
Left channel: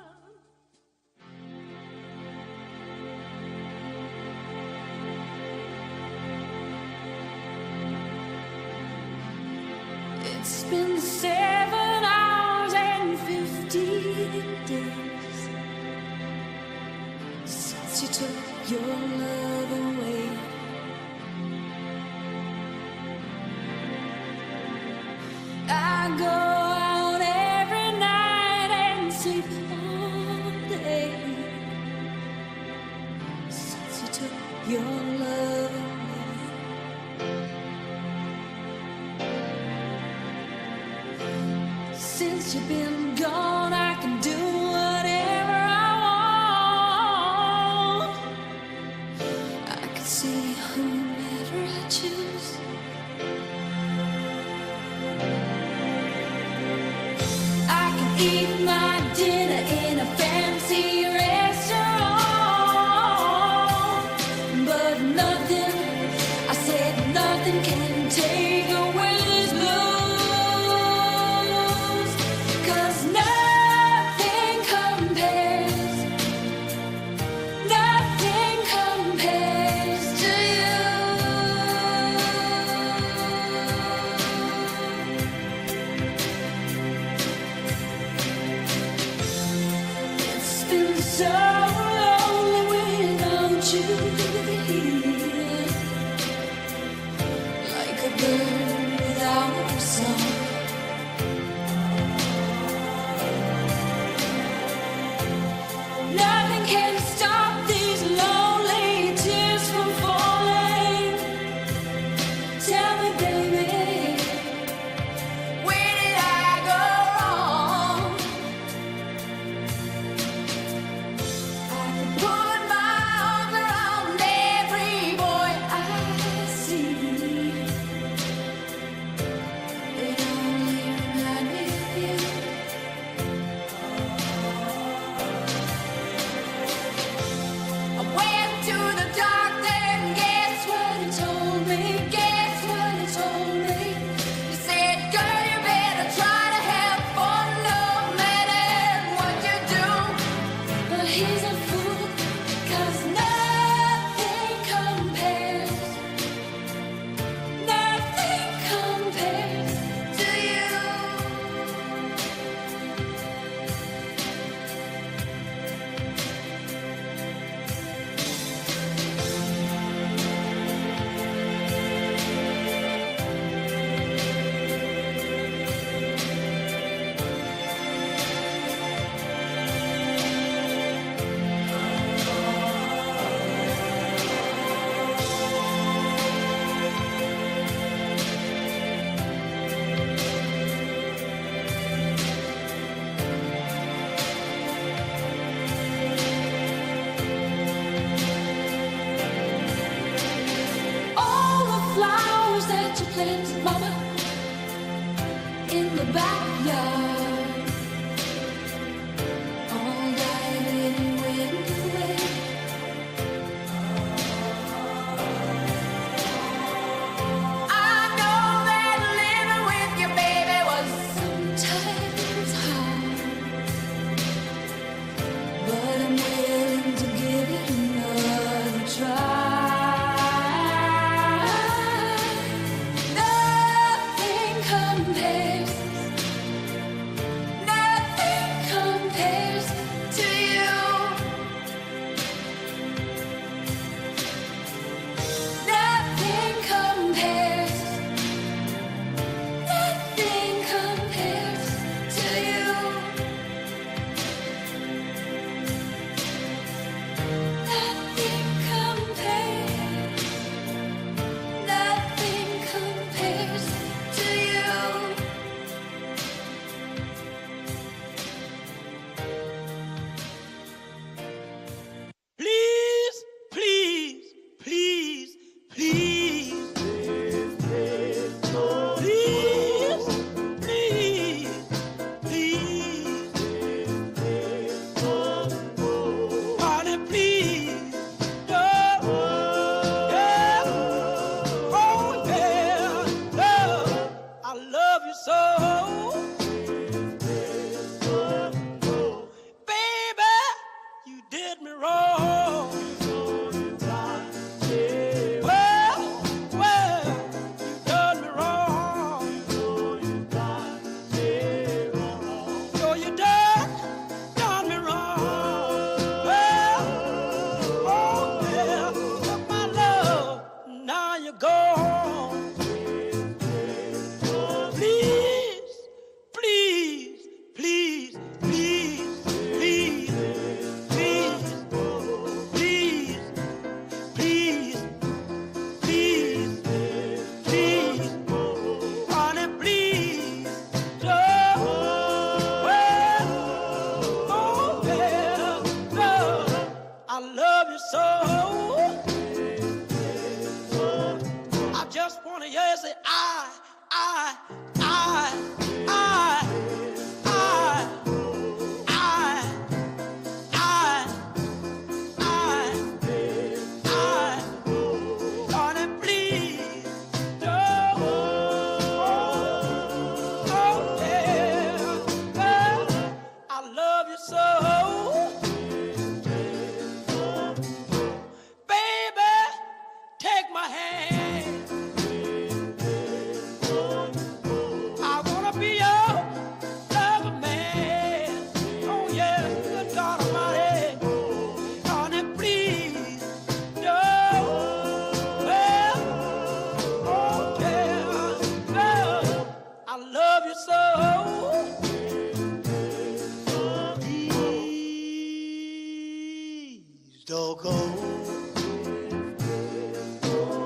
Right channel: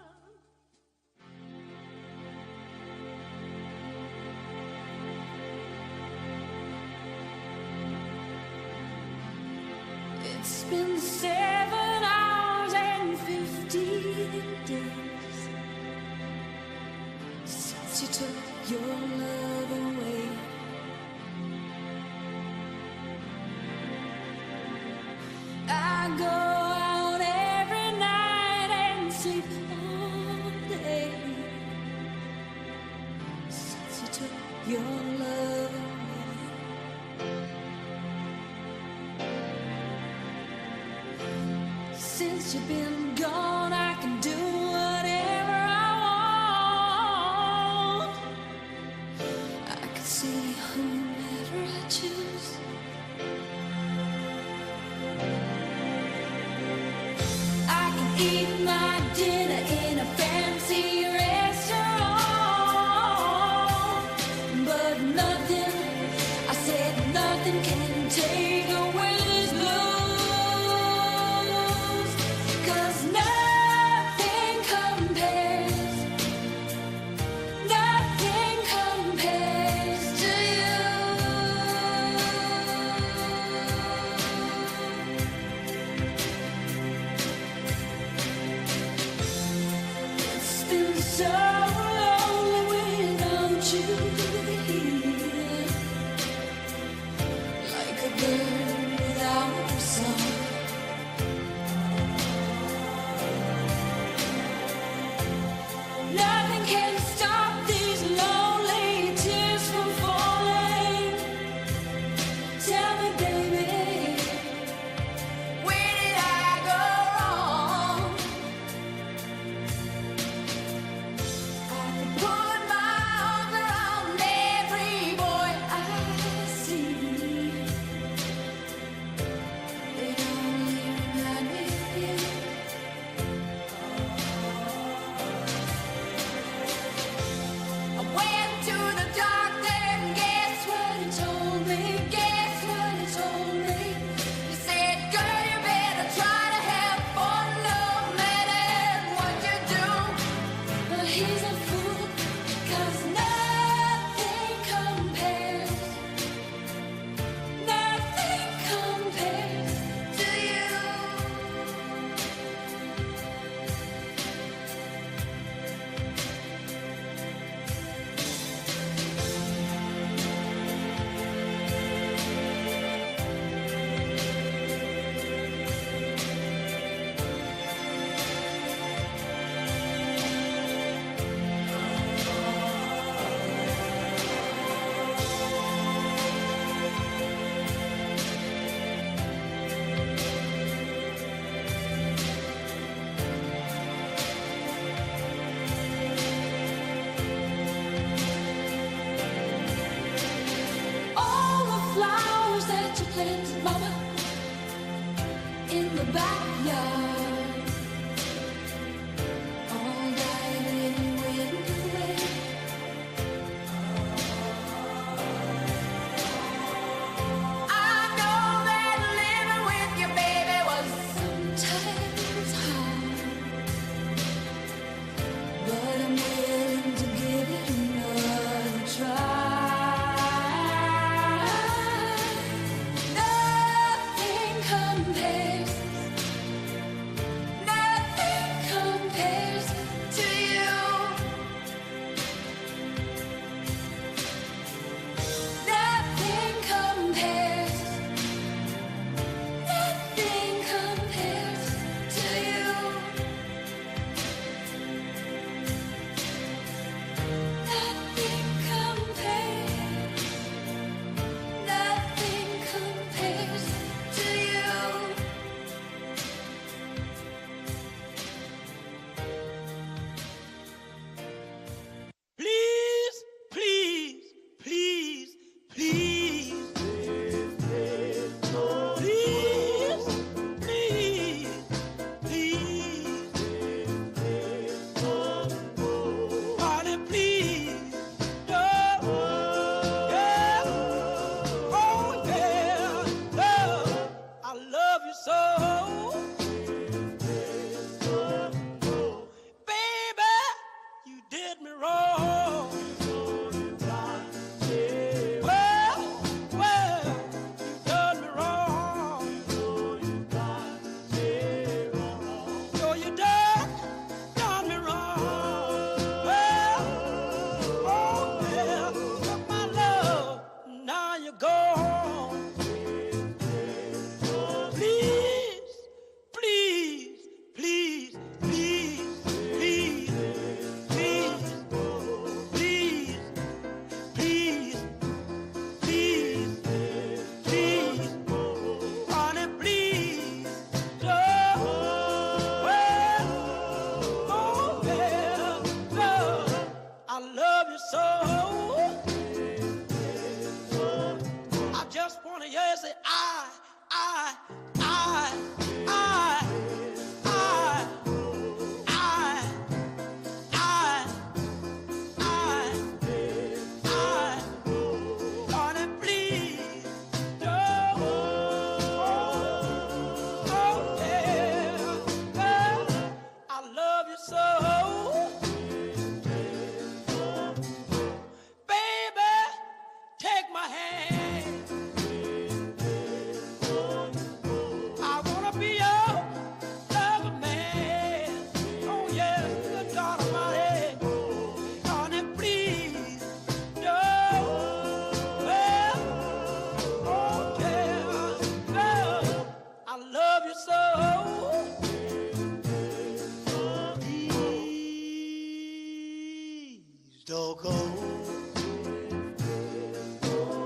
It's been 7 hours and 15 days since you took your love away. I go out every night and sleep all day since you took your love away. Since you've been gone, I can do whatever I want. I can see whomever I choose. I can eat my dinner in a fancy restaurant, but nothing, I said nothing can take away these blues, 'cause nothing compares to you. It's been so lonely without you here, like a bird without a song. Nothing can stop these lonely tears from falling. Tell me, baby, where did I go wrong? he's a fool, 'cause nothing compares to you. All the flowers that you planted, Mama, in the backyard, all died and went away. I know that living with your baby was sometimes hard, but I'm willing to give it another try. Nothing compares to you. Nothing compares to you. Nothing compares to you. Please, please, please, please. Please, please, please. Honey, please. Yeah. Yeah. Oh, yeah. Yeah. I love you so. Baby, you did me wrong. Well, you done me wrong. So you done me wrong. Well, oh yeah, took my love, now you're gone. Please, please, please, please, please, please, please, please, please, please, honey, please, don't. Well, oh yeah, no, I love you so. I just wanna hear you say I, I, I, I, I, honey, please, don't. Oh, yeah, I love you so. Baby, take my hand. I wanna be your lover man. Oh yeah, good God Almighty, honey, please, don't. Well, oh yeah, I love you so. Please don't go.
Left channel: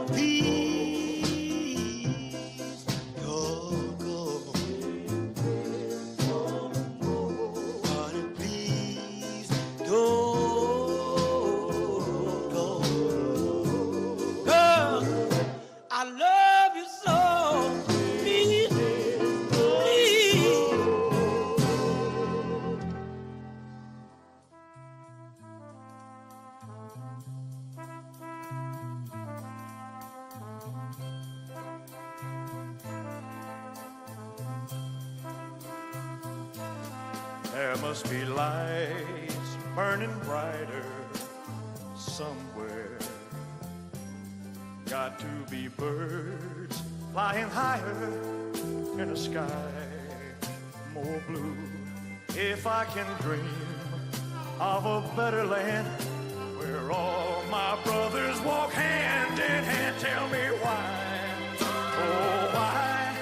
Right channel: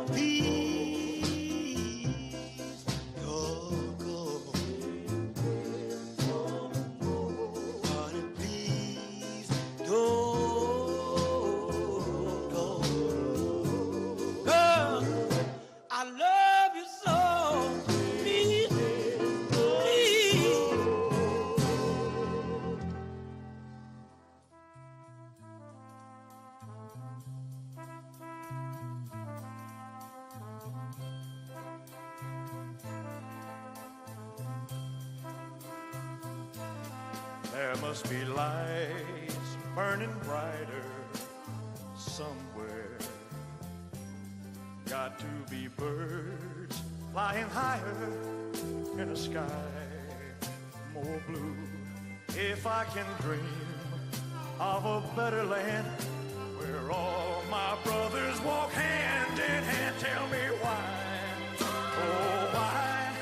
Please don't go. Honey, please don't go. Girl, I love you so. Please, please. There must be lights burning bright got to be birds flying higher in a sky more blue. If I can dream of a better land where all my brothers walk hand in hand, tell me why, oh why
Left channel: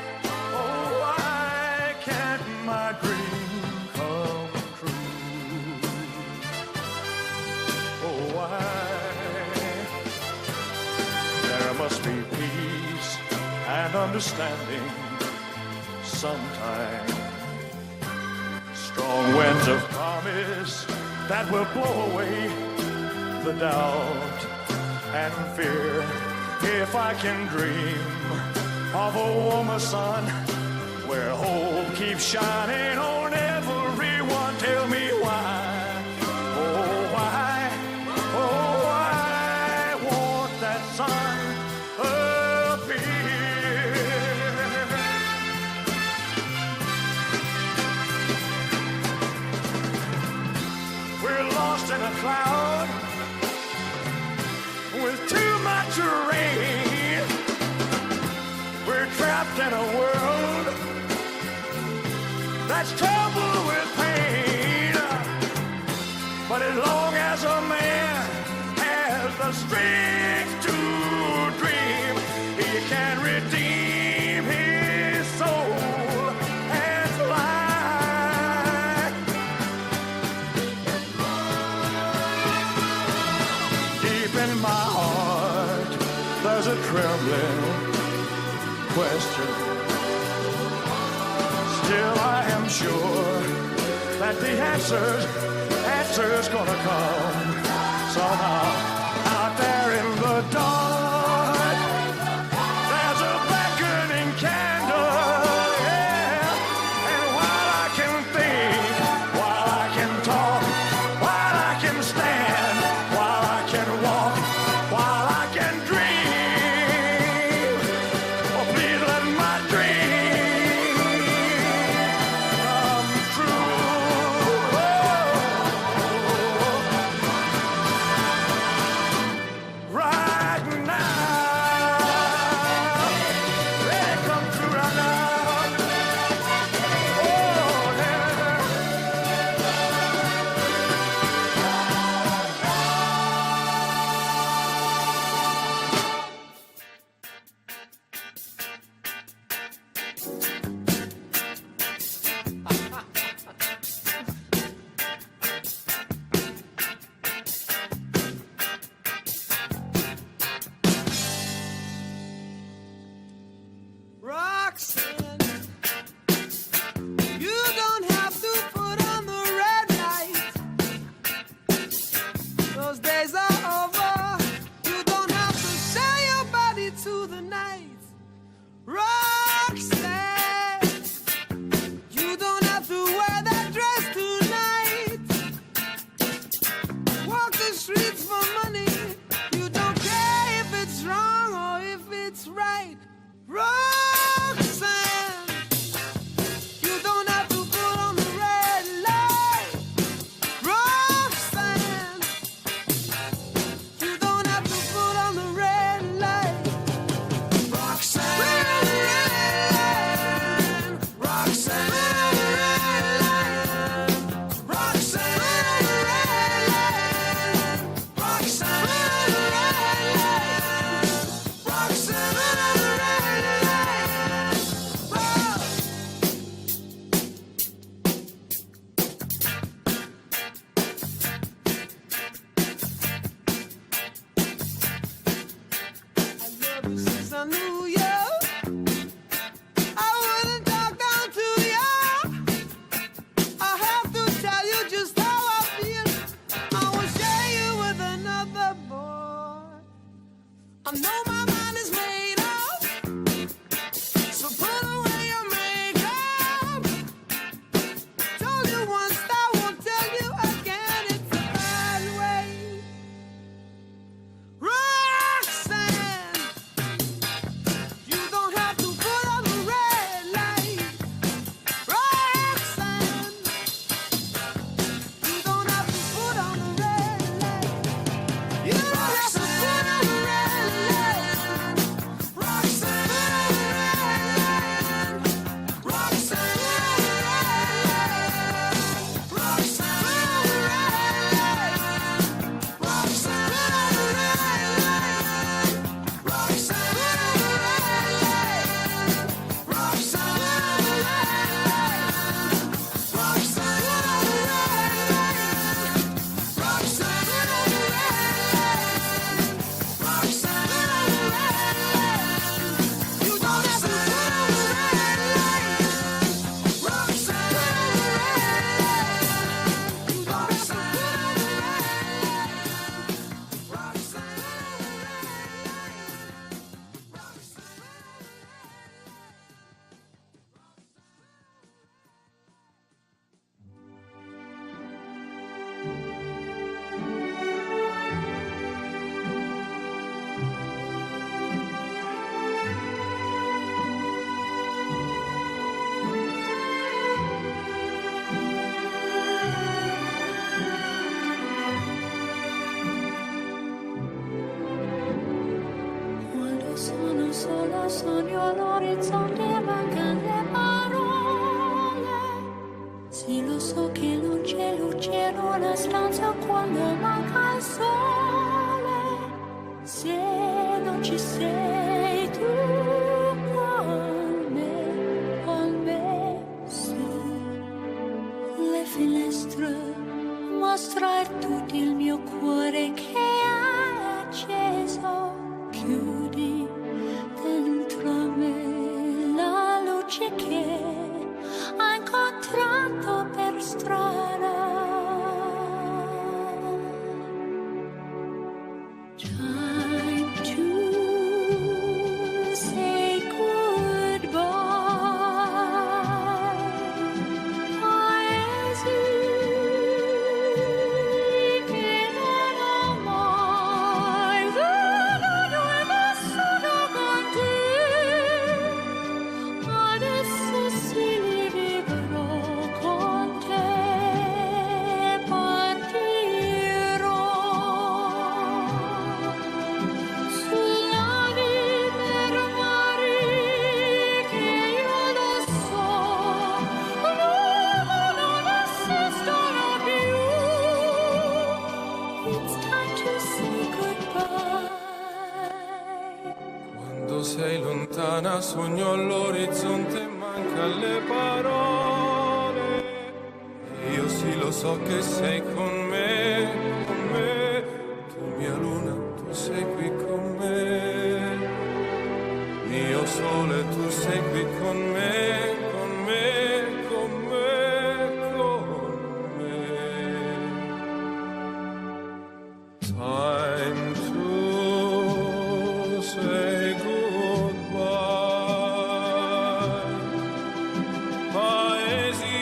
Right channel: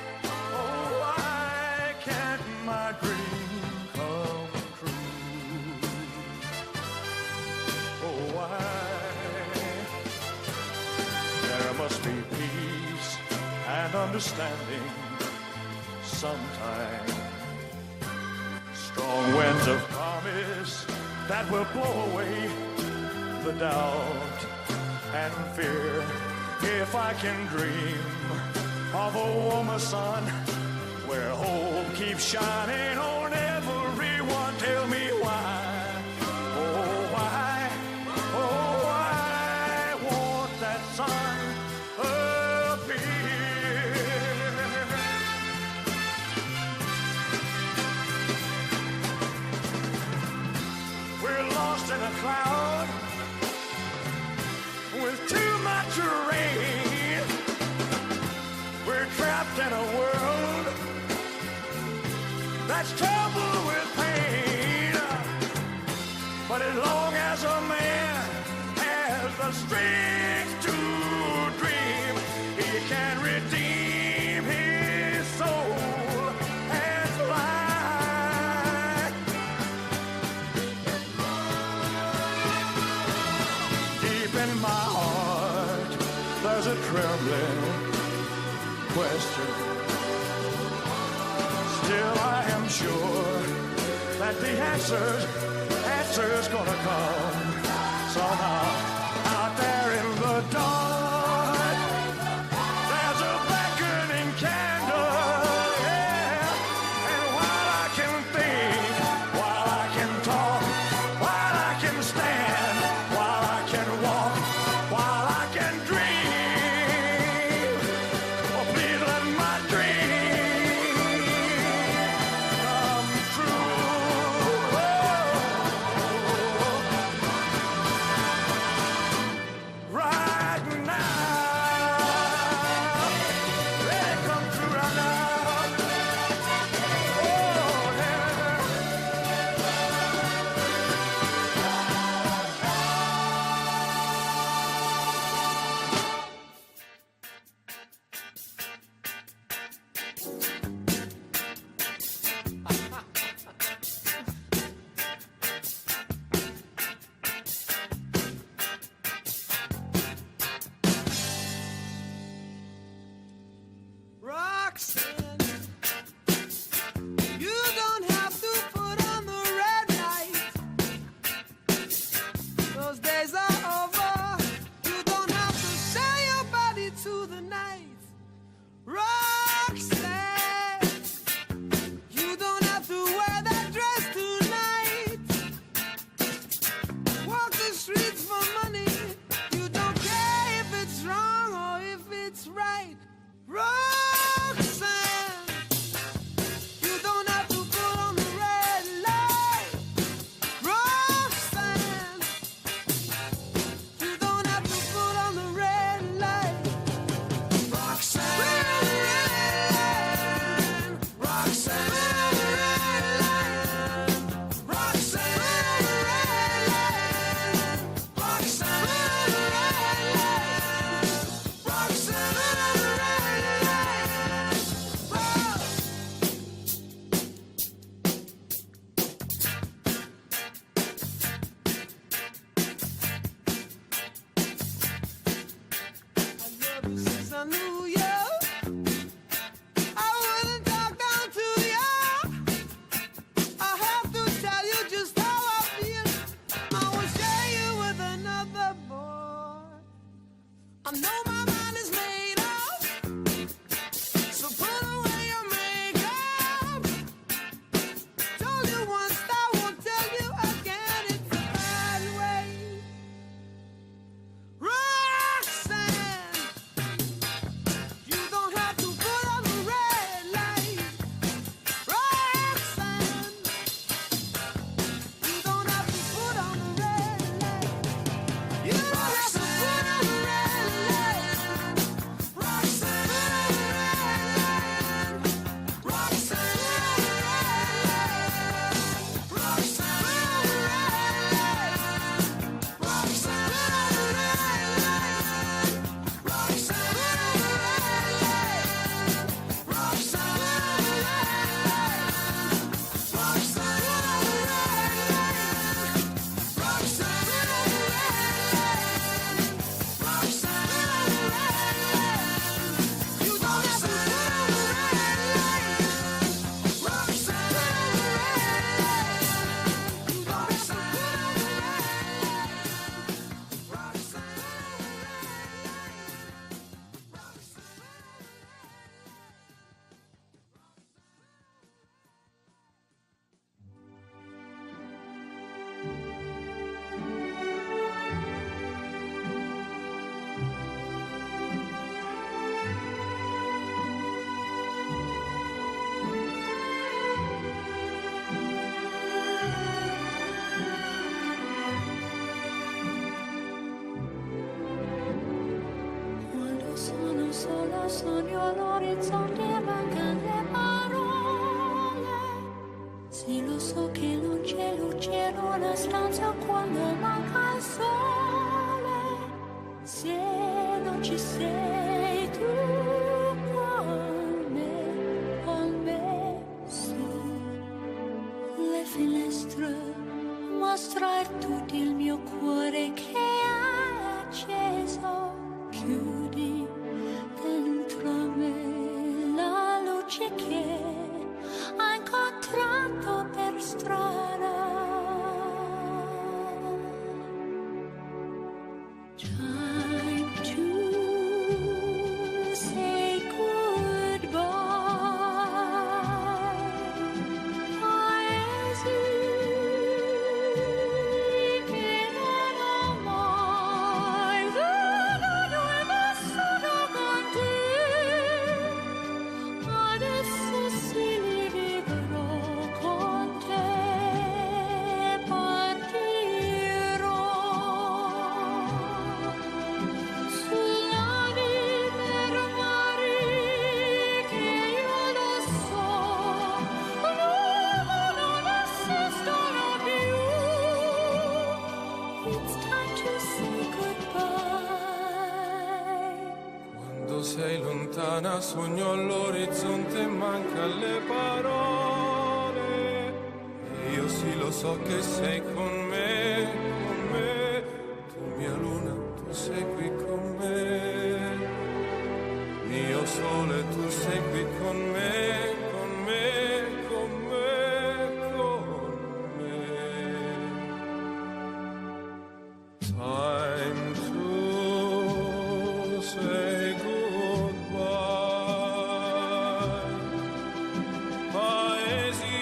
can't my dream come true? Oh why? There must be peace and understanding sometime. Strong winds of promise that will blow away the doubt and fear. If I can dream of a warmer sun where hope keeps shining on everyone, tell me why, oh why won't that sun appear? We're lost in a cloud with too much rain. We're trapped in a world that's troubled with pain. But as long as a man has the strength to dream, he can redeem his soul and fly. Deep in my heart, there's a trembling question. Still I am sure that the answer's gonna come somehow. Out there in the dark, there's a beckoning candle, yeah. And while I can think, while I can talk, while I can stand, while I can walk, while I can dream, oh, please let my dream come true. un solo sogno all'orizzonte, mancano le parole. Se lo so che non c'è luce in una stanza quando manca il sole, se non ci sei tu con me, sì. Le finestre mostra tutto il mio cuore che è acceso, chiudi dentro me la luce che ho incontrato per strada. Time to say goodbye. Quando sei lontana sogno all'orizzonte, manca le parole. E io sì lo so che sei con me, tu mia luna, tu sei qui con me. Io sole, tu sei qui con me, con me, con me, con me. Time to say goodbye. Paesi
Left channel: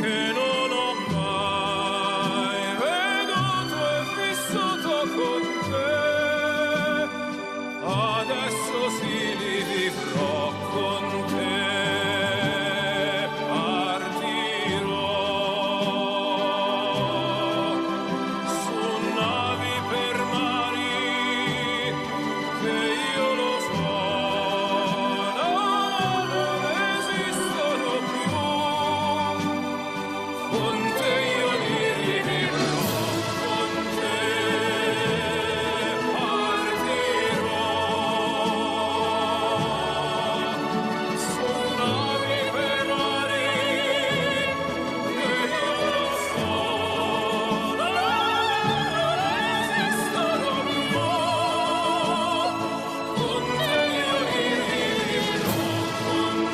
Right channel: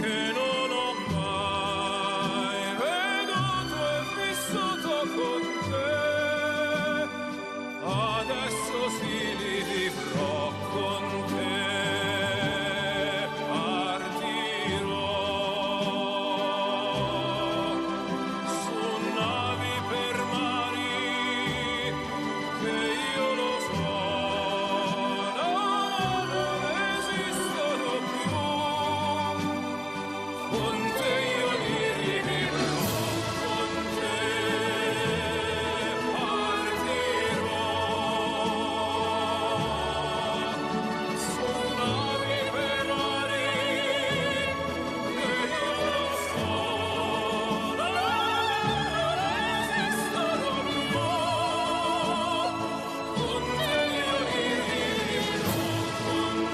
che non ho mai veduto e vissuto con te, adesso sì li vivrò con te, partirò su navi per mari che io lo so non esistono più, con te io li vivrò, con te partirò su navi per mari che io lo so non esistono più, con te io li vivrò, con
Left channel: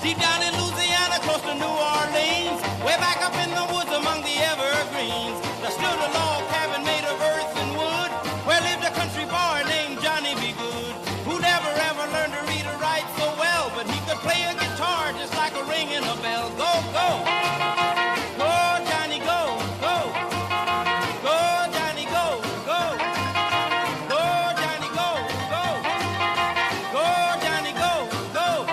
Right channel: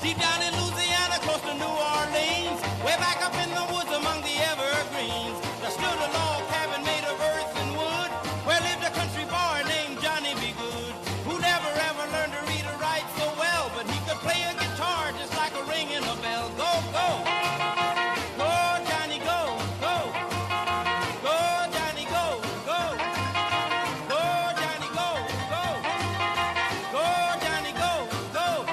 Deep down in Louisiana, close to New Orleans, way back up in the woods among the evergreens, there stood a log cabin made of earth and wood, where lived a country boy named Johnny B. Good, who never ever learned to read or write so well, but he could play a guitar just like a ringing a bell. Go, go! Go, Johnny, go, go! Go, Johnny, go, go! Go, Johnny, go, go! Go, Johnny, go, go!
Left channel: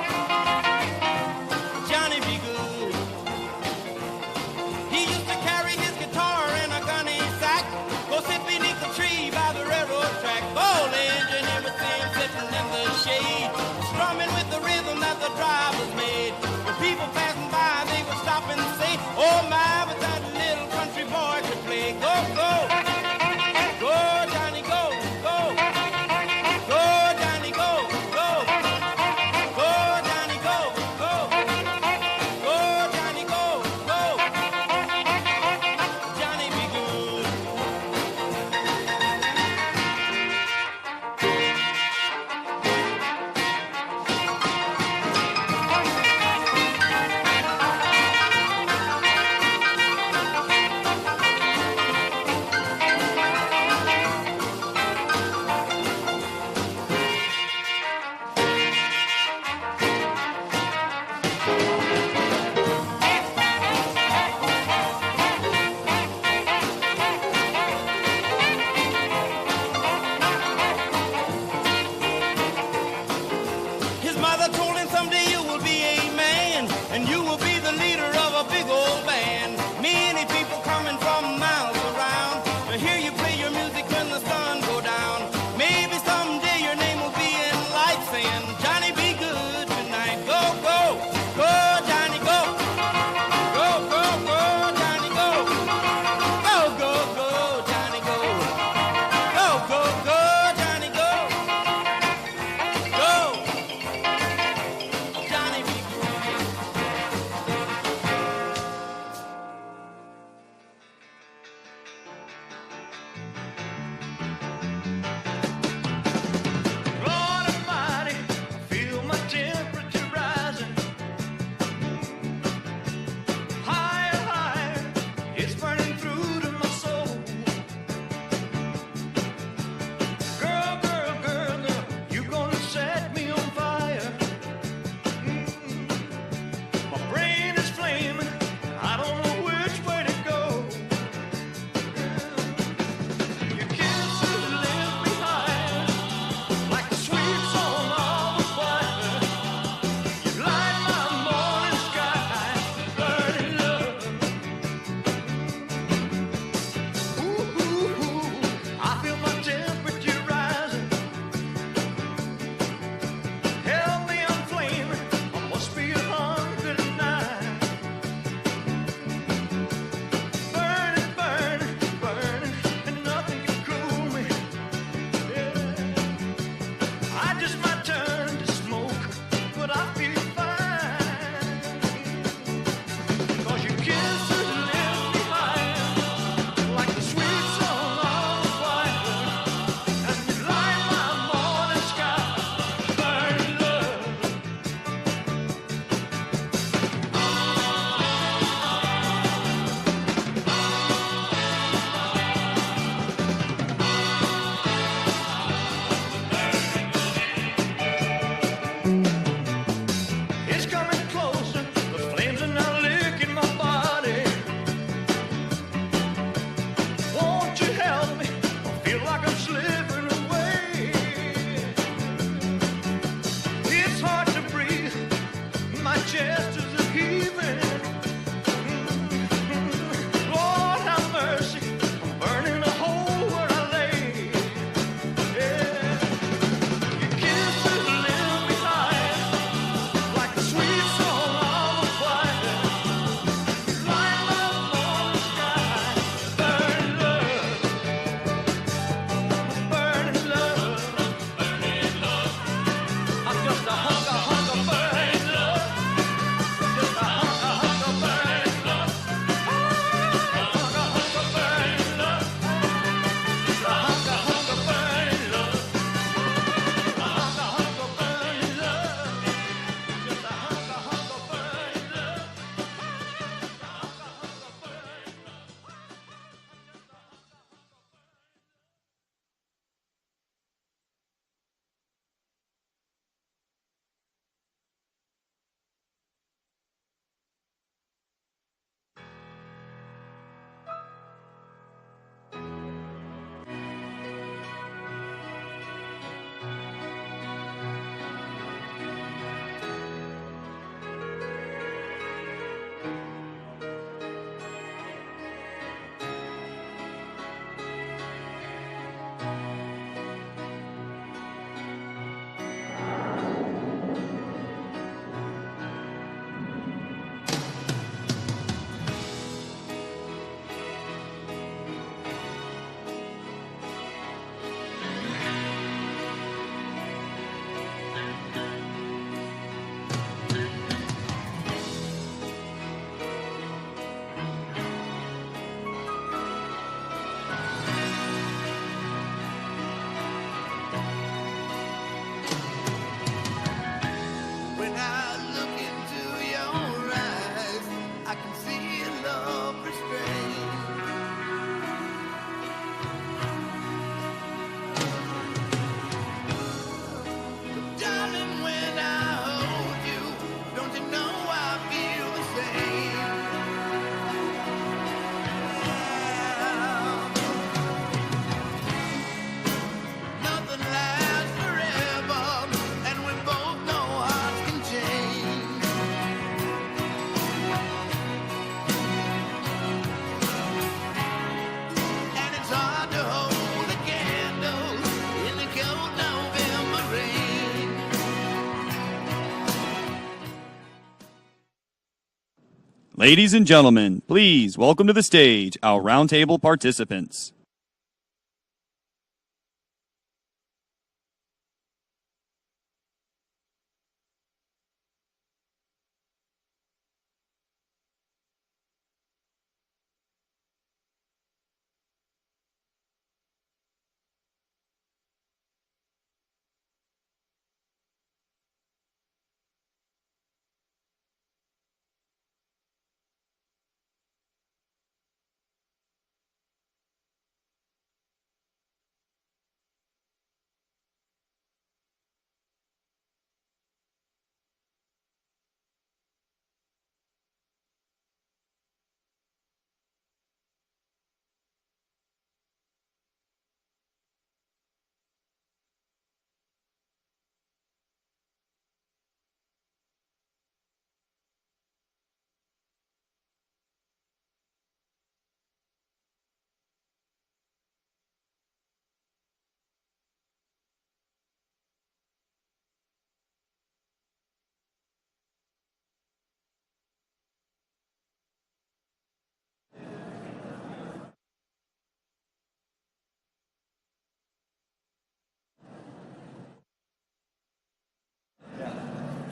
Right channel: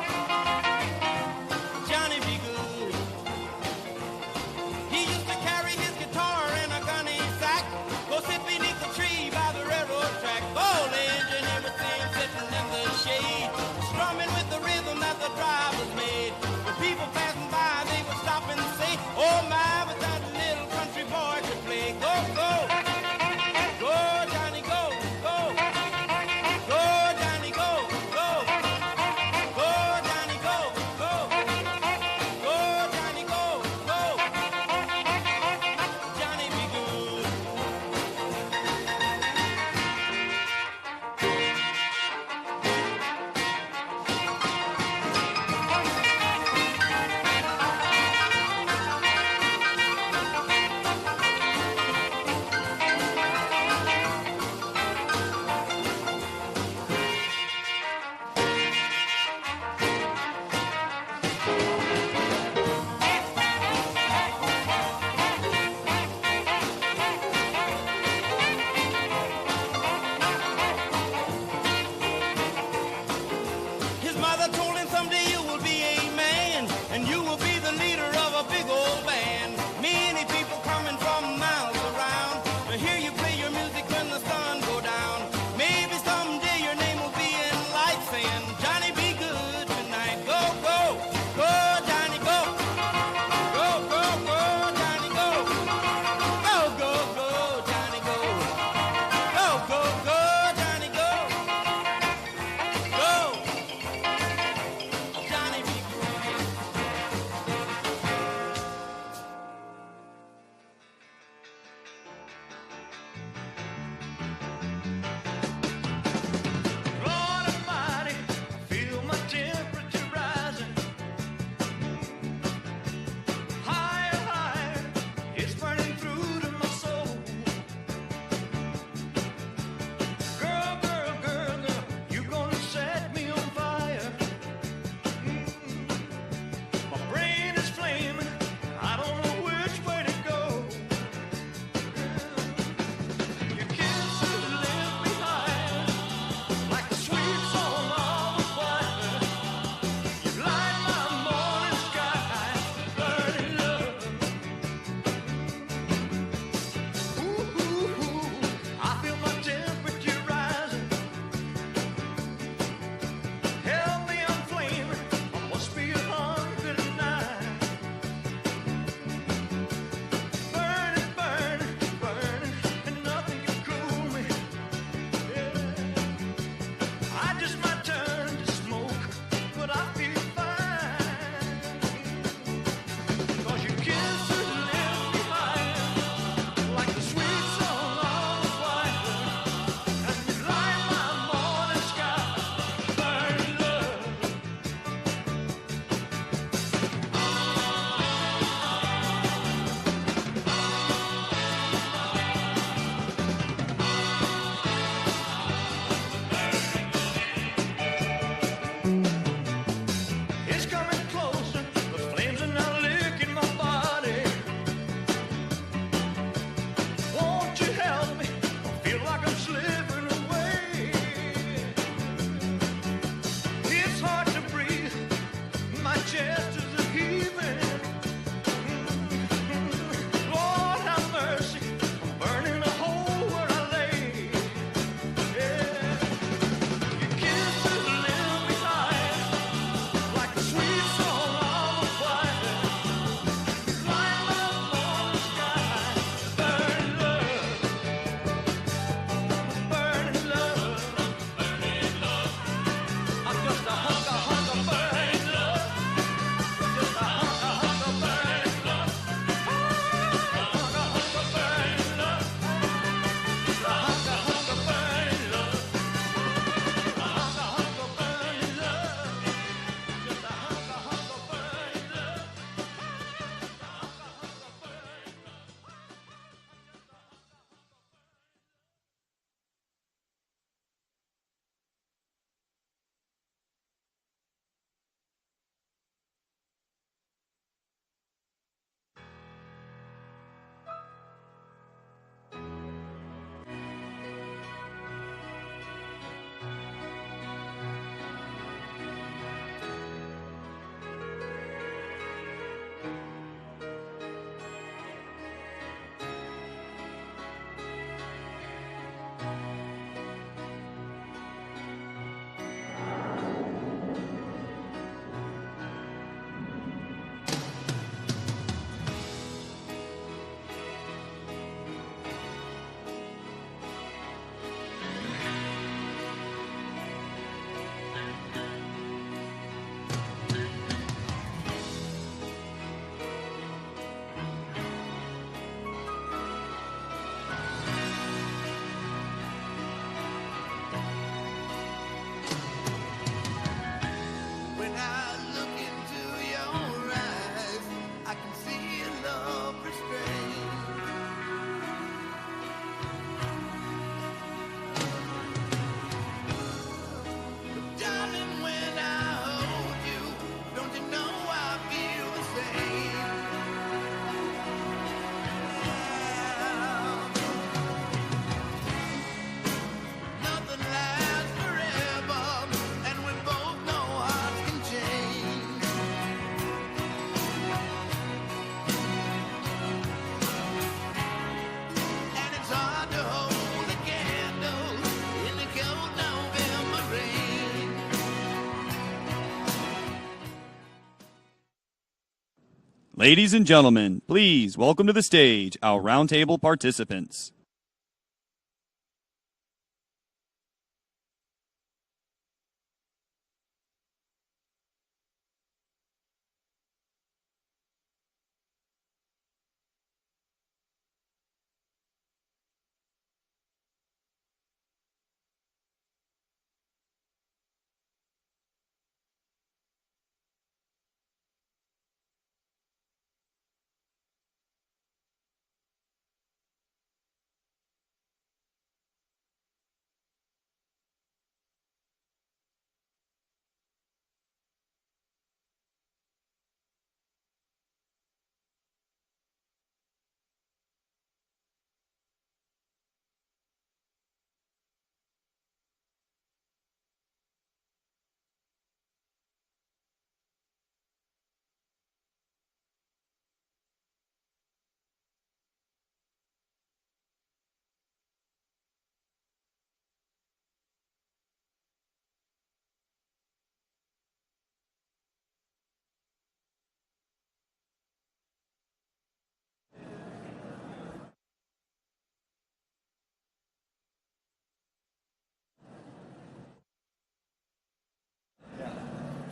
Ladies and gentlemen, please welcome to the stage our roundtable participants.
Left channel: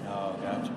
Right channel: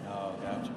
Oh, gotcha.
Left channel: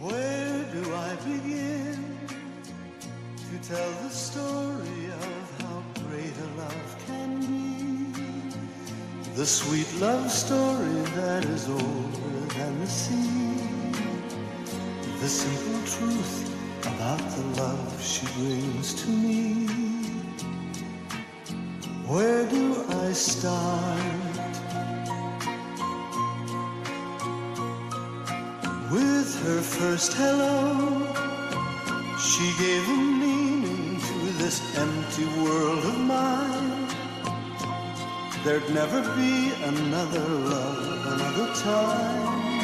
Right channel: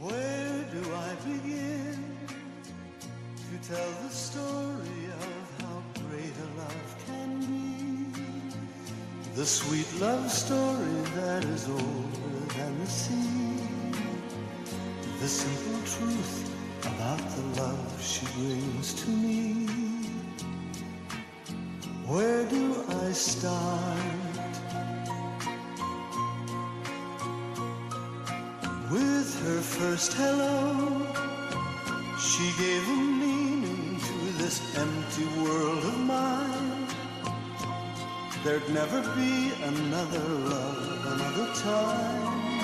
Where do I begin to tell the story of how great a love can be? The sweet love story that is older than the sea. The simple truth about the love she brings to me. Where do I start? With her first hello, she gave a meaning to this empty world of mine. There'd never be another love, another time.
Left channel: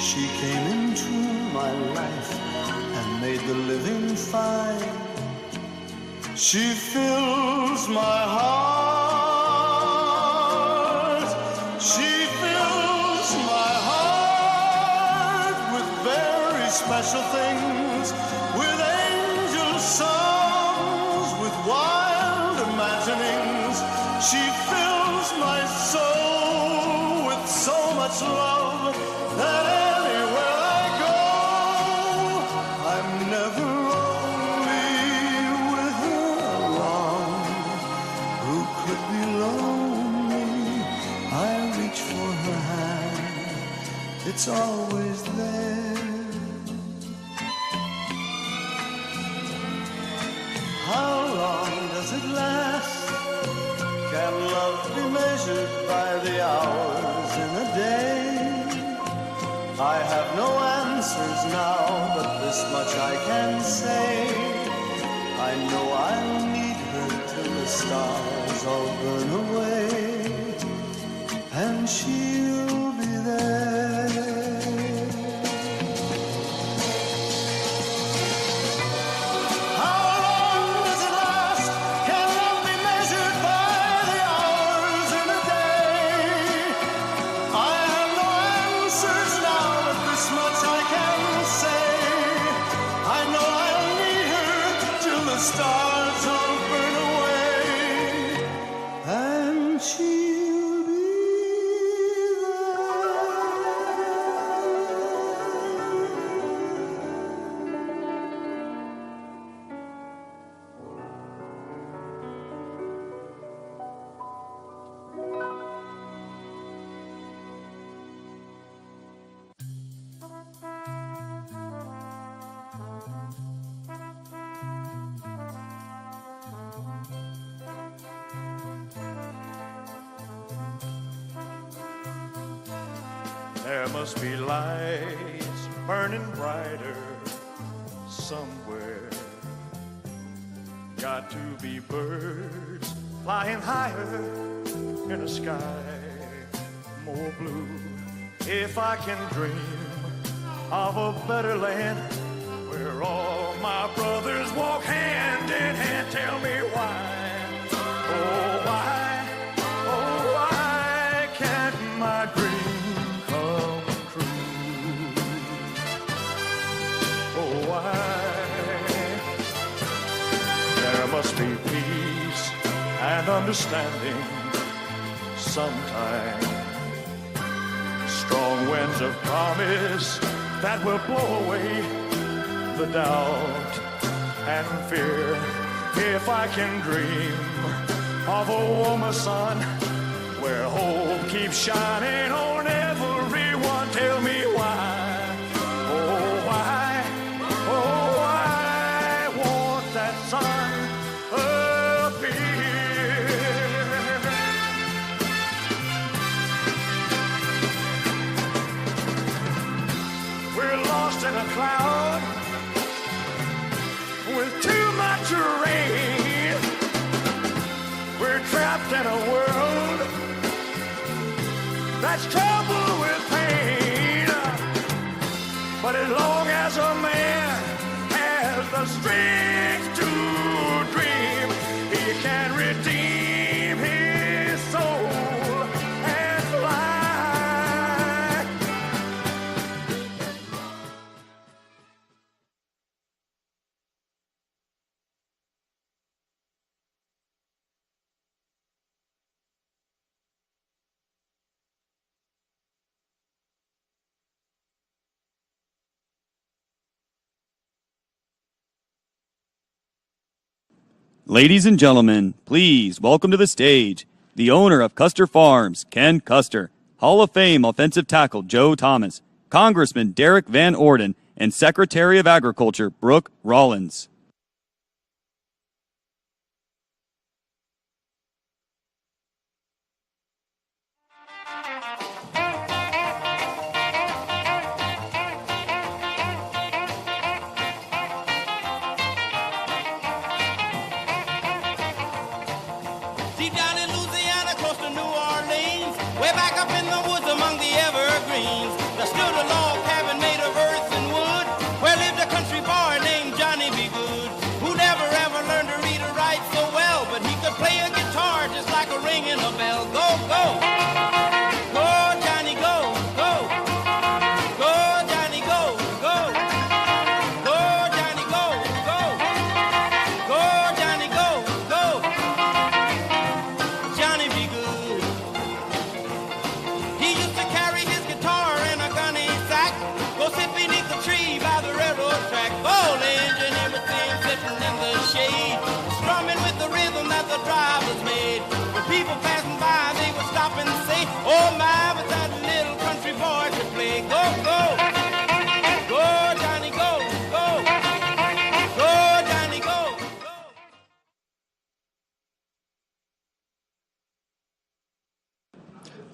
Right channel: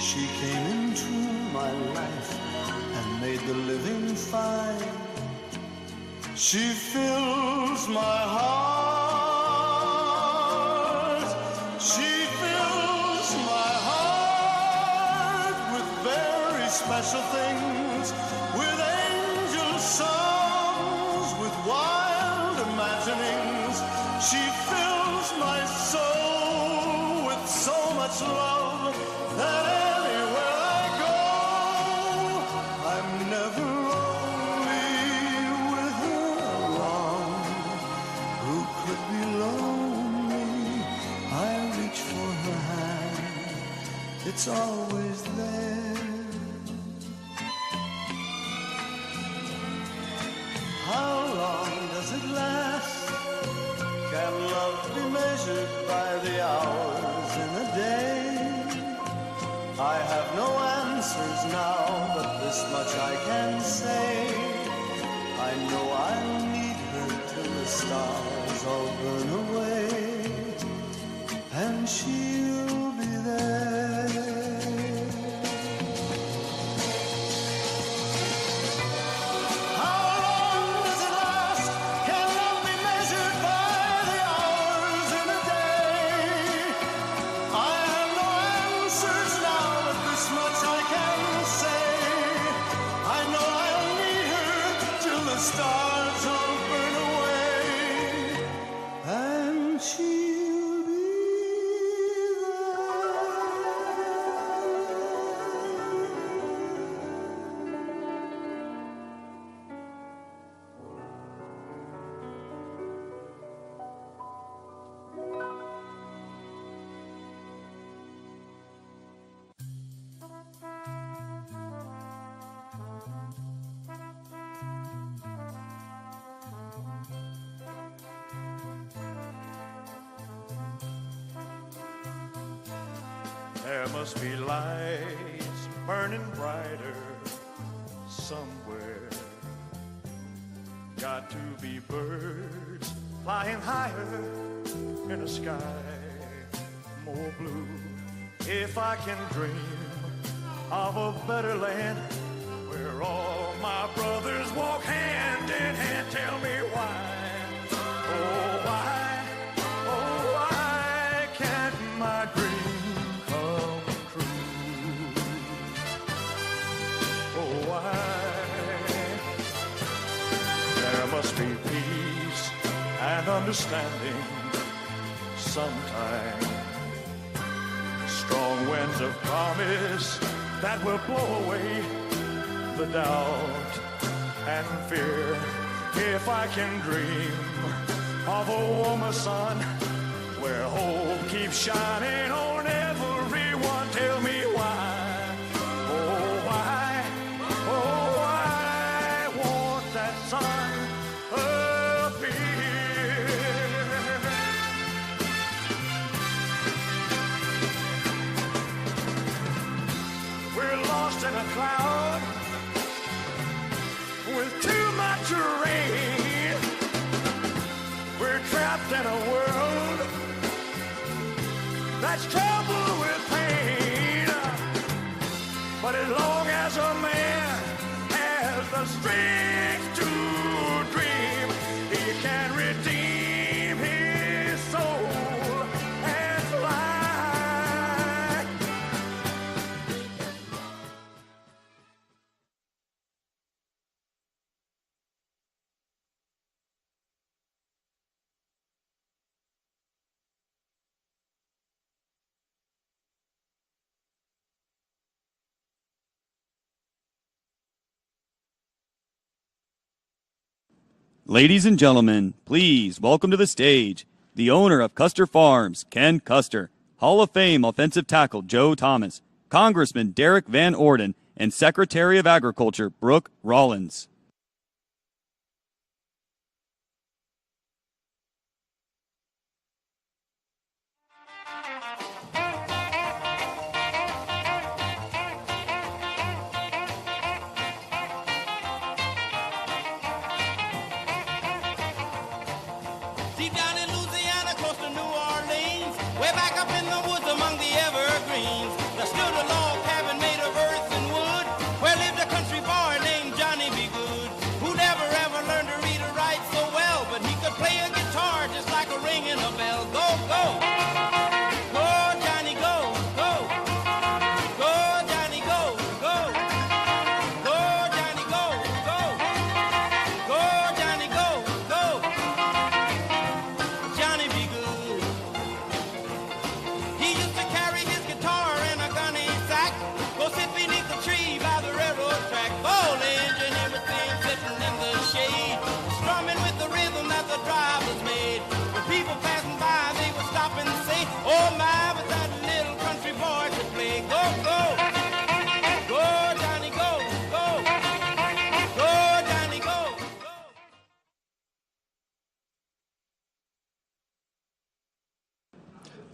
She came into my life and made the living fine. She fills my heart. She fills my heart with very special things, with angel songs, with wild imaginings. She fills my soul with so much love that anywhere I go, it's always there. How long does it last? Can love be measured by the hours in a day? I have no answers now, but this much I can say. I know I'll need her till the stars all burn away, and she'll be there. How long does it last? Can love be measured by the hours in a day? I have no answers now, but this much I can say. I know I'll need her till the stars all burn away, and she'll be There must be lights burning brighter somewhere. Got to be birds flying higher in a sky more blue. If I can dream of a better land where all my brothers walk hand in hand, tell me why, oh why, oh why can't my dream come true? Oh why? There must be peace and understanding sometime. Strong winds of promise that will blow away the doubt and fear. If I can dream of a warmer sun where hope keeps shining on everyone, tell me why, oh why, oh why won't that sun appear? We're lost in a cloud with too much rain. We're trapped in a world that's troubled with pain. But as long as a man has the strength to dream, he can redeem his soul and fly. Ladies and gentlemen, please welcome to the stage the owner of Custer Farms, Ken Custer, Hall of Fame offensive tackle Joe Thomas, Congressman Derek Van Orden, and Secretary of Agriculture Brooke Rollins. Deep down in Louisiana, close to New Orleans, way back up in the woods among the evergreens, there stood a log cabin made of earth and wood, where lived a country boy named Johnny B. Good.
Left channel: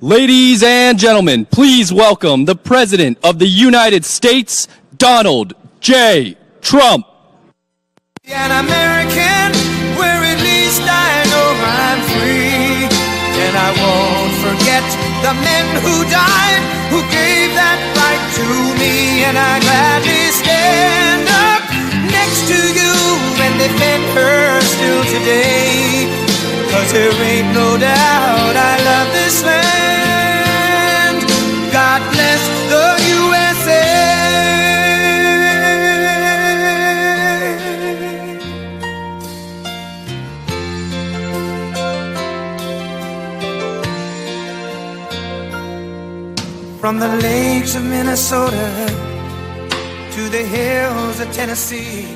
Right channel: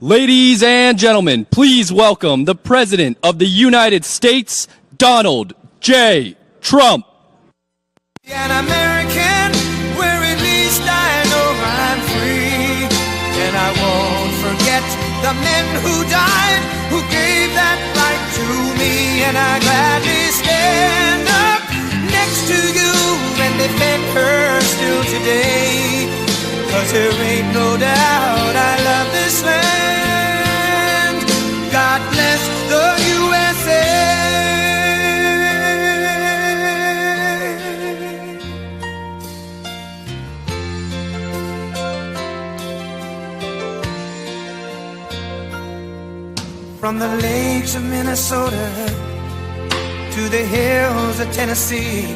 Ladies and gentlemen, please welcome the President of the United States, Donald J. Trump. An American, where at least I know I'm free. And I won't forget the men who died, who gave that right to me. And I gladly stand up next to you and defend her still today. 'Cause there ain't no doubt I love this land. God bless the USA. From the lakes of Minnesota to the hills of Tennessee,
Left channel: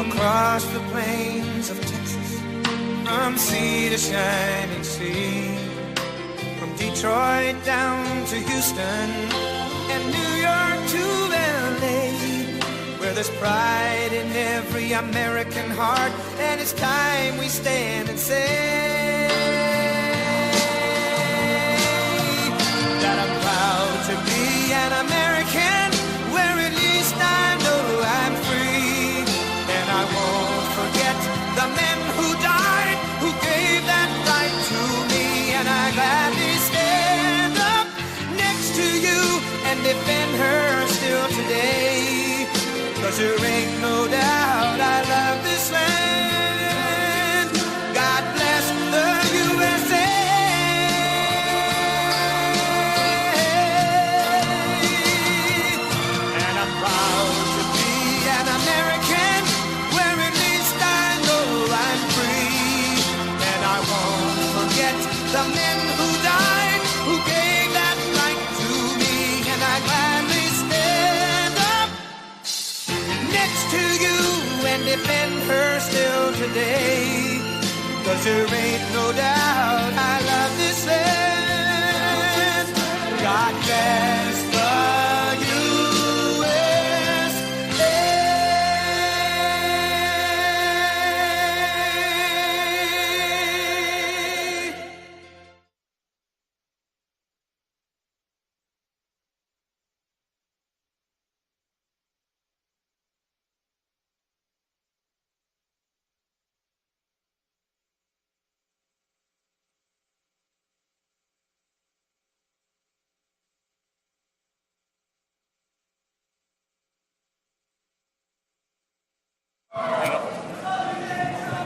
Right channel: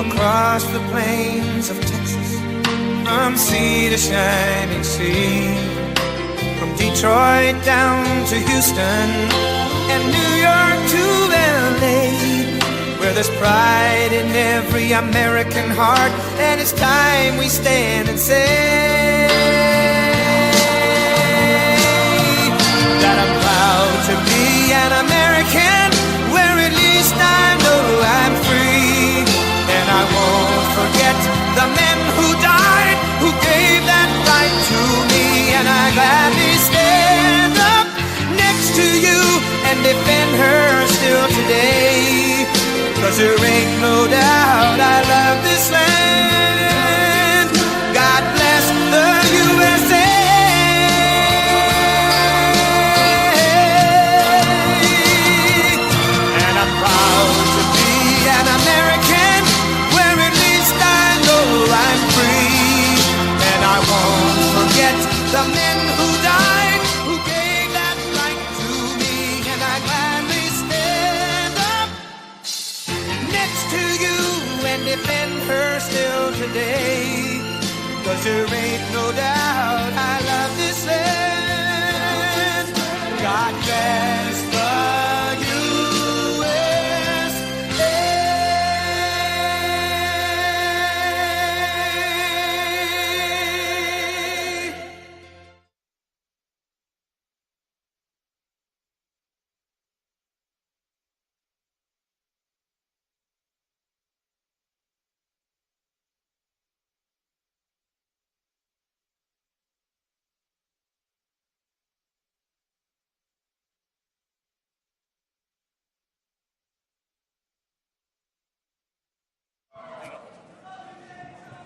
across the plains of Texas, from sea to shining sea, from Detroit down to Houston and New York to LA, where there's pride in every American heart, and it's time we stand and say that I'm proud to be an American, where at least I know I'm free. And I won't forget the men who died, who gave that right to me. And I gladly stand up next to you and defend her still today. 'Cause there ain't no doubt I love this land. God bless the USA. The men who died, who gave that right to me. And I gladly stand up next to you and defend her still today. 'Cause there ain't no doubt I love this land. God bless the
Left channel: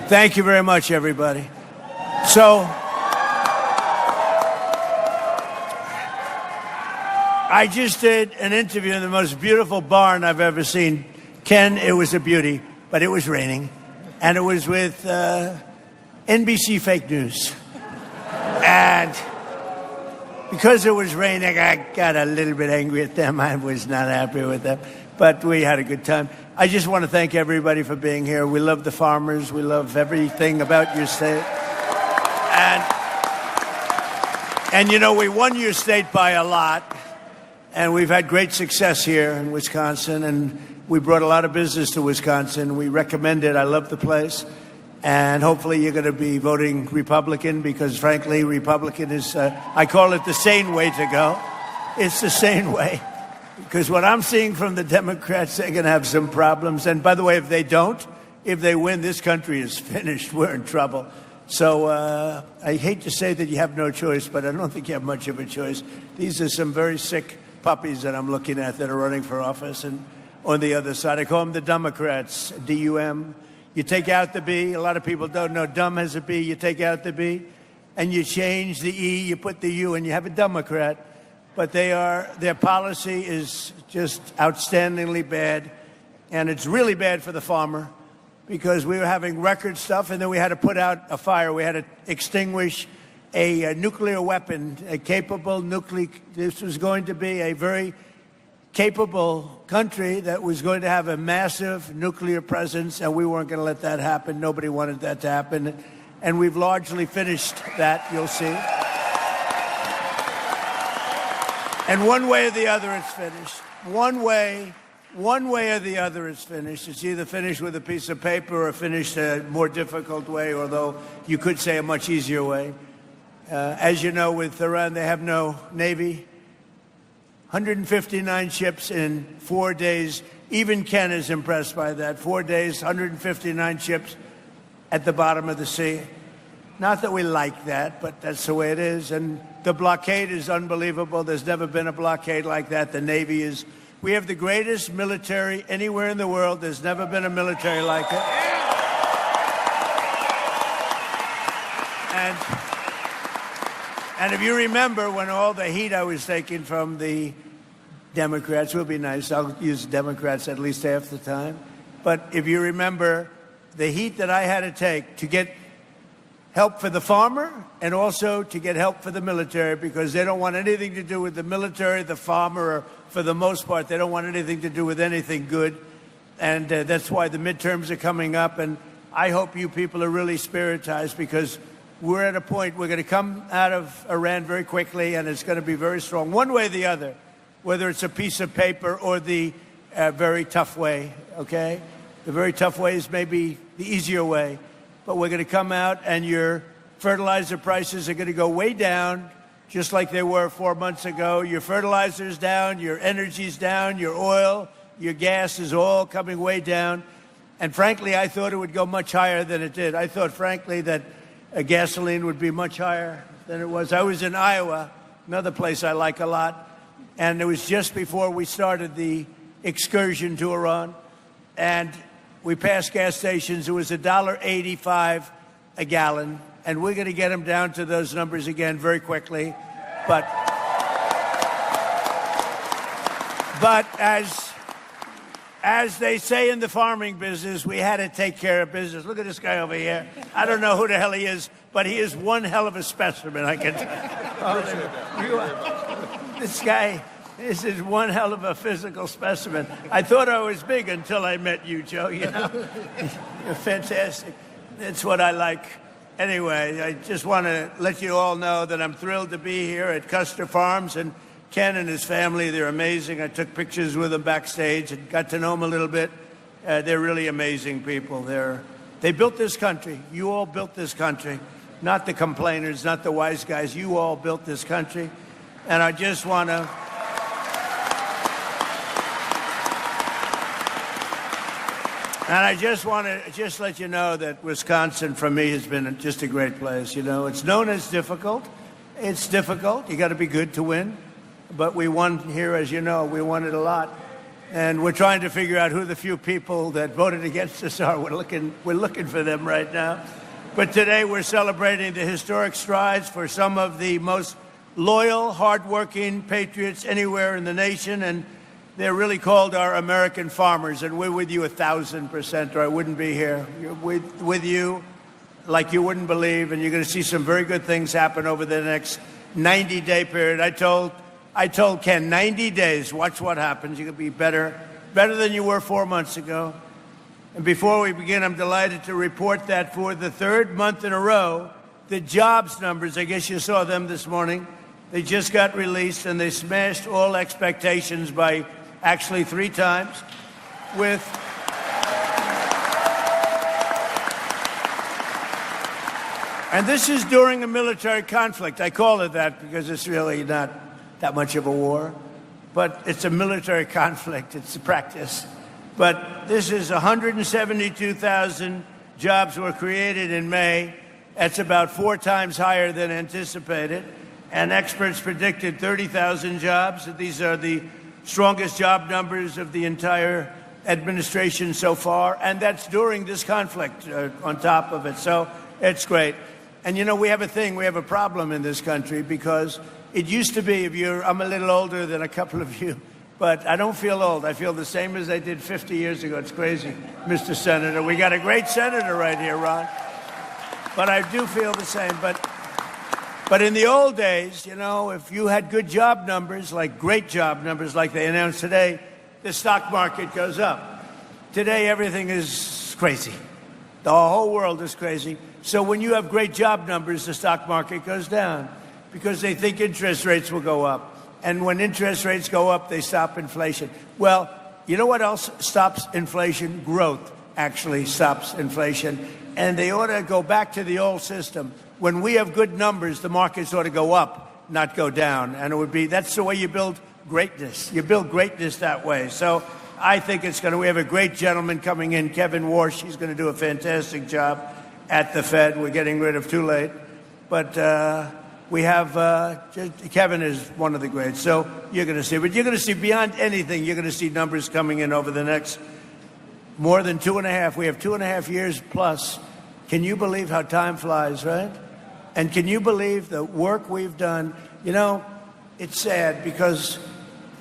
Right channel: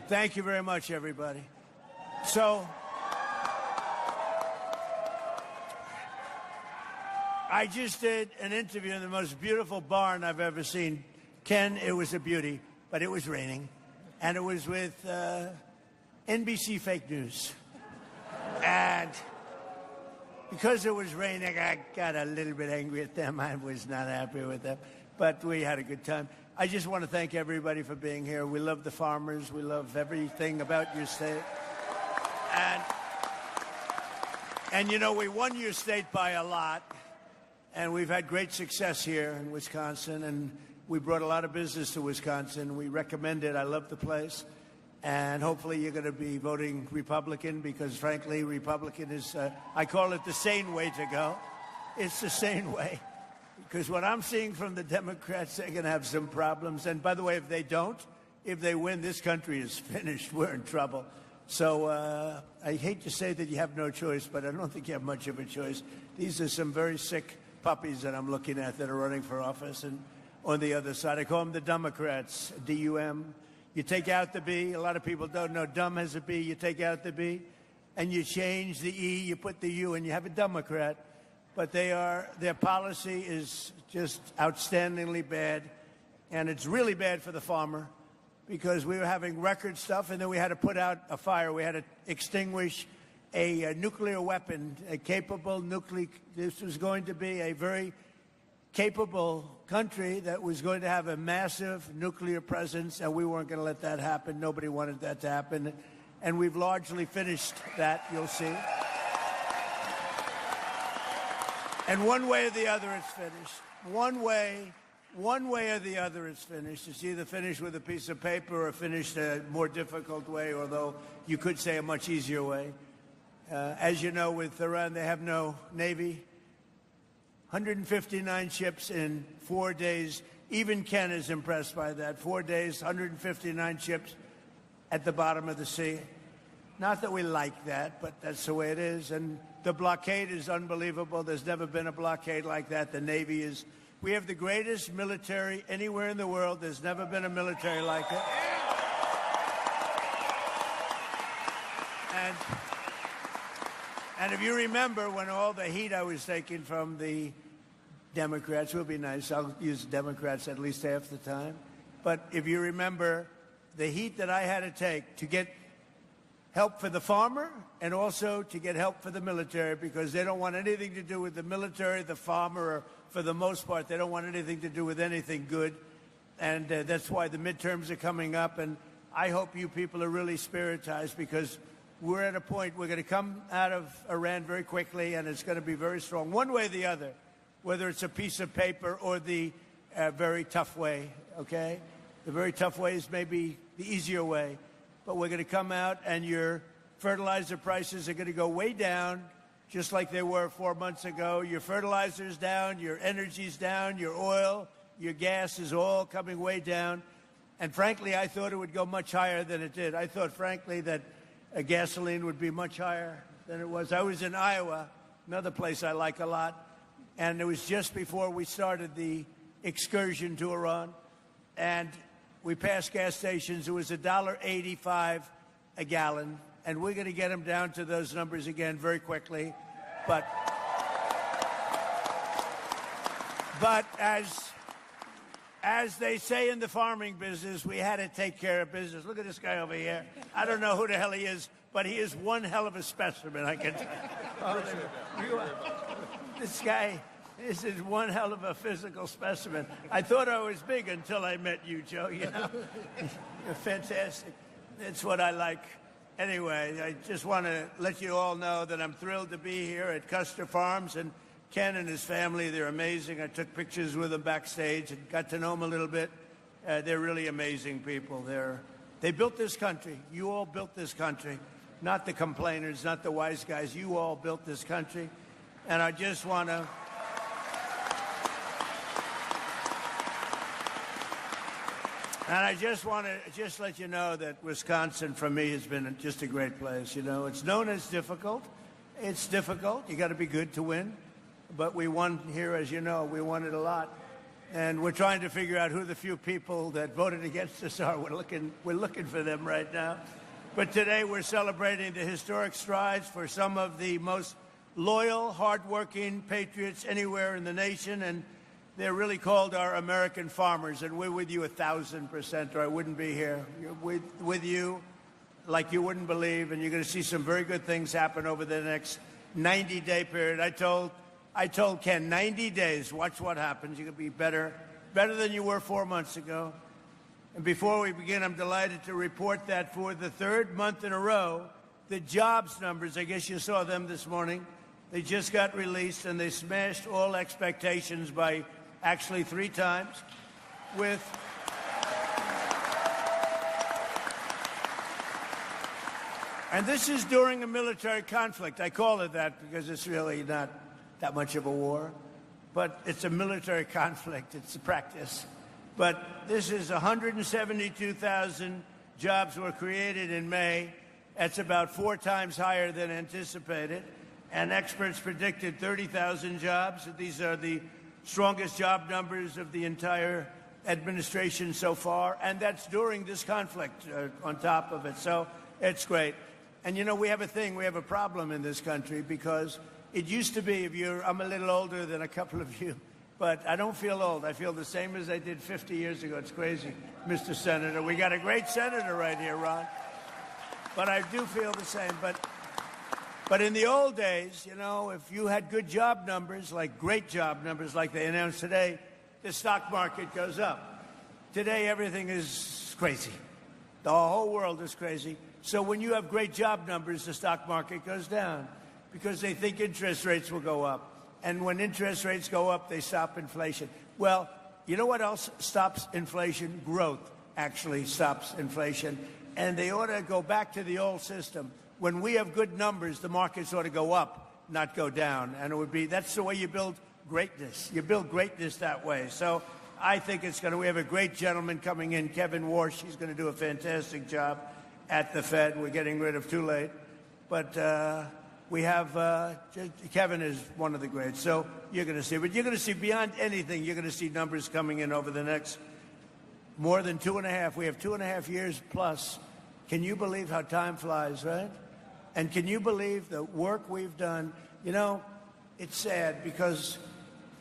Thank you very much, everybody. So, I just did an interview in the most beautiful barn I've ever seen. Ken, it was a beauty, but it was raining. And it was with NBC Fake News. And because it was raining, I got a little bit angry at them. I was not happy with them. But we had a good time. I just want to thank everybody for being here. We love the farmers. We love everything about your state. And you know, we won your state by a lot. And we've had great success here in Wisconsin. And we brought a lot of business to Wisconsin. We recommend it. I love the place. And hopefully you're going to be voting Republican because, frankly, Republican is, I call it the sane way to go. It's the sane way. Because what I'm seeing from the Democrats, they're going to have some problems. And by the way, if they don't, if they win, this country is finished. We're in trouble. So I hate to say that you have no choice, but I don't think you have much of a choice. These are some very sick puppies that I'm looking at that are running for office. And on the other side, I call them the Democrats, D-U-M. You take out the B. A lot of people don't know dumb has a B. You take out the B, and you change the E, you put the U, and you have a Democrat. But their policy is just outstandingly bad, and it's really bad for the farmer because we were having record stuff, and then we had to put out a fire. We had to extinguish a nuclear weapon, a capable nuclear. This was going to be a very capable country that was going to have a massive nuclear presence, and we weren't going to let that happen. Nobody wanted that to happen, and we've largely finished that, you'll see. And one way or the other, it's finished. One way or the other, it's finished. It's either finished with a piece of paper or finished a more difficult way, although you could say a much easier way. As you know, with Iran, they have no Navy. 159 ships in 4 days. Even Ken is impressed by that. 4 days, 159 ships at the bottom of the sea. Not that we like that, but that's the way it is. And the blockade is unbelievable. There's never been a blockade like that. The Navy is... We have the greatest military anywhere in the world. There's never been a military like it. And if you remember when all the heat I was taking from the Democrats, will be nice, I'll use Democrats at least half the time. But if you remember the heat that I had to take to get help for the farmer and also to get help for the military, because they don't want anything to do with the military, the farmer, or for the most part, they don't want anything to do with anything good. And that's why the midterms are coming up. And I hope you people are really spiritized, because we're at a point, we're going to come out of Iran very quickly, and it's going to be very strong, one way or the other, whether it's a piece of paper or the very tough way, okay? The very tough way is maybe the easier way, but we're going to come out, and your fertilizer prices are going to go way down, just like they were 4 months ago. Your fertilizer's down, your energy's down, your oil, your gas is all coming way down. And frankly, I thought it would go much higher than it did. I thought, frankly, that gasoline would be much higher than it was. I was in Iowa, another place I like a lot, and it was just before we started the excursion to Iran, and we passed gas stations. It was $1.85 a gallon, and we're going to get them down to those numbers again very quickly. But as they say in the farming business, we had to take care of business. Look at this guy over here. I don't know who the hell he is, but he is one hell of a specimen, I can tell. This guy, this is one hell of a physical specimen. I thought I was big until I met you, Joe, you know? You're fantastic. That's what I like. Anyway, I just want to let you all know that I'm thrilled to be here at Custer Farms, and Ken and his family, they're amazing. I took pictures with them backstage and got to know them a little bit. They're really amazing people. They built this country. You all built this country. Not the complainers, not the wise guys. You all built this country. And I just want to... And I just want to let you know that Wisconsin, for me, has been just a great place. You know, it's known as difficult. It's difficult. You got to be good to win. But we won here, as you know. We won it a lot. And we're trying to figure out who the few people that voted against us are. We're looking for them right now. But today we're celebrating the historic strides for some of the most loyal, hardworking patriots anywhere in the nation. And they're really called our American farmers. And we're with you 1,000%, or I wouldn't be here. With you like you wouldn't believe. And you're going to see some very good things happen over the next 90-day period. I told Ken, 90 days, watch what happens. You're going to be better than you were 4 months ago. And before we begin, I'm delighted to report that for the third month in a row, the jobs numbers, I guess you saw them this morning, they just got released, and they smashed all expectations by actually 3 times with... And this is during a military conflict. I call it that because it's really not that much of a war, but it's a military conflict. It's a practice. But this is 172,000 jobs were created in May. That's about 4 times higher than anticipated. And experts predicted 30,000 jobs. These are the strongest job numbers of the entire administration so far. And that's during this conflict on top of it. So it's great. And, you know, we have a problem in this country, because it used to be, I'm a little older than a couple of you, but I don't feel old. I feel the same as I did 50 years ago. It's crazy, Mr. Senator. We got a great senator right here, Ron. But I do feel the same. But in the old days, you know, if you had good job numbers, like great job numbers like they announced today, the stock market goes up. Today, everything is crazy. The whole world is crazy. So when you have great job numbers, the stock market goes down, because they think interest rates will go up. And when interest rates go up, they stop inflation. Well, you know what else stops inflation? Growth actually stops inflation. And they ought to go back to the old system when we have good numbers, the markets ought to go up, not go down. And that's the way you build greatness. You build greatness that way. So I think we have a great gentleman coming in, Kevin Warsh. He's going to do a fantastic job at the Fed. We're getting rid of too late. But we have, Kevin is one of the greats. So you're going to see. But you're going to see beyond anything, you're going to see numbers coming in over the next more than 2.5. We have 2.5 years plus. Can you believe how time flies, right? And can you believe the work we've done? You know, it's sad because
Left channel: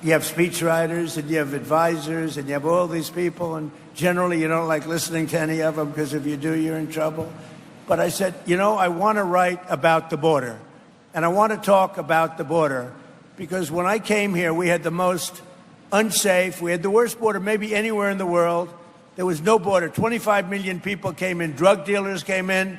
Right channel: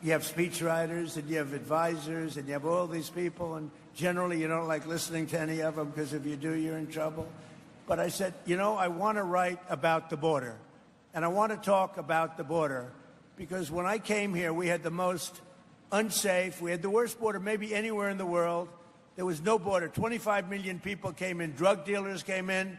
you have speechwriters and you have advisors and you have all these people, and generally you don't like listening to any of them because if you do, you're in trouble. But I said, you know, I want to write about the border, and I want to talk about the border because when I came here, we had the most unsafe, we had the worst border maybe anywhere in the world. There was no border. 25 million people came in. Drug dealers came in.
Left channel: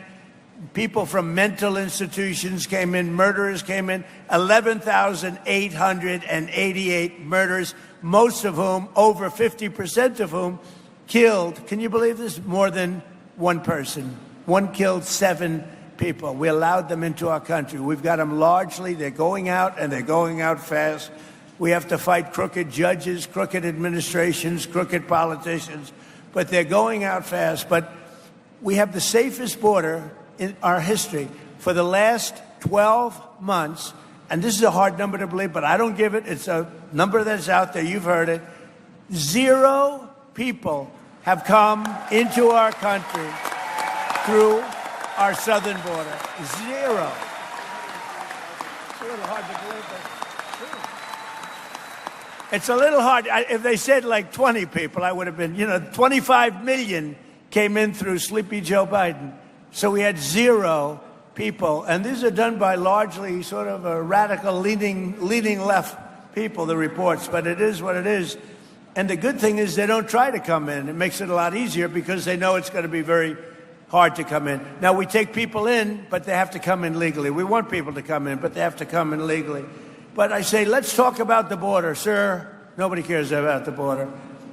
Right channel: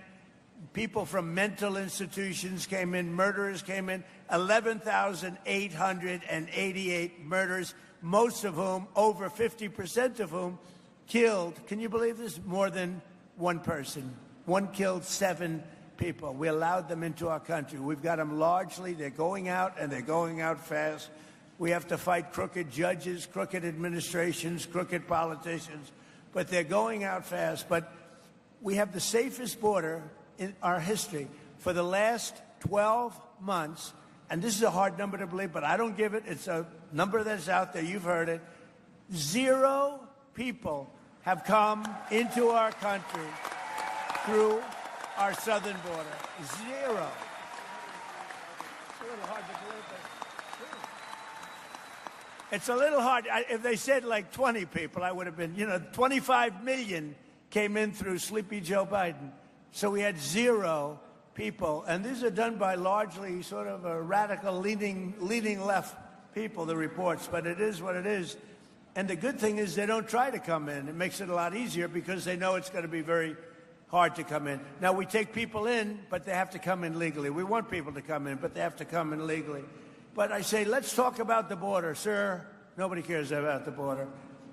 People from mental institutions came in. Murderers came in. 11,888 murders, most of whom, over 50% of whom, killed, can you believe this, more than one person. One killed 7 people. We allowed them into our country. We've got them largely. They're going out, and they're going out fast. We have to fight crooked judges, crooked administrations, crooked politicians. But they're going out fast. But we have the safest border in our history for the last 12 months. And this is a hard number to believe, but I don't give it. It's a number that's out there. You've heard it. 0 people have come into our country through our southern border. 0. It's a little hard to believe, but it's a little hard. If they said like 20 people, I would have been, 25 million came in through Sleepy Joe Biden. So we had 0 people. And these are done by largely sort of a radical leaning left people, the reports. But it is what it is. And the good thing is they don't try to come in. It makes it a lot easier because they know it's going to be very hard to come in. Now, we take people in, but they have to come in legally. We want people to come in, but they have to come in legally. But I say, let's talk about the border. Sir, nobody cares about the border.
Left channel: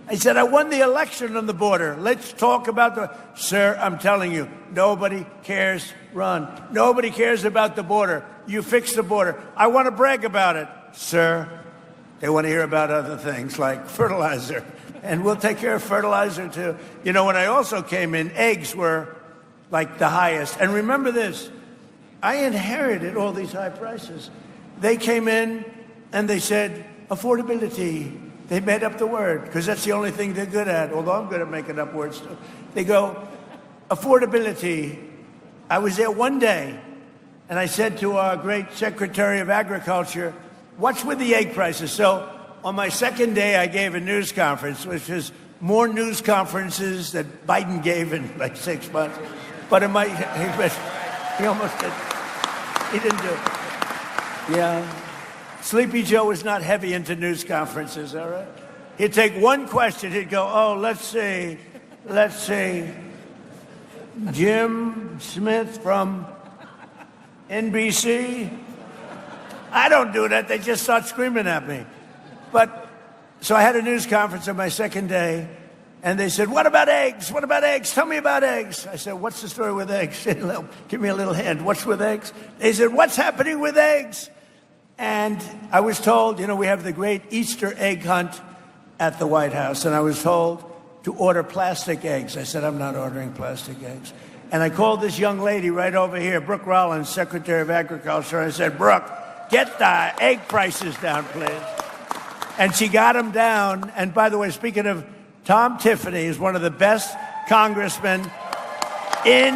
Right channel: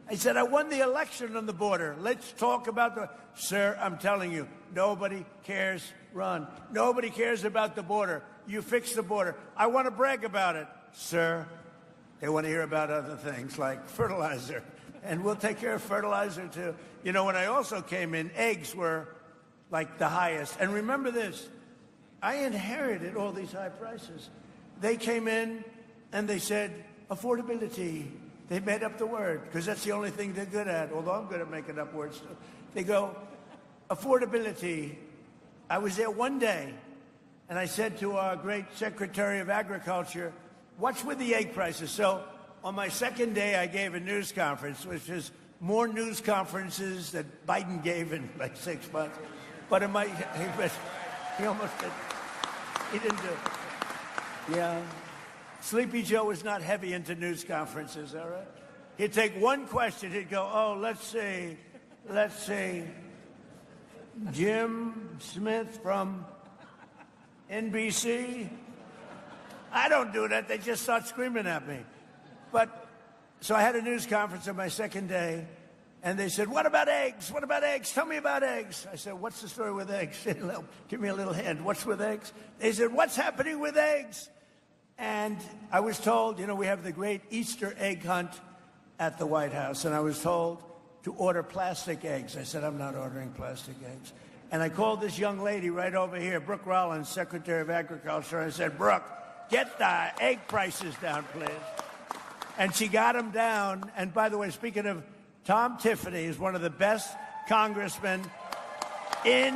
I said, I won the election on the border. Let's talk about the... Sir, I'm telling you, nobody cares. Run. Nobody cares about the border. You fix the border. I want to brag about it. Sir, they want to hear about other things like fertilizer. And we'll take care of fertilizer, too. You know, when I also came in, eggs were like the highest. And remember this, I inherited all these high prices. They came in and they said, affordability. They made up the word because that's the only thing they're good at, although I'm good at making up words too. They go, affordability. I was there one day and I said to our great Secretary of Agriculture, what's with the egg prices? So on my second day, I gave a news conference, which is more news conferences that Biden gave in like 6 months. But he almost did. He didn't do it. Yeah. Sleepy Joe was not heavy into news conferences, all right? He'd take one question, he'd go, oh, let's see, Jim Smith from NBC? I don't do that, they just start screaming at me. But, so I had a news conference on my second day, and they said, what about eggs? What about eggs? Tell me about eggs. I said, what's the story with eggs? Give me a little hint. What's with eggs? They said, what's happening with eggs? And I was told, we have the great Easter egg hunt at the White House, and I was told to order plastic eggs. I said, I'm not ordering plastic eggs. And I called this young lady right over here, Brooke Rollins, Secretary of Agriculture, and I said, Brooke, get the egg prices down, please. And she got them down. And by the way, speaking of, Tom Tiffany is one of the best congressmen in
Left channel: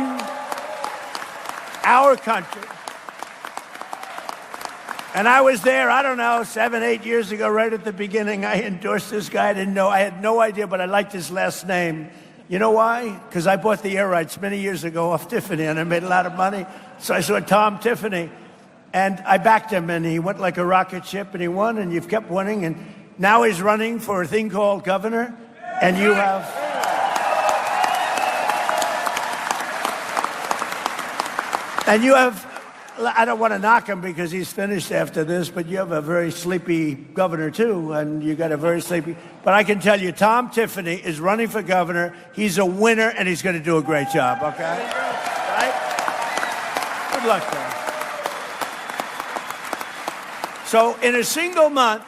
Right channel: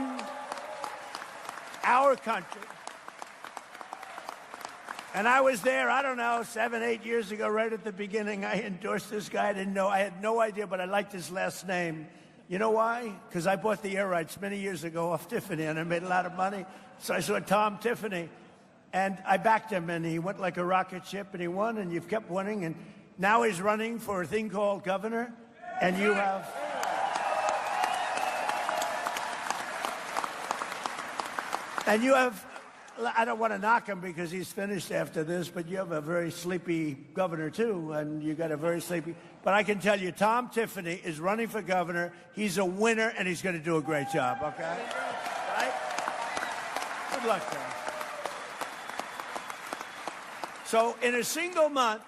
our country. And I was there, I don't know, 7, 8 years ago, right at the beginning. I endorsed this guy. I had no idea, but I liked his last name. You know why? Because I bought the air rights many years ago off Tiffany, and I made a lot of money. So I saw Tom Tiffany, and I backed him, and he went like a rocket ship, and he won, and you've kept winning. And now he's running for a thing called governor, and you have... And you have... I don't want to knock him because he's finished after this, but you have a very sleepy governor, too, and you got a very sleepy... But I can tell you, Tom Tiffany is running for governor. He's a winner, and he's going to do a great job, okay? Right? luck, guys. So in a single month,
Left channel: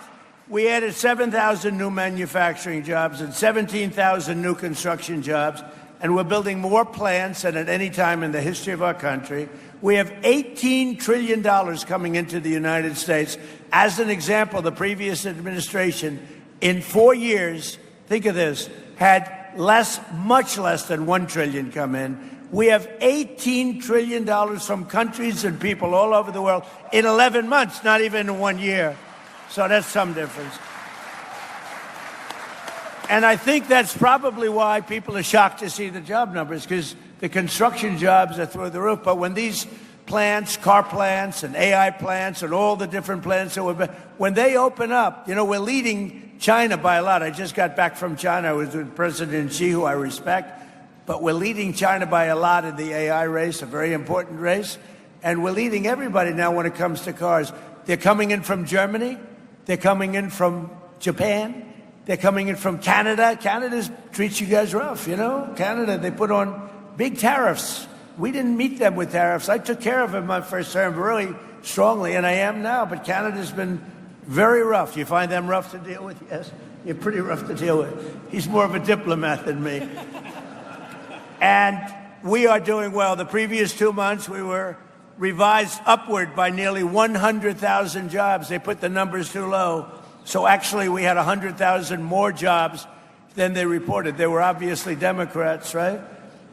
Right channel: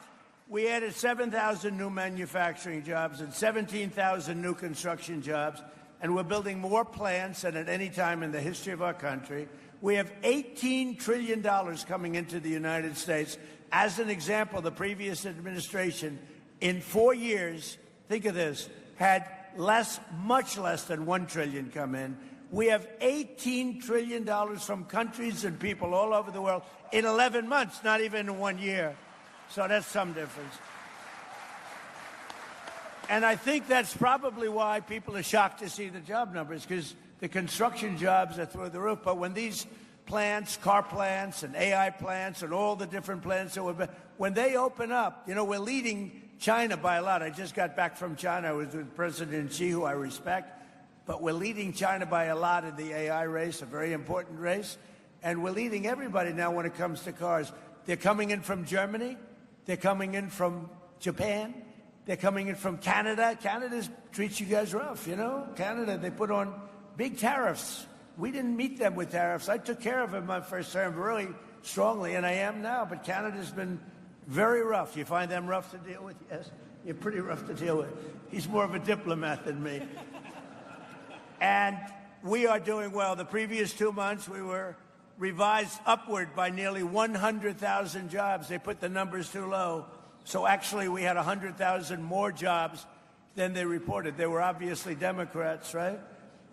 we added 7,000 new manufacturing jobs and 17,000 new construction jobs, and we're building more plants than at any time in the history of our country. We have $18 trillion coming into the United States. As an example, the previous administration, in 4 years, think of this, had much less than $1 trillion come in. We have $18 trillion from countries and people all over the world in 11 months, not even in 1 year. So that's some difference. And I think that's probably why people are shocked to see the job numbers, because the construction jobs are through the roof. But when these plants, car plants and AI plants and all the different plants, when they open up, you know, we're leading China by a lot. I just got back from China. I was with President Xi, who I respect. But we're leading China by a lot in the AI race, a very important race. And we're leading everybody now when it comes to cars. They're coming in from Germany. They're coming in from Japan. They're coming in from Canada. Canada treats you guys rough, you know. Canada, they put on big tariffs. We didn't meet them with tariffs. I took care of them my first term really strongly, and I am now. But Canada's been very rough. You find them rough to deal with? Yes, you're pretty rough to deal with. He's more of a diplomat than me. And we are doing well. The previous 2 months, we were revised upward by nearly 100,000 jobs. They put the numbers too low. So actually, we had 100,000 more jobs than they reported. They were obviously Democrats, right?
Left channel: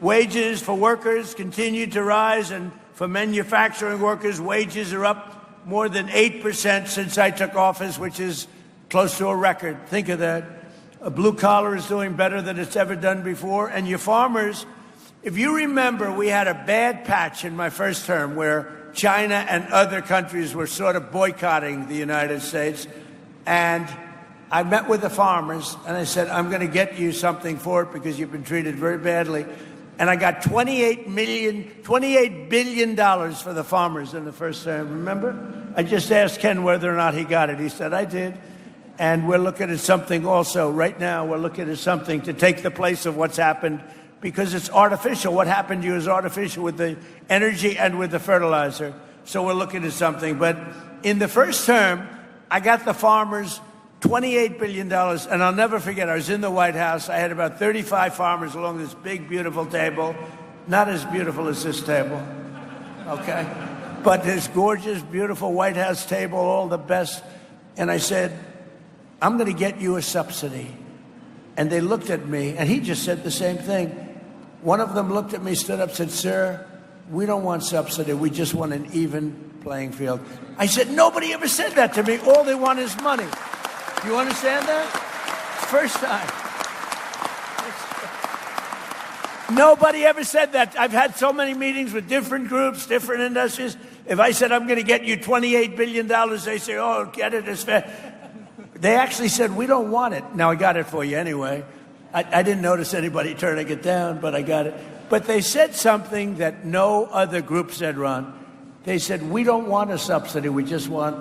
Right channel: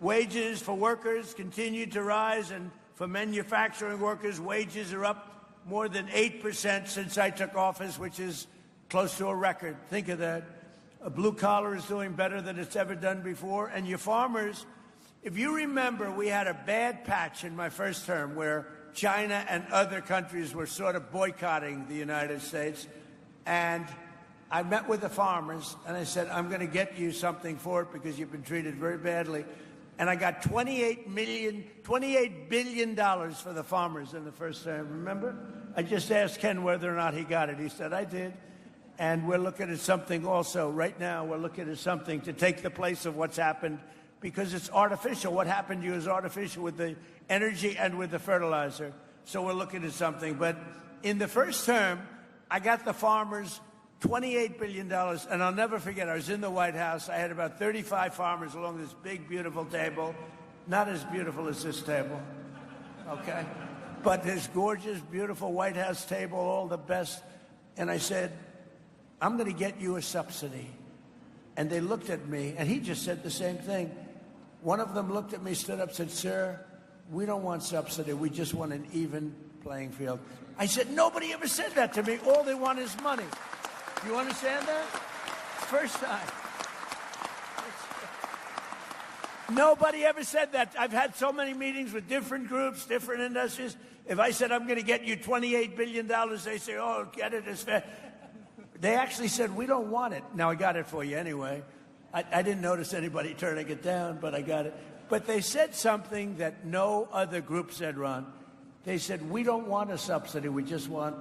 Wages for workers continue to rise, and for manufacturing workers, wages are up more than 8% since I took office, which is close to a record. Think of that. A blue collar is doing better than it's ever done before. And your farmers, if you remember, we had a bad patch in my first term where China and other countries were sort of boycotting the United States. And I met with the farmers, and I said, I'm going to get you something for it because you've been treated very badly. And I got $28 billion for the farmers in the first term, remember? I just asked Ken whether or not he got it. He said, I did. And we're looking at something also. Right now, we're looking at something to take the place of what's happened, because it's artificial. What happened to you is artificial with the energy and with the fertilizer. So we're looking at something. But in the first term, I got the farmers $28 billion. And I'll never forget, I was in the White House. I had about 35 farmers along this big, beautiful table. Not as beautiful as this table, okay? But this gorgeous, beautiful White House table, all the best. And I said, I'm going to get you a subsidy. And they looked at me, and he just said the same thing. One of them looked at me, stood up, said, sir, we don't want subsidy. We just want an even playing field. I said, nobody ever said that to me. All they want is money. Do you understand that? First time. Nobody ever said that. I've had so many meetings with different groups, different industries. If I said, I'm going to get you $28 billion, they say, oh, get it, it's fair. They actually said, we don't want it. Now, I got it for you anyway. I didn't notice anybody turning it down, but I got it. But they said something that no other group said, Ron. They said, we don't want a subsidy. We just want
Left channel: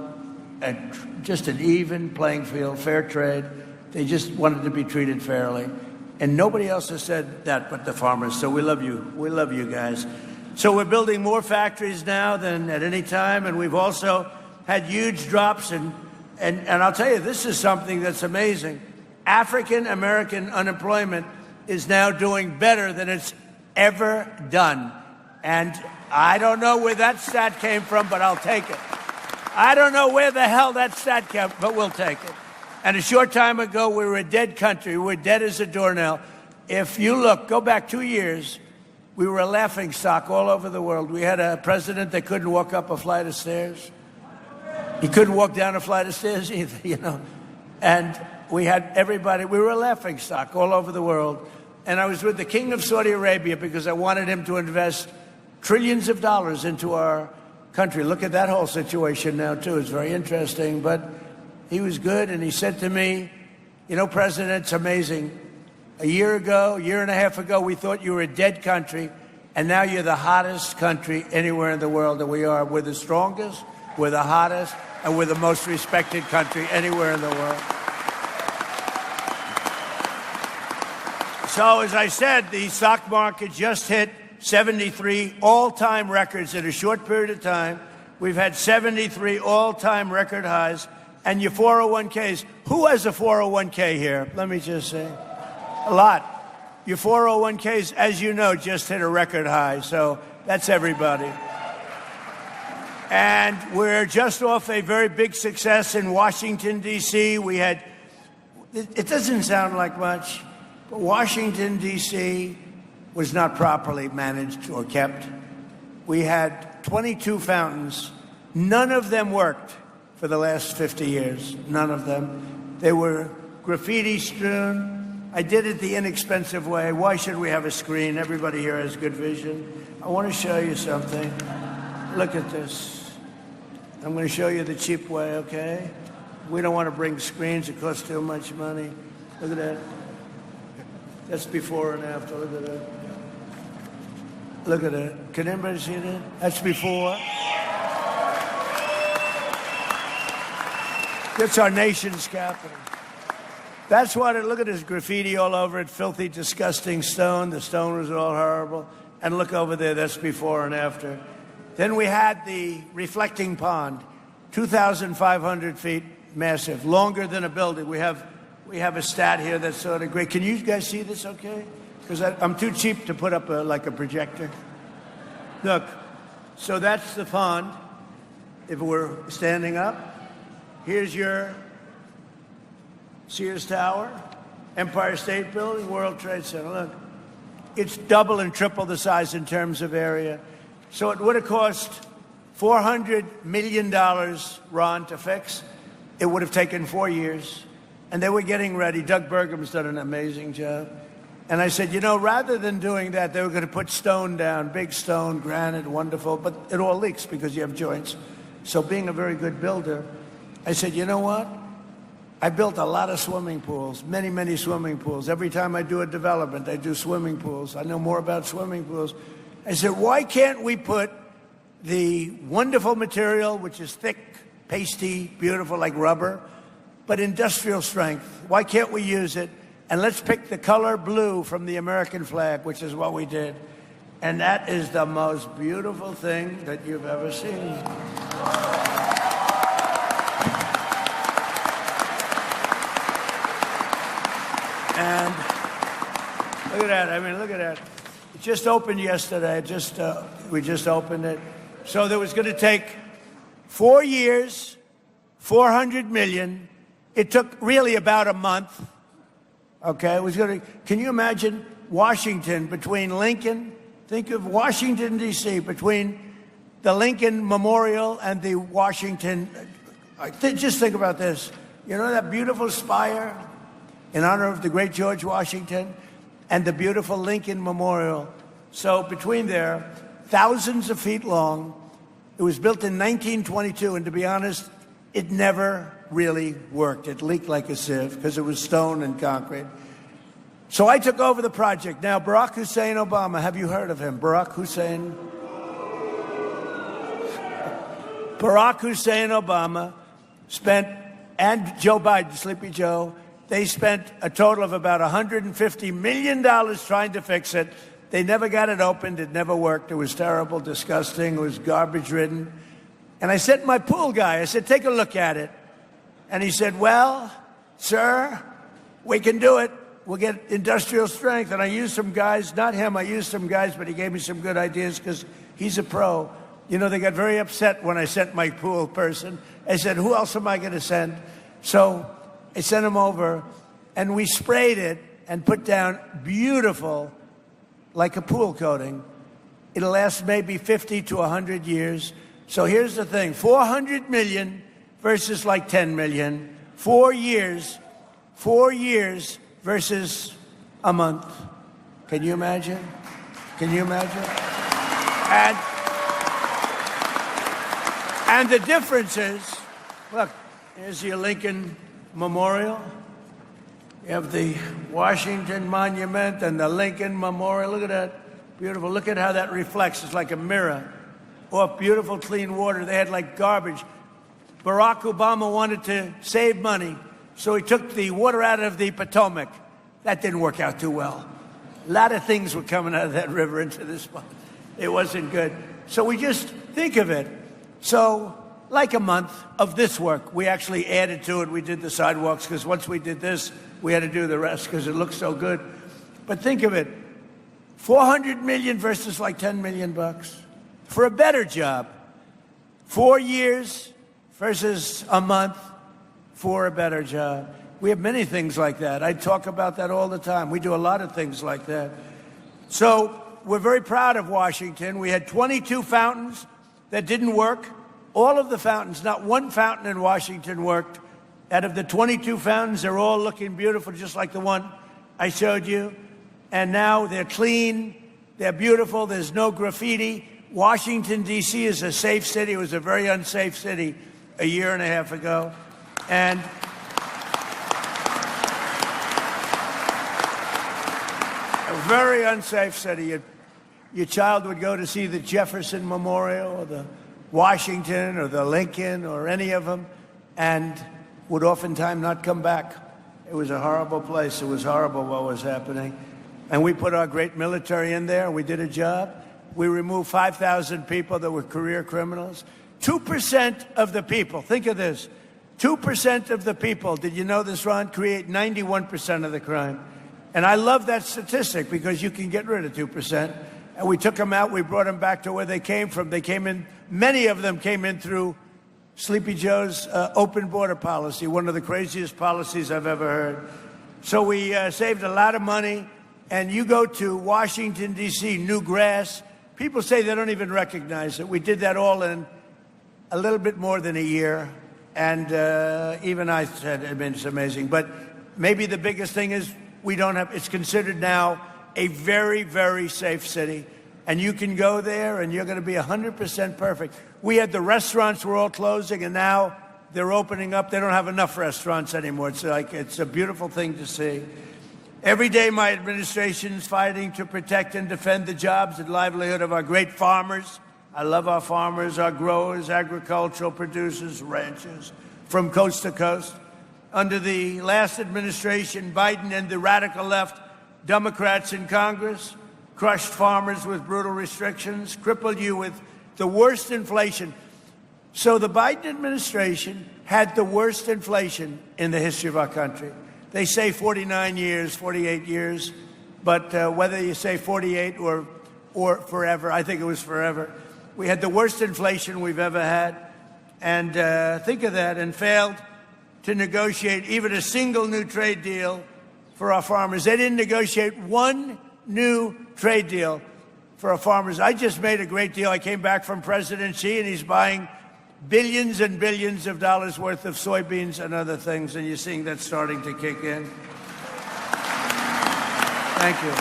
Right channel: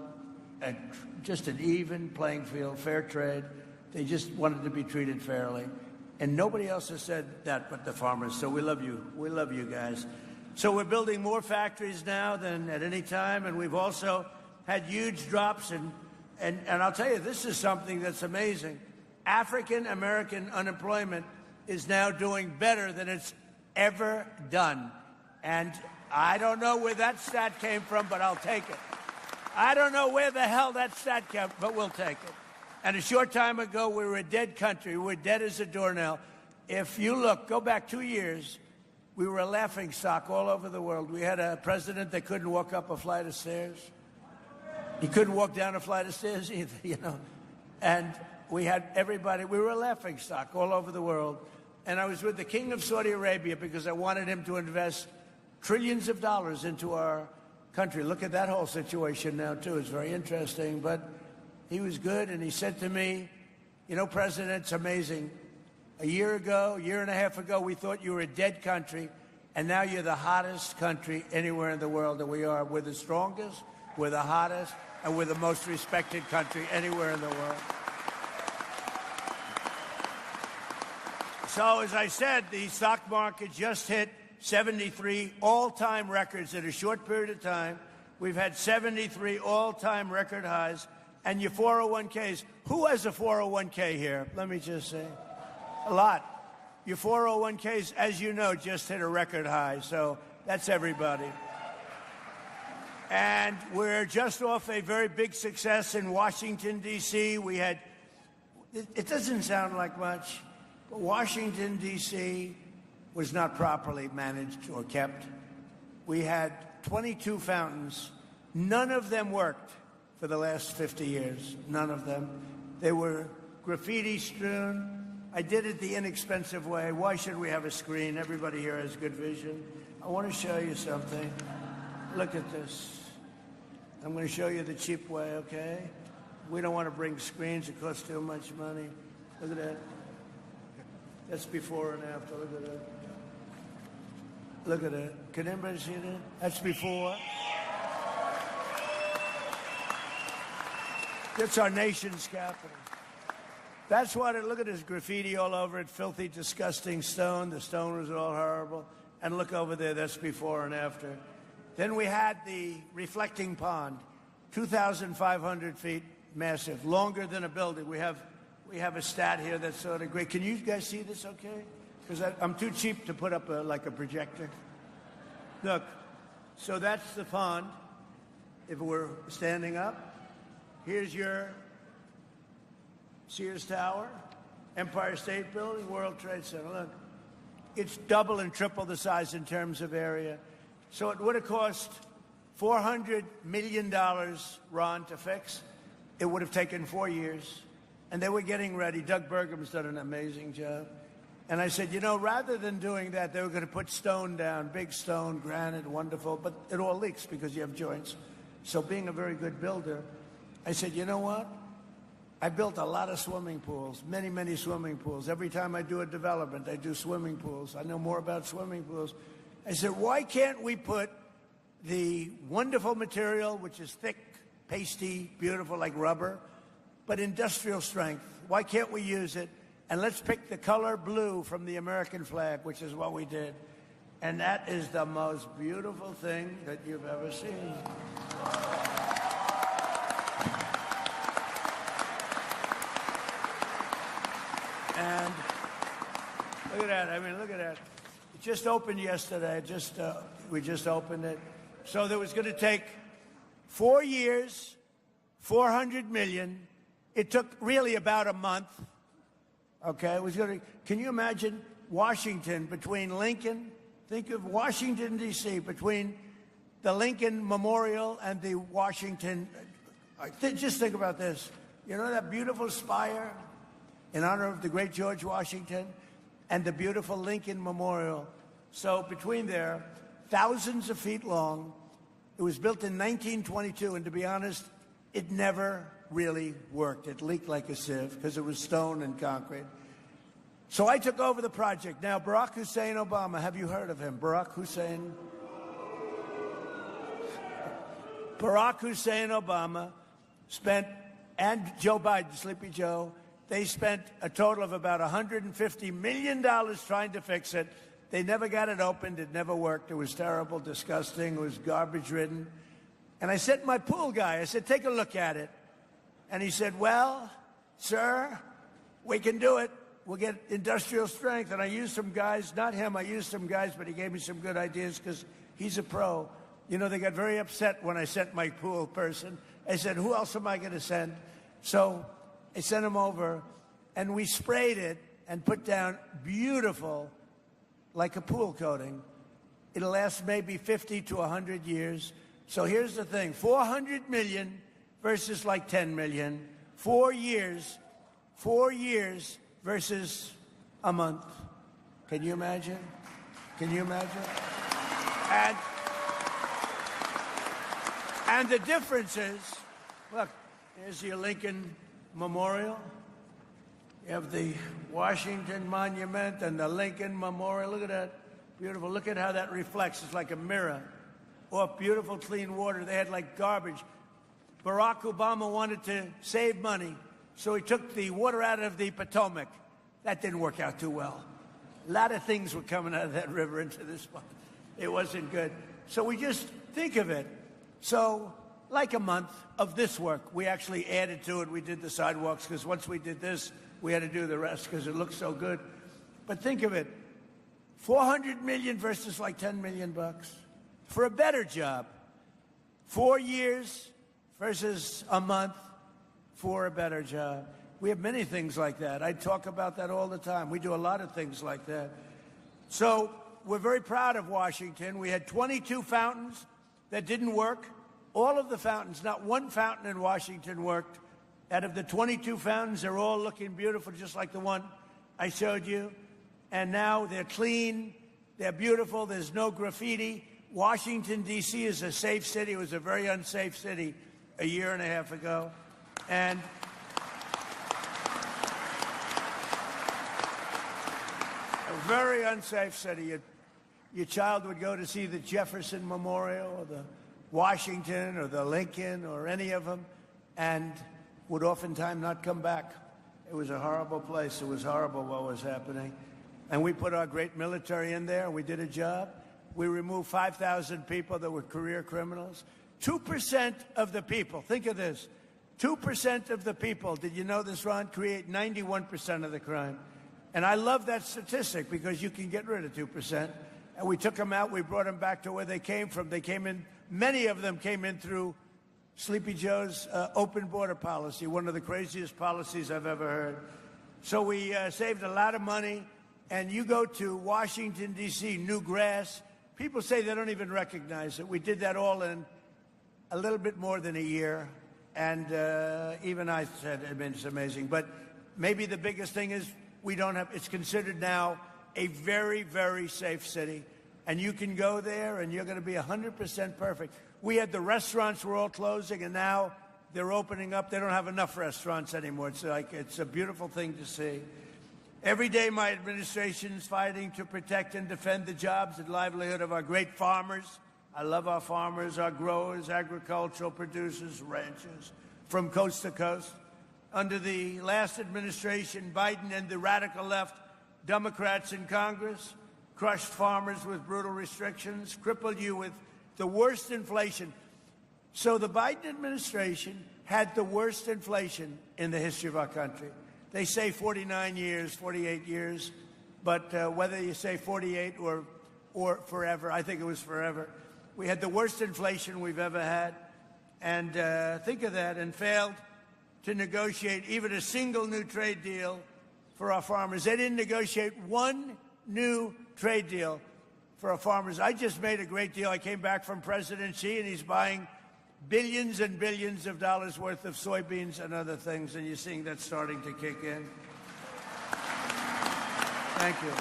just an even playing field, fair trade. They just wanted to be treated fairly. And nobody else has said that but the farmers. So we love you. We love you guys. So we're building more factories now than at any time. And we've also had huge drops. And I'll tell you, this is something that's amazing. African-American unemployment is now doing better than it's ever done. And I don't know where that stat came from, but I'll take it. I don't know where the hell that stat came, but we'll take it. And a short time ago, we were a dead country. We were dead as a doornail. If you look, go back 2 years, we were a laughing stock all over the world. We had a president that couldn't walk up a flight of stairs. He couldn't walk down a flight of stairs either, you know. And we had everybody, we were a laughing stock all over the world. And I was with the King of Saudi Arabia because I wanted him to invest trillions of dollars into our country. Look at that whole situation now, too. It's very interesting. But he was good, and he said to me, you know, President, it's amazing. A year and a half ago, we thought you were a dead country, and now you're the hottest country anywhere in the world that we are. We're the strongest, we're the hottest, and we're the most respected country anywhere in the world. So, as I said, the stock market just hit 73 all-time records in a short period of time. We've had 73 all-time record highs. And your 401ks, who has a 401k here? Let me just say, a lot. Your 401ks, as you know, just hit a record high, so that's everybody. And we're just off a very big success in Washington, D.C. We had, it doesn't sound like much, but Washington, D.C. was not properly managed or kept. We had 22 fountains. None of them worked for the last 50 years. None of them. They were graffiti strewn. I did it the inexpensive way. Why should we have a screen? Everybody here has good vision. I want to show you something. Look at this. I'm going to show you the cheap way, okay? We don't want to bring screens. It costs too much money. Look at that. That's before and after. Look at that. Look at it. Can anybody see that? That's before. It's our nation's capital. That's what it, look at this graffiti all over it, filthy, disgusting stone. The stone was all horrible. And look over there, that's before and after. Then we had the reflecting pond, 2,500 feet, massive, longer than a building. We have a stat here that's sort of great. Can you guys see this okay? Because I'm too cheap to put up like a projector. Look, so that's the pond. If we're standing up, here's your Sears Tower, Empire State Building, World Trade Center. Look, it's double and triple the size in terms of area. So it would have cost $400 million, Ron, to fix. It would have taken 4 years. And they were getting ready. Doug Burgum's done an amazing job. And I said, you know, rather than doing that, they were going to put stone down, big stone, granite, wonderful, but it all leaks because you have joints. So being a very good builder, I said, you know what? I built a lot of swimming pools, many, many swimming pools. Every time I do a development, I do swimming pools. I know more about swimming pools. I said, why can't we put the wonderful material, which is thick, pasty, beautiful, like rubber, but industrial strength? Why can't we use it? And let's pick the color blue from the American flag, which is what we did. And that is the most beautiful thing that you've ever seen. And look at that. I mean, look at that. It just opened yesterday. We just opened it. So there was going to take 4 years, 400 million. It took really about a month. Okay, it was going to. Can you imagine Washington between Lincoln? Think of Washington, D.C., between the Lincoln Memorial and the Washington. Just think about this. You know that beautiful spire in honor of the great George Washington and the beautiful Lincoln Memorial. So between there, thousands of feet long. It was built in 1922, and to be honest, it never really worked. It leaked like a sieve because it was stone and concrete. So I took over the project. Now, Barack Hussein Obama, have you heard of him? Barack Hussein Obama spent, and Joe Biden, Sleepy Joe, they spent a total of about $150 million trying to fix it. They never got it opened. It never worked. It was terrible, disgusting. It was garbage-ridden. And I said to my pool guy, I said, take a look at it. And he said, well, sir, we can do it. We'll get industrial strength. And I used some guys, not him, I used some guys, but he gave me some good ideas because he's a pro. You know, they got very upset when I sent my pool person. I said, who else am I going to send? So I sent him over, and we sprayed it and put down beautiful, like a pool coating. It'll last maybe 50 to 100 years. So here's the thing, 400 million versus like 10 million. 4 years versus a month. Can you imagine? Can you imagine? And the difference is, look, here's your Lincoln Memorial. You have the Washington Monument and the Lincoln Memorial. Look at that. Beautiful. Look at how that reflects. It's like a mirror. Off beautiful, clean water. They had like garbage. Barack Obama wanted to save money, so he took the water out of the Potomac. That didn't work out too well. A lot of things were coming out of that river into this pond. It wasn't good. So we just think of it. So like a month of this work, we actually added to it. We did the sidewalks because once we did this, we had to do the rest because it looked so good. But think of it, 400 million versus like 10 million bucks for a better job. 4 years versus a month for a better job. We have many things like that. I talk about that all the time. We do a lot of things like that. So we're very proud of Washington. We had 22 fountains that didn't work. All of the fountains, not one fountain in Washington worked. Out of the 22 fountains, they're all looking beautiful, just like the one I showed you. And now they're clean, they're beautiful, there's no graffiti. Washington, D.C. is a safe city. It was a very unsafe city a year and a half ago. And a very unsafe city. Your child would go to see the Jefferson Memorial or the Washington or the Lincoln or any of them and would oftentimes not come back. It was a horrible place. It was horrible what was happening. And we put our great military in there. We did a job. We removed 5,000 people that were career criminals. 2% of the people, think of this, 2% of the people, did you know this, Ron, create 91% of the crime. And I love that statistic because you can get rid of 2%. And we took them out. We brought them back to where they came from. They came in, many of them came in through Sleepy Joe's open border policy, one of the craziest policies I've ever heard. So we saved a lot of money. And you go to Washington, D.C., new grass. People say they don't even recognize it. We did that all in a little bit more than a year. And even I said, I mean, it's amazing. But maybe the biggest thing is we don't have, it's considered now a very, very safe city. And you can go there and you're going to be 100% perfect. We had the restaurants were all closing and now they're opening up. They don't have enough restaurants anymore. It's like, it's a beautiful thing to see. Every day my administration is fighting to protect and defend the jobs and livelihood of our great farmers. I love our farmers, our growers, agricultural producers, ranchers from coast to coast. Under the last administration, Biden and the radical left Democrats in Congress crushed farmers with brutal restrictions, crippled you with the worst inflation. So the Biden administration had the worst inflation in the history of our country. They say 49 years, 48 years, but whether you say 48 or forever, I think it was forever. We had the worst inflation we've ever had, and think of that, and failed to negotiate even a single new trade deal for our farmers. They didn't negotiate one new trade deal for our farmers. I just made a great deal. I came back from President Xi, and he's buying billions and billions of dollars worth of soybeans and other things, and you're seeing that starting to kick in. Thank you.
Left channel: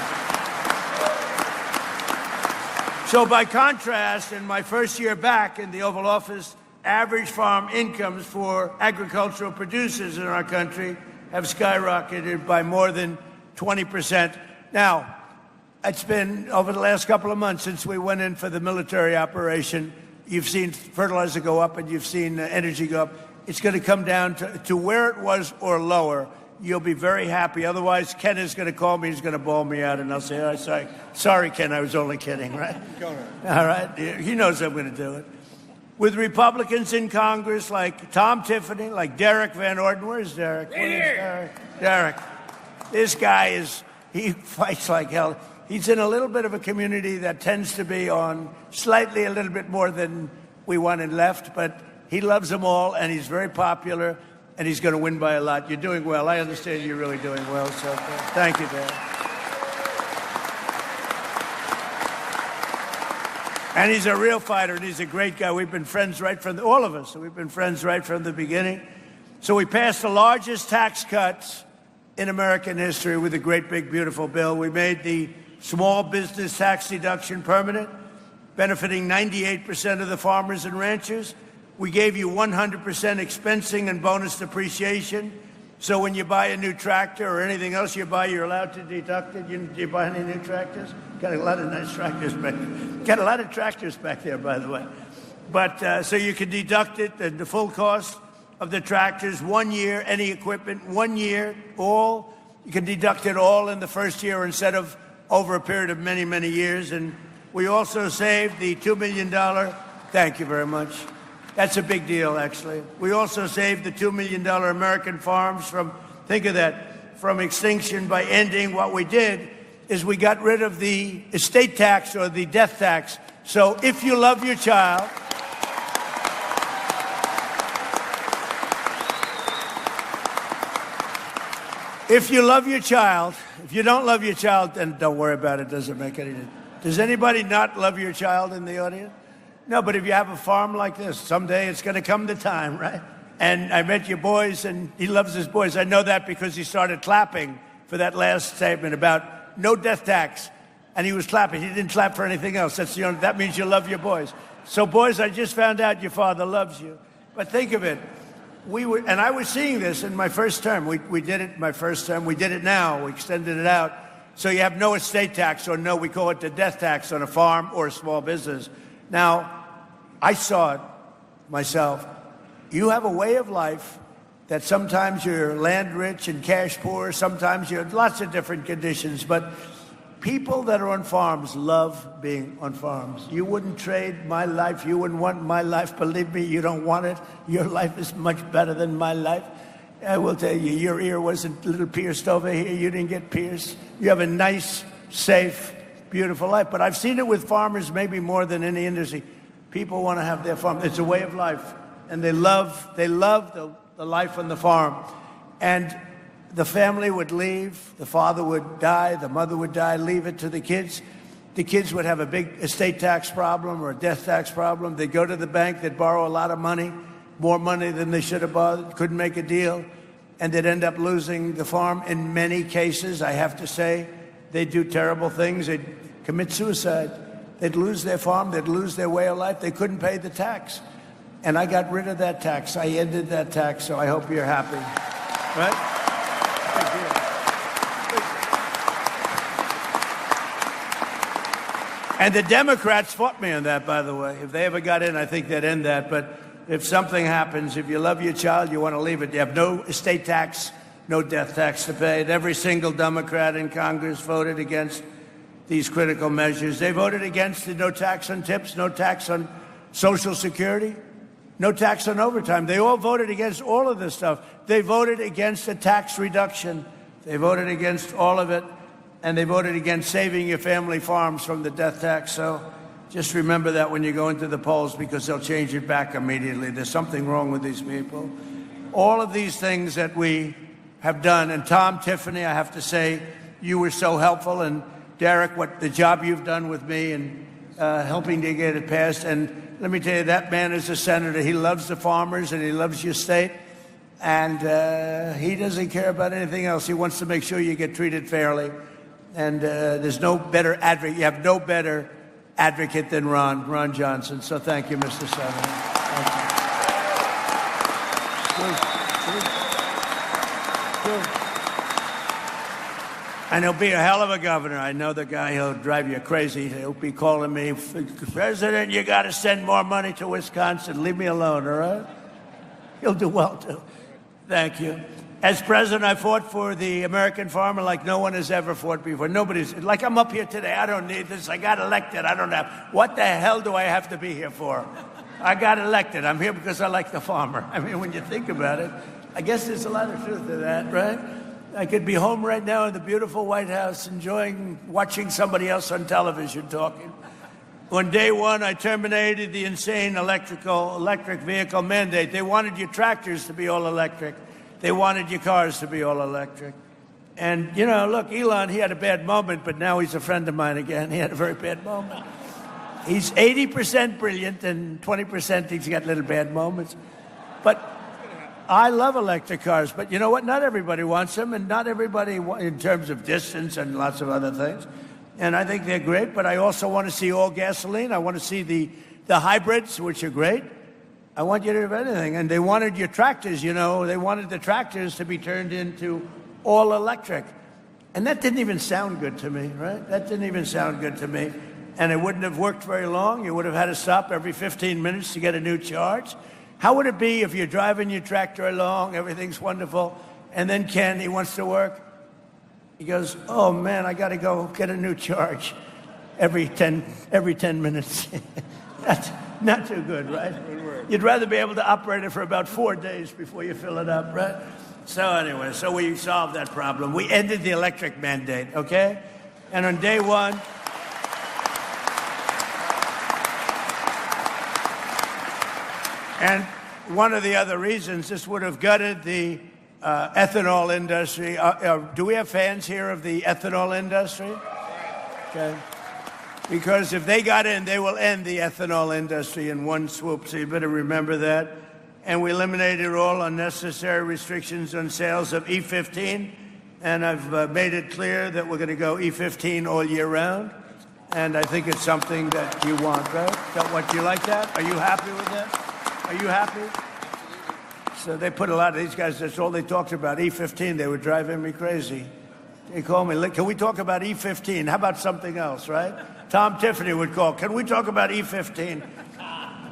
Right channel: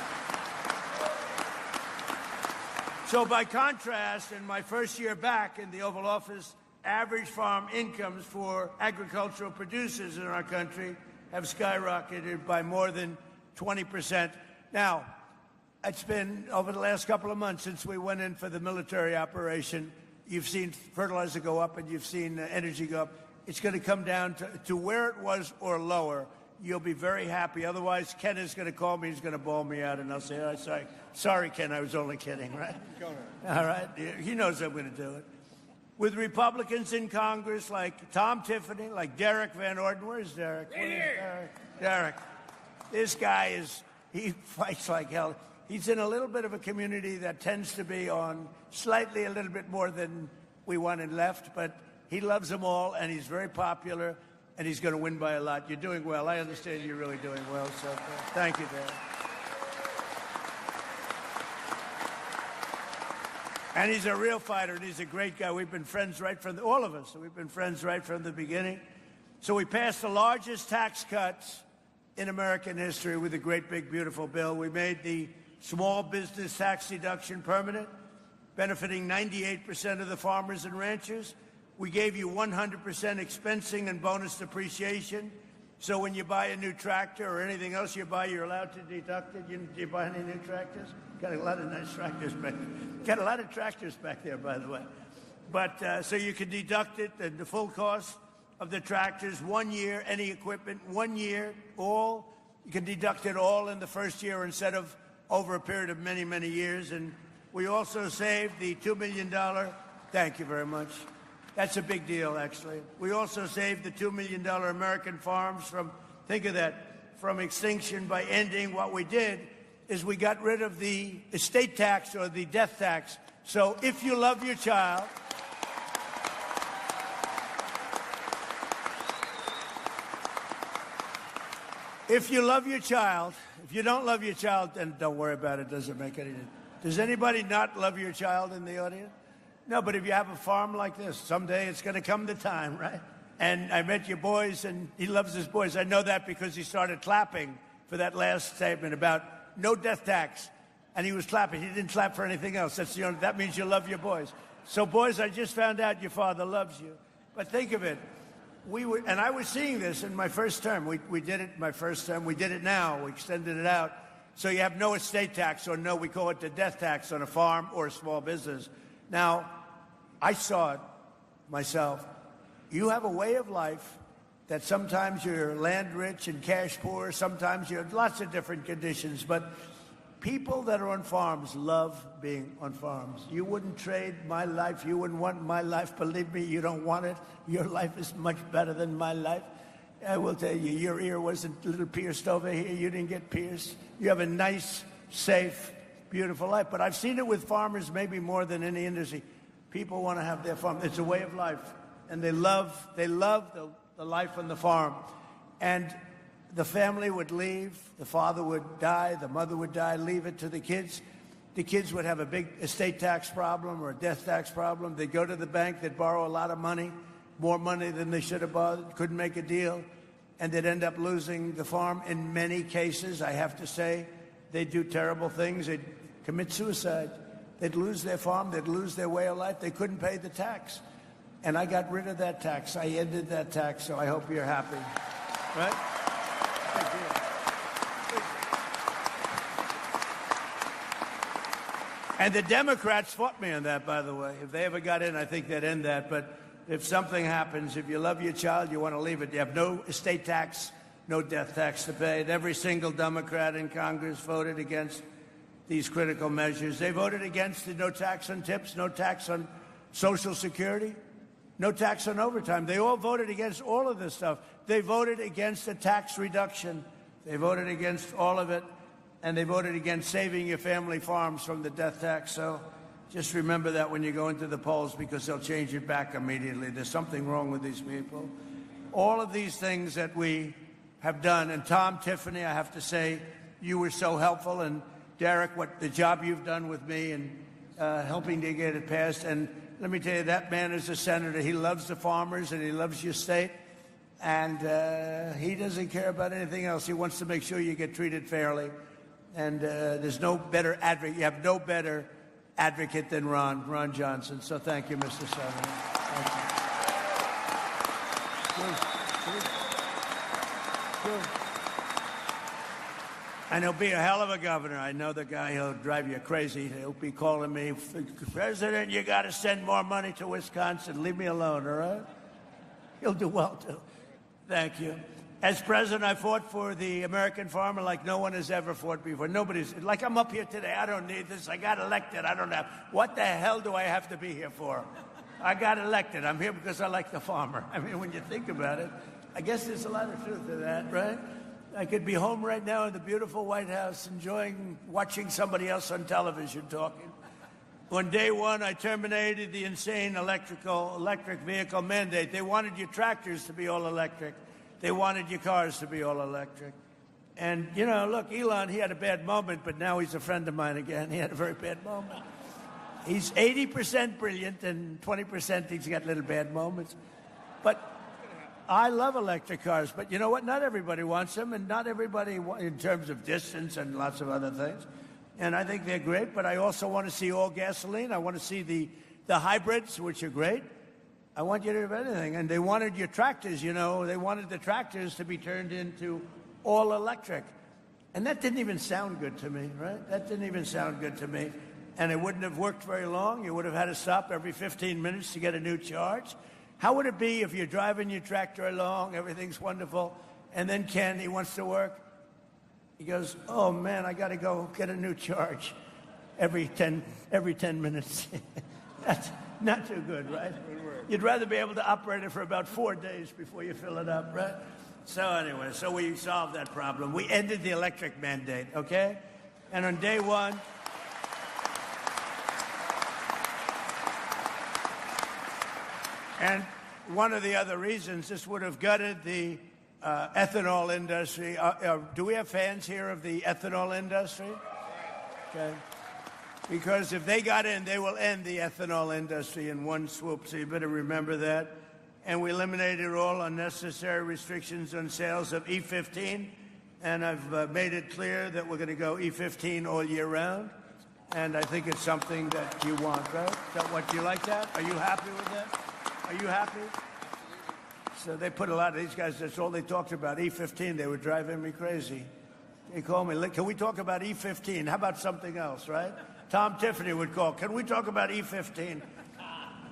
So by contrast, in my first year back in the Oval Office, average farm incomes for agricultural producers in our country have skyrocketed by more than 20%. Now, it's been over the last couple of months since we went in for the military operation. You've seen fertilizer go up and you've seen energy go up. It's going to come down to where it was or lower. You'll be very happy. Otherwise, Ken is going to call me. He's going to bawl me out, and I'll say, oh, sorry, Ken, I was only kidding, right? All right. He knows I'm going to do it. With Republicans in Congress like Tom Tiffany, like Derek Van Orden. Where's Derek? Derek. This guy he fights like hell. He's in a little bit of a community that tends to be on slightly a little bit more than we wanted left, but he loves them all, and he's very popular, and he's going to win by a lot. You're doing well. I understand you're really doing well, so thank you, Dad. And he's a real fighter, and he's a great guy. We've been friends right from all of us. We've been friends right from the beginning. So we passed the largest tax cuts in American history with a great, big, beautiful bill. We made the small business tax deduction permanent, benefiting 98% of the farmers and ranchers. We gave you 100% expensing and bonus depreciation. So when you buy a new tractor or anything else you buy, you're allowed to deduct it. Do you buy any new tractors? Got a lot of nice tractors back there. Got a lot of tractors back there, by the way. But so you can deduct it, the full cost of the tractors, 1 year, any equipment, 1 year, all. You can deduct it all in the first year instead of over a period of many, many years. And we also saved the $2 million. Thank you very much. That's a big deal, actually. We also saved the $2 million American farms from, think of that, from extinction by ending. What we did is we got rid of the estate tax or the death tax. So if you love your child, if you love your child, if you don't love your child, then don't worry about it. Doesn't make any difference. Does anybody not love your child in the audience? No, but if you have a farm like this, someday it's going to come the time, right? And I met your boys, and he loves his boys. I know that because he started clapping for that last statement about no death tax. And he was clapping. He didn't clap for anything else. That means you love your boys. So, boys, I just found out your father loves you. But think of it. And I was seeing this in my first term. We did it in my first term. We did it now. We extended it out. So you have no estate tax, or no, we call it the death tax on a farm or a small business. Now, I saw it myself. You have a way of life that sometimes you're land rich and cash poor. Sometimes you're lots of different conditions. But people that are on farms love being on farms. You wouldn't trade my life. You wouldn't want my life. Believe me, you don't want it. Your life is much better than my life. I will tell you, your ear wasn't a little pierced over here. You didn't get pierced. You have a nice, safe, beautiful life. But I've seen it with farmers maybe more than any industry. People want to have their farm. It's a way of life. And they love the life on the farm. And the family would leave. The father would die. The mother would die. Leave it to the kids. The kids would have a big estate tax problem or a death tax problem. They'd go to the bank. They'd borrow a lot of money, more money than they should have borrowed. Couldn't make a deal. And they'd end up losing the farm. In many cases, I have to say, they'd do terrible things. They'd commit suicide. They'd lose their farm. They'd lose their way of life. They couldn't pay the tax. And I got rid of that tax. I ended that tax, so I hope you're happy. Right? And the Democrats fought me on that, by the way. If they ever got in, I think they'd end that. But if something happens, if you love your child, you want to leave it. You have no estate tax, no death tax to pay. And every single Democrat in Congress voted against these critical measures. They voted against the no tax on tips, no tax on Social Security, no tax on overtime. They all voted against all of this stuff. They voted against a tax reduction. They voted against all of it. And they voted against saving your family farms from the death tax. So just remember that when you go into the polls, because they'll change it back immediately. There's something wrong with these people. All of these things that we have done. And Tom, Tiffany, I have to say, you were so helpful. And Derek, what the job you've done with me and helping to get it passed. And let me tell you, that man is a senator. He loves the farmers and he loves your state. And he doesn't care about anything else. He wants to make sure you get treated fairly. And there's no better advocate. You have no better advocate than Ron Johnson. So thank you, Mr. Senator. Thank you. And he'll be a hell of a governor. I know the guy who'll drive you crazy. He'll be calling me, President, you got to send more money to Wisconsin. Leave me alone, all right? He'll do well, too. Thank you. As president, I fought for the American farmer like no one has ever fought before. Nobody's, like I'm up here today. I don't need this. I got elected. I don't have. What the hell do I have to be here for? I got elected. I'm here because I like the farmer. I mean, when you think about it, I guess there's a lot of truth to that, right? I could be home right now in the beautiful White House watching somebody else on television talking. On day one, I terminated the insane electric vehicle mandate. They wanted your tractors to be all electric. They wanted your cars to be all electric. And, you know, look, Elon, he had a bad moment, but now he's a friend of mine again. He had a very bad moment. He's 80% brilliant, and 20% he's got little bad moments. But I love electric cars, but you know what? Not everybody wants them, and not everybody, in terms of distance and lots of other things. And I think they're great, but I also want to see all gasoline. I want to see the hybrids, which are great. I want you to have anything. And they wanted your tractors, you know. They wanted the tractors to be turned into all electric. And that didn't even sound good to me, right? That didn't even sound good to me. And it wouldn't have worked very long. You would have had to stop every 15 minutes to get a new charge. How would it be if you're driving your tractor along, everything's wonderful, and then Ken, he wants to work? He goes, oh man, I got to go get a new charge every 10 minutes. That's not too good, right? You'd rather be able to operate it for about 4 days before you fill it up, right? So anyway, so we solved that problem. We ended the electric mandate, okay? And on day one, and one of the other reasons, this would have gutted the ethanol industry. Do we have fans here of the ethanol industry? Okay. Because if they got in, they will end the ethanol industry in one swoop, so you better remember that. And we eliminated all unnecessary restrictions on sales of E15, and I've made it clear that we're going to go E15 all year round, and I think it's something that you want, right? What, you like that? Are you happy with that? Are you happy? So they put a lot of these guys, that's all they talked about, E15. They were driving me crazy. They called me, can we talk about E15? How about something else, right? Tom Tiffany would call, can we talk about E15?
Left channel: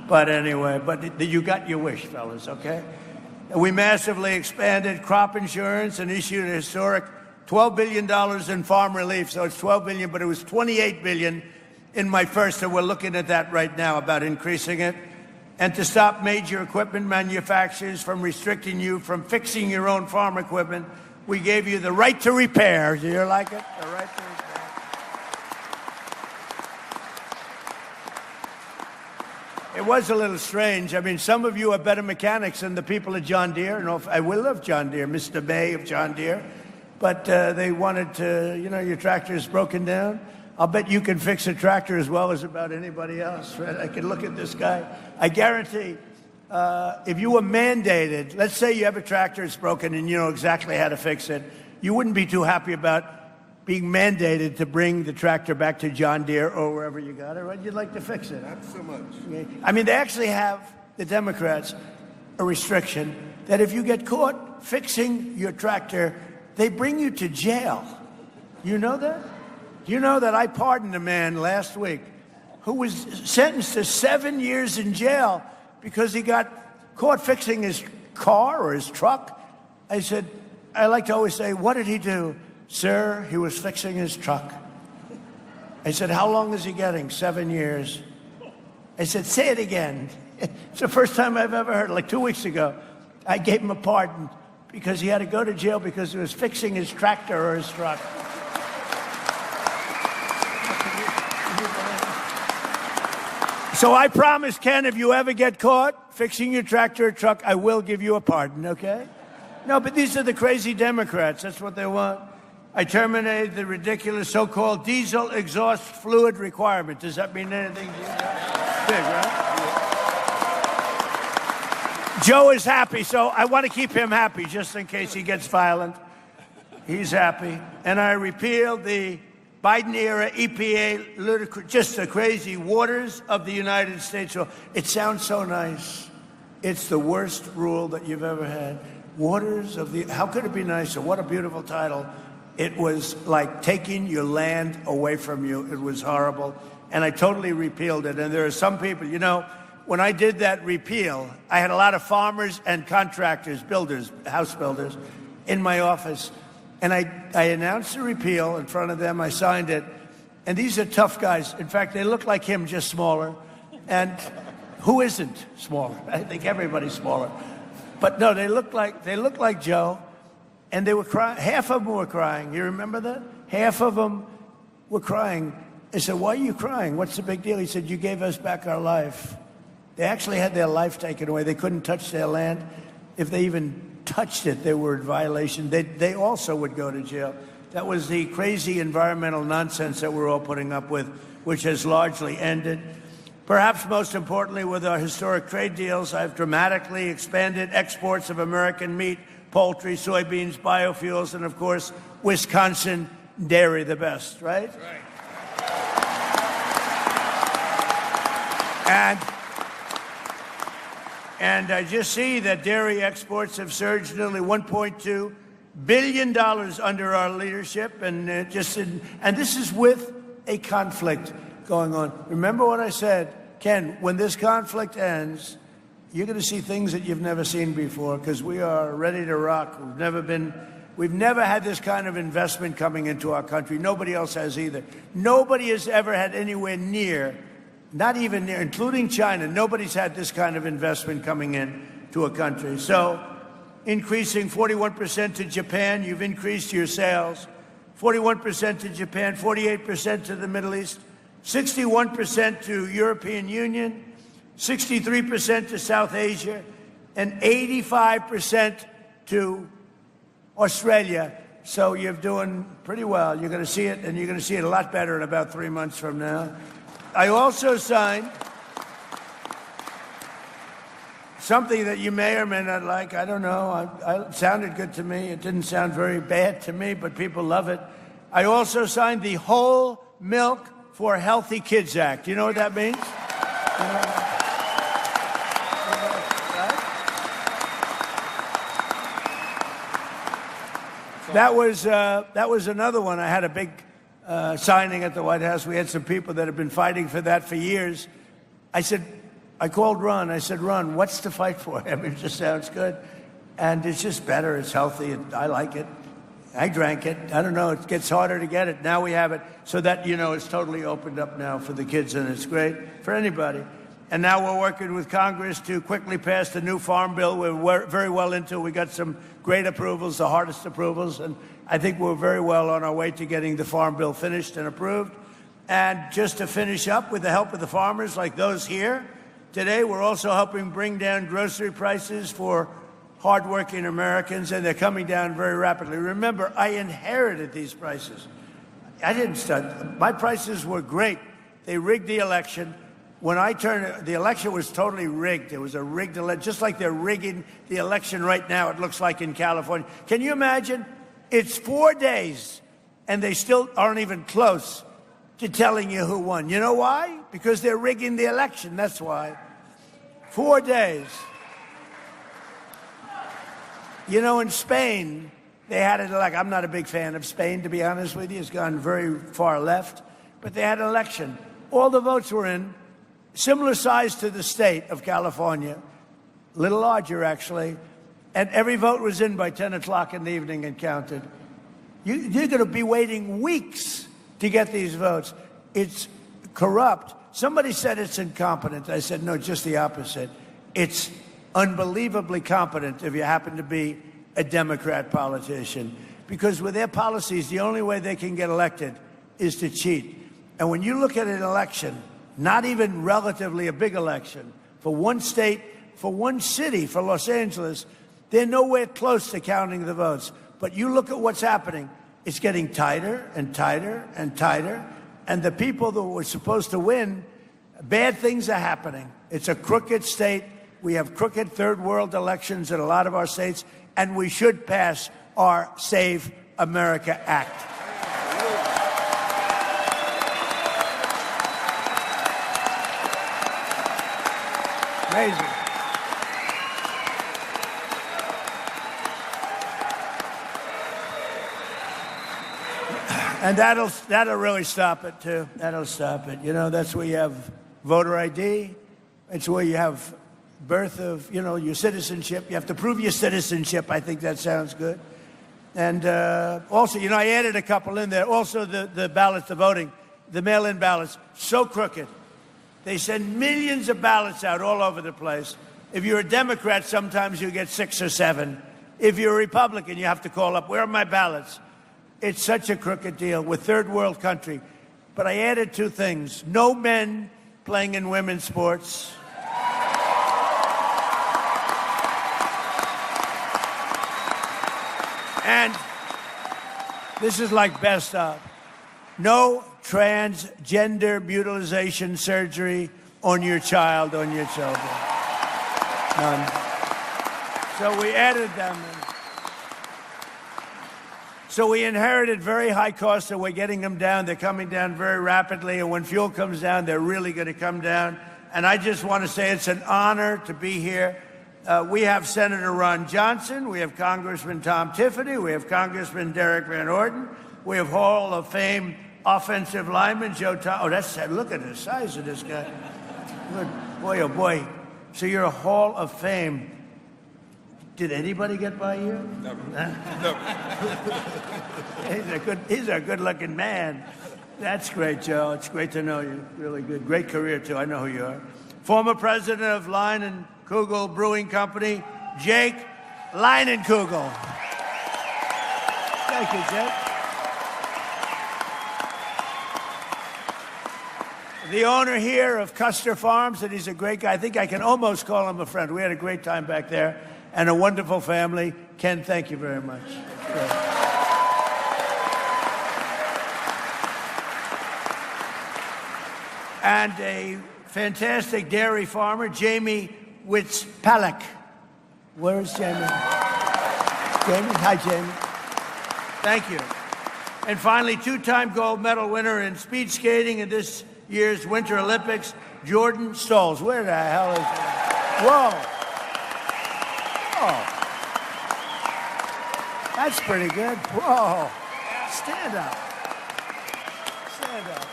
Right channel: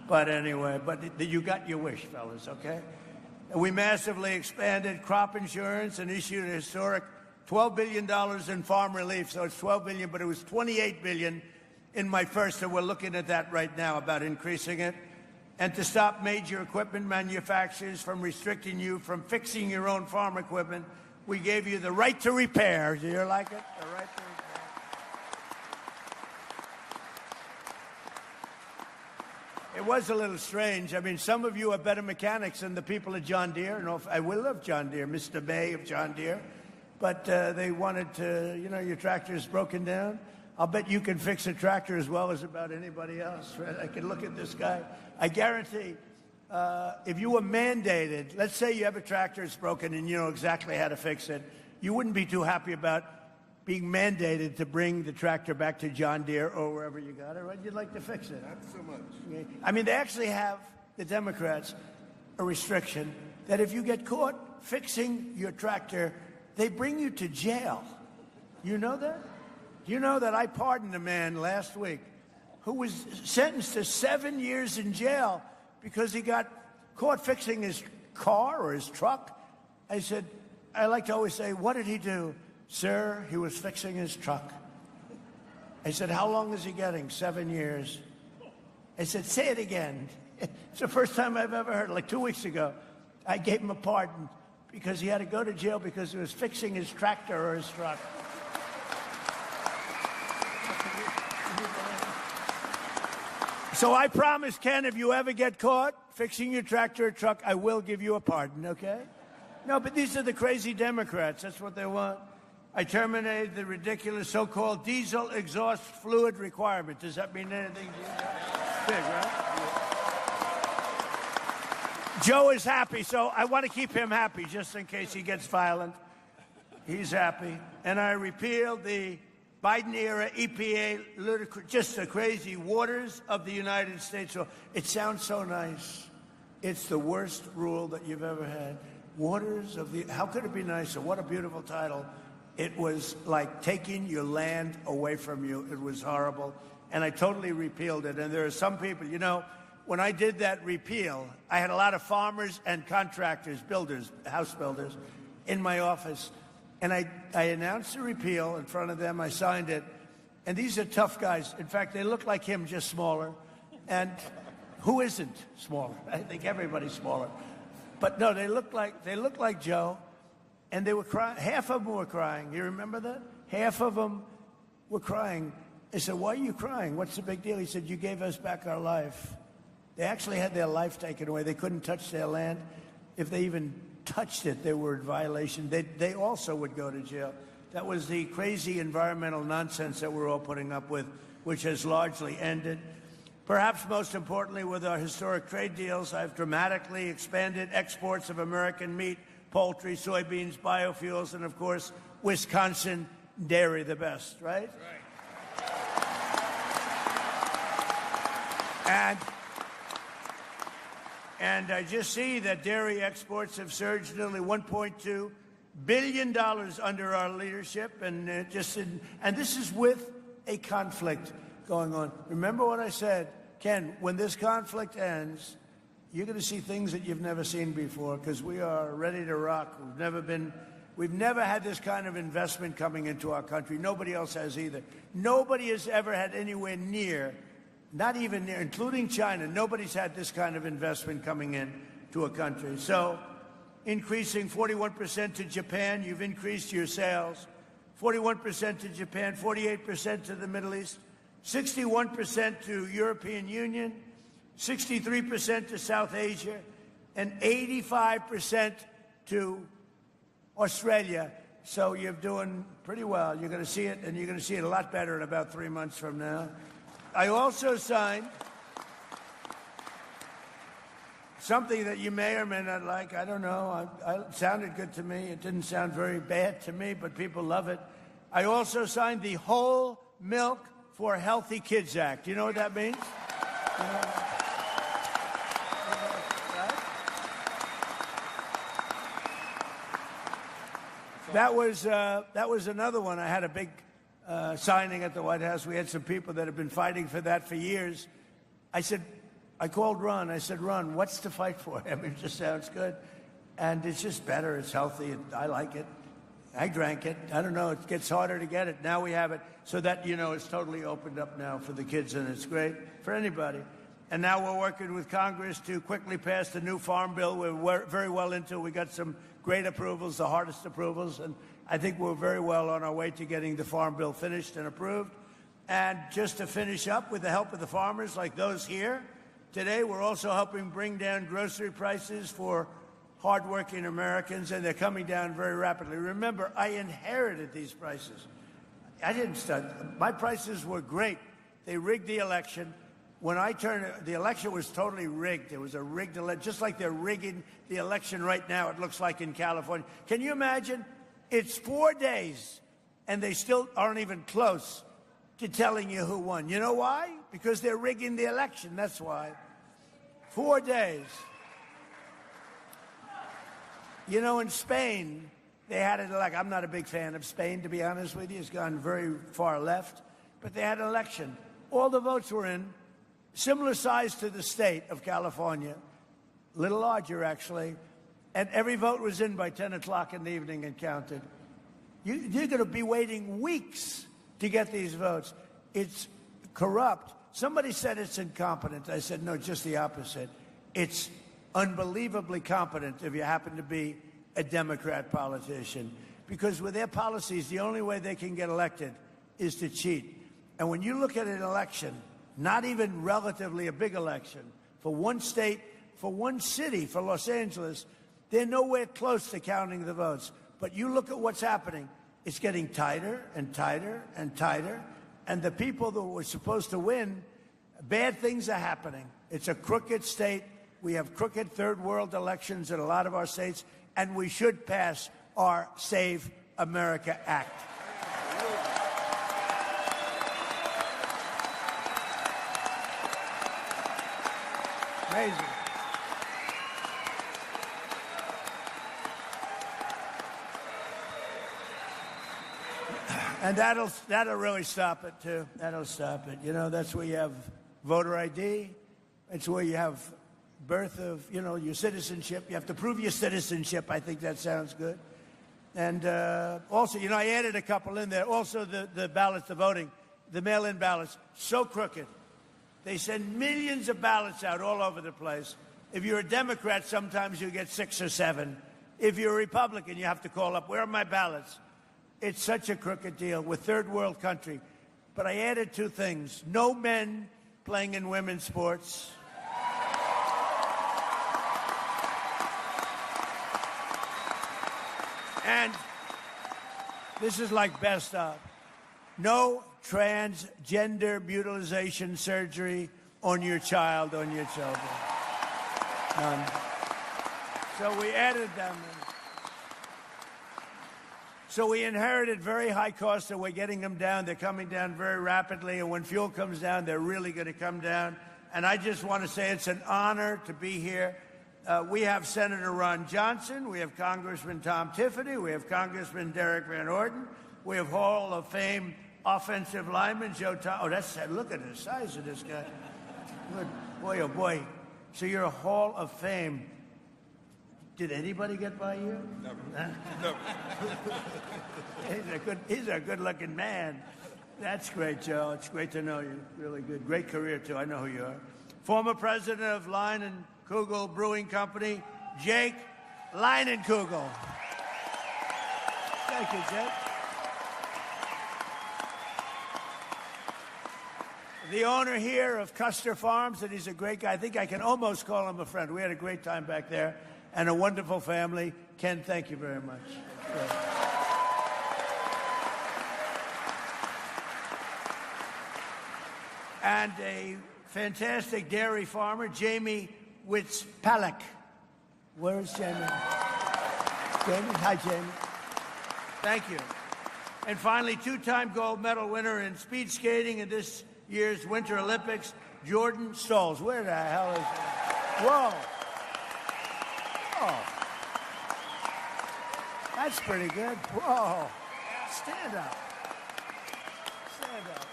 But anyway, you got your wish, fellas, okay? We massively expanded crop insurance and issued a historic $12 billion in farm relief. So it's $12 billion, but it was $28 billion in my first, and we're looking at that right now about increasing it. And to stop major equipment manufacturers from restricting you from fixing your own farm equipment, we gave you the right to repair. Do you like it? The right to repair. It was a little strange. I mean, some of you are better mechanics than the people at John Deere. And I will love John Deere, Mr. May of John Deere. But they wanted to, your tractor is broken down. I'll bet you can fix a tractor as well as about anybody else, right? I can look at this guy. I guarantee if you were mandated, let's say you have a tractor that's broken and you know exactly how to fix it, you wouldn't be too happy about being mandated to bring the tractor back to John Deere or wherever you got it, right? You'd like to fix it. Not so much. Okay. I mean, they actually have, the Democrats, a restriction that if you get caught fixing your tractor, they bring you to jail. You know that? You know that I pardoned a man last week who was sentenced to 7 years in jail because he got caught fixing his car or his truck. I said, I like to always say, what did he do? Sir, he was fixing his truck. I said, how long is he getting? 7 years. I said, say it again. It's the first time I've ever heard it. Like 2 weeks ago, I gave him a pardon because he had to go to jail because he was fixing his tractor or his truck. So I promise, Ken, if you ever get caught fixing your tractor or truck, I will give you a pardon, okay? No, but these are the crazy Democrats. That's what they want. I terminated the ridiculous so-called diesel exhaust fluid requirement. Does that mean anything to you? Big, right? Joe is happy, so I want to keep him happy just in case he gets violent. He's happy. And I repealed the Biden-era EPA, ludicrous, just the crazy waters of the United States. It sounds so nice. It's the worst rule that you've ever had. Waters of the, how could it be nicer? What a beautiful title. It was like taking your land away from you. It was horrible. And I totally repealed it. And there are some people, when I did that repeal, I had a lot of farmers and contractors, builders, house builders, in my office. And I announced the repeal in front of them. I signed it. And these are tough guys. In fact, they look like him, just smaller. And who isn't smaller? I think everybody's smaller. But no, they look like Joe. And they were crying. Half of them were crying. You remember that? Half of them were crying. I said, why are you crying? What's the big deal? He said, you gave us back our life. They actually had their life taken away. They couldn't touch their land. If they even touched it, they were in violation. They also would go to jail. That was the crazy environmental nonsense that we're all putting up with, which has largely ended. Perhaps most importantly, with our historic trade deals, I've dramatically expanded exports of American meat, poultry, soybeans, biofuels, and of course, Wisconsin dairy, the best, right? And I just see that dairy exports have surged nearly $1.2 billion under our leadership, and this is with a conflict going on. Remember what I said, Ken, when this conflict ends, you're going to see things that you've never seen before because we are ready to rock. We've never been We've never had this kind of investment coming into our country. Nobody else has either. Nobody has ever had anywhere near, not even near, including China, nobody's had this kind of investment coming in to a country. So increasing 41% to Japan, you've increased your sales. 41% to Japan, 48% to the Middle East, 61% to European Union, 63% to South Asia, and 85% to Australia. So you're doing pretty well. You're going to see it, and you're going to see it a lot better in about 3 months from now. I also signed something that you may or may not like. I don't know. It sounded good to me. It didn't sound very bad to me, but people love it. I also signed the Whole Milk for Healthy Kids Act. You know what that means? You know, right? That was another one. I had a big signing at the White House. We had some people that have been fighting for that for years. I called Ron. I said, Ron, what's to fight for? I mean, it just sounds good. And it's just better. It's healthy. I like it. I drank it. I don't know. It gets harder to get it. Now we have it. So that, you know, it's totally opened up now for the kids, and it's great for anybody. And now we're working with Congress to quickly pass the new farm bill. We're very well into it. We got some great approvals, the hardest approvals. And I think we're very well on our way to getting the farm bill finished and approved. And just to finish up, with the help of the farmers like those here, today we're also helping bring down grocery prices for hardworking Americans, and they're coming down very rapidly. Remember, I inherited these prices. I didn't start. My prices were great. They rigged the election. When I turned, the election was totally rigged. It was a rigged election, just like they're rigging the election right now, it looks like in California. Can you imagine? It's 4 days, and they still aren't even close to telling you who won. You know why? Because they're rigging the election, that's why. 4 days. You know, in Spain, they had it like, I'm not a big fan of Spain, to be honest with you. It's gone very far left. But they had an election. All the votes were in, similar size to the state of California, a little larger, actually. And every vote was in by 10 o'clock in the evening and counted. You're going to be waiting weeks to get these votes. It's corrupt. Somebody said it's incompetent. I said, no, just the opposite. It's unbelievably competent if you happen to be a Democrat politician. Because with their policies, the only way they can get elected is to cheat. And when you look at an election, not even relatively a big election, for one state, for one city, for Los Angeles, they're nowhere close to counting the votes. But you look at what's happening, it's getting tighter and tighter and tighter. And the people that were supposed to win, bad things are happening. It's a crooked state. We have crooked third world elections in a lot of our states, and we should pass our Save America Act. Amazing. And that'll really stop it, too. That'll stop it. You know, that's where you have voter ID. It's where you have birth of, you know, your citizenship. You have to prove your citizenship. I think that sounds good. And also, you know, I added a couple in there. Also, the ballots, the voting, the mail-in ballots, so crooked. They send millions of ballots out all over the place. If you're a Democrat, sometimes you get 6 or 7. If you're a Republican, you have to call up, where are my ballots? It's such a crooked deal with third world country. But I added 2 things. No men playing in women's sports. And this is like best of. No transgender mutilization surgery on your child, on your children. None. So we added them in. So we inherited very high costs, and we're getting them down. They're coming down very rapidly, and when fuel comes down, they're really going to come down. And I just want to say it's an honor to be here. We have Senator Ron Johnson, we have Congressman Tom Tiffany, we have Congressman Derek Van Orden, we have Hall of Fame offensive lineman Joe Thomas. Oh, that's sad. Look at the size of this guy. Good boy, oh boy. So you're a Hall of Fame Did anybody get by you? Never. Never. He's a good-looking man. That's great, Joe. It's great to know you. Really good. Great career, too. I know who you are. Former president of Leinenkugel Brewing Company, Jake Leinenkugel. Thank you, Jake. The owner here of Custer Farms, and he's a great guy. I think I can almost call him a friend. We had a great time back there, and a wonderful family. Ken, thank you very much. And a fantastic dairy farmer, Jamie Witzpalek. Where is Jamie? Jamie? Hi, Jamie. Thank you. And finally, two-time gold medal winner in speed skating in this year's Winter Olympics, Jordan Stolz. Where the hell is he? Whoa. Oh. That's pretty good. Whoa. Stand up. Stand up.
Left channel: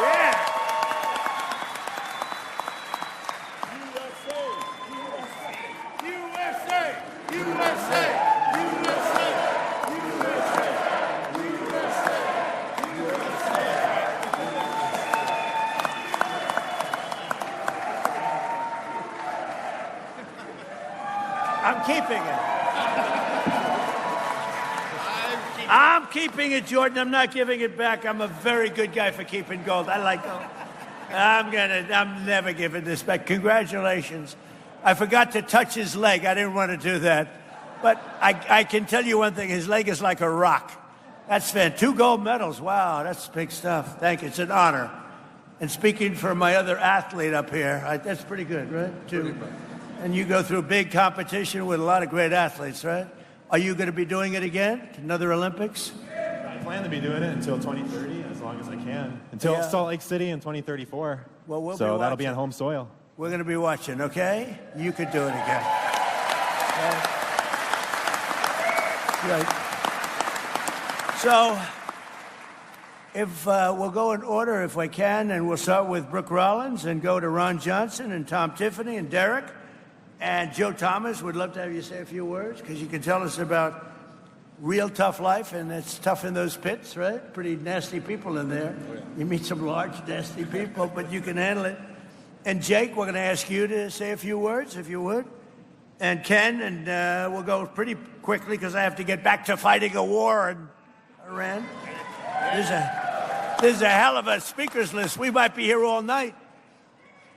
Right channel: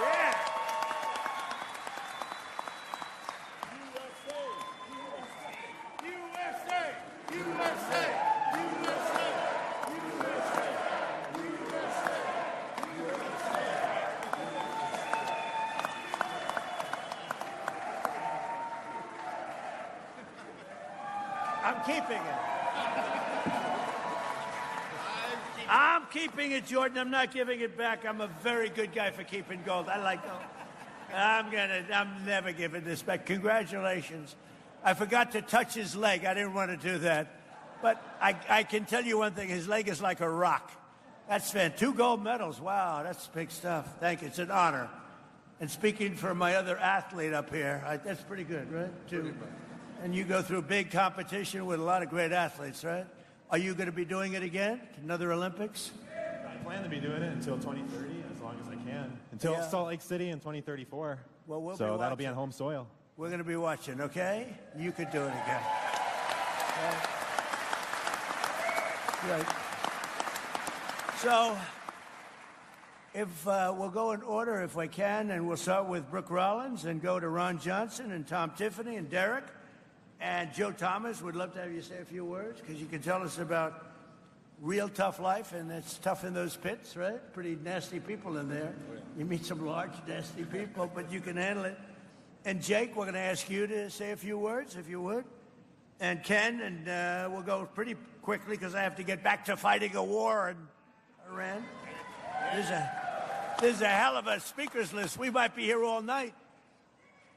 Yeah. USA! USA! I'm keeping it. I'm keeping it, Jordan. I'm not giving it back. I'm a very good guy for keeping gold. I like gold. I'm never giving this back. Congratulations. I forgot to touch his leg. I didn't want to do that. But I can tell you one thing. His leg is like a rock. That's fantastic. 2 gold medals. Wow, that's big stuff. Thank you. It's an honor. And speaking for my other athlete up here, that's pretty good, right? 2. And you go through big competition with a lot of great athletes, right? Are you going to be doing it again? Another Olympics? I plan to be doing it until 2030, as long as I can. Until Salt Lake City in 2034. Well, we'll so be that'll be watching. on home soil. We're going to be watching, okay? You could do it again. Okay? Right. So, if we'll go in order if we can, and we'll start with Brooke Rollins and go to Ron Johnson and Tom Tiffany and Derek. And Joe Thomas, would love to have you say a few words, because you can tell us about real tough life, and it's tough in those pits, right? Pretty nasty people in there. You meet some large, nasty people, but you can handle it. And Jake, we're going to ask you to say a few words, if you would. And Ken, and we'll go pretty quickly, because I have to get back to fighting a war in Iran. There's a hell of a speakers list. We might be here all night.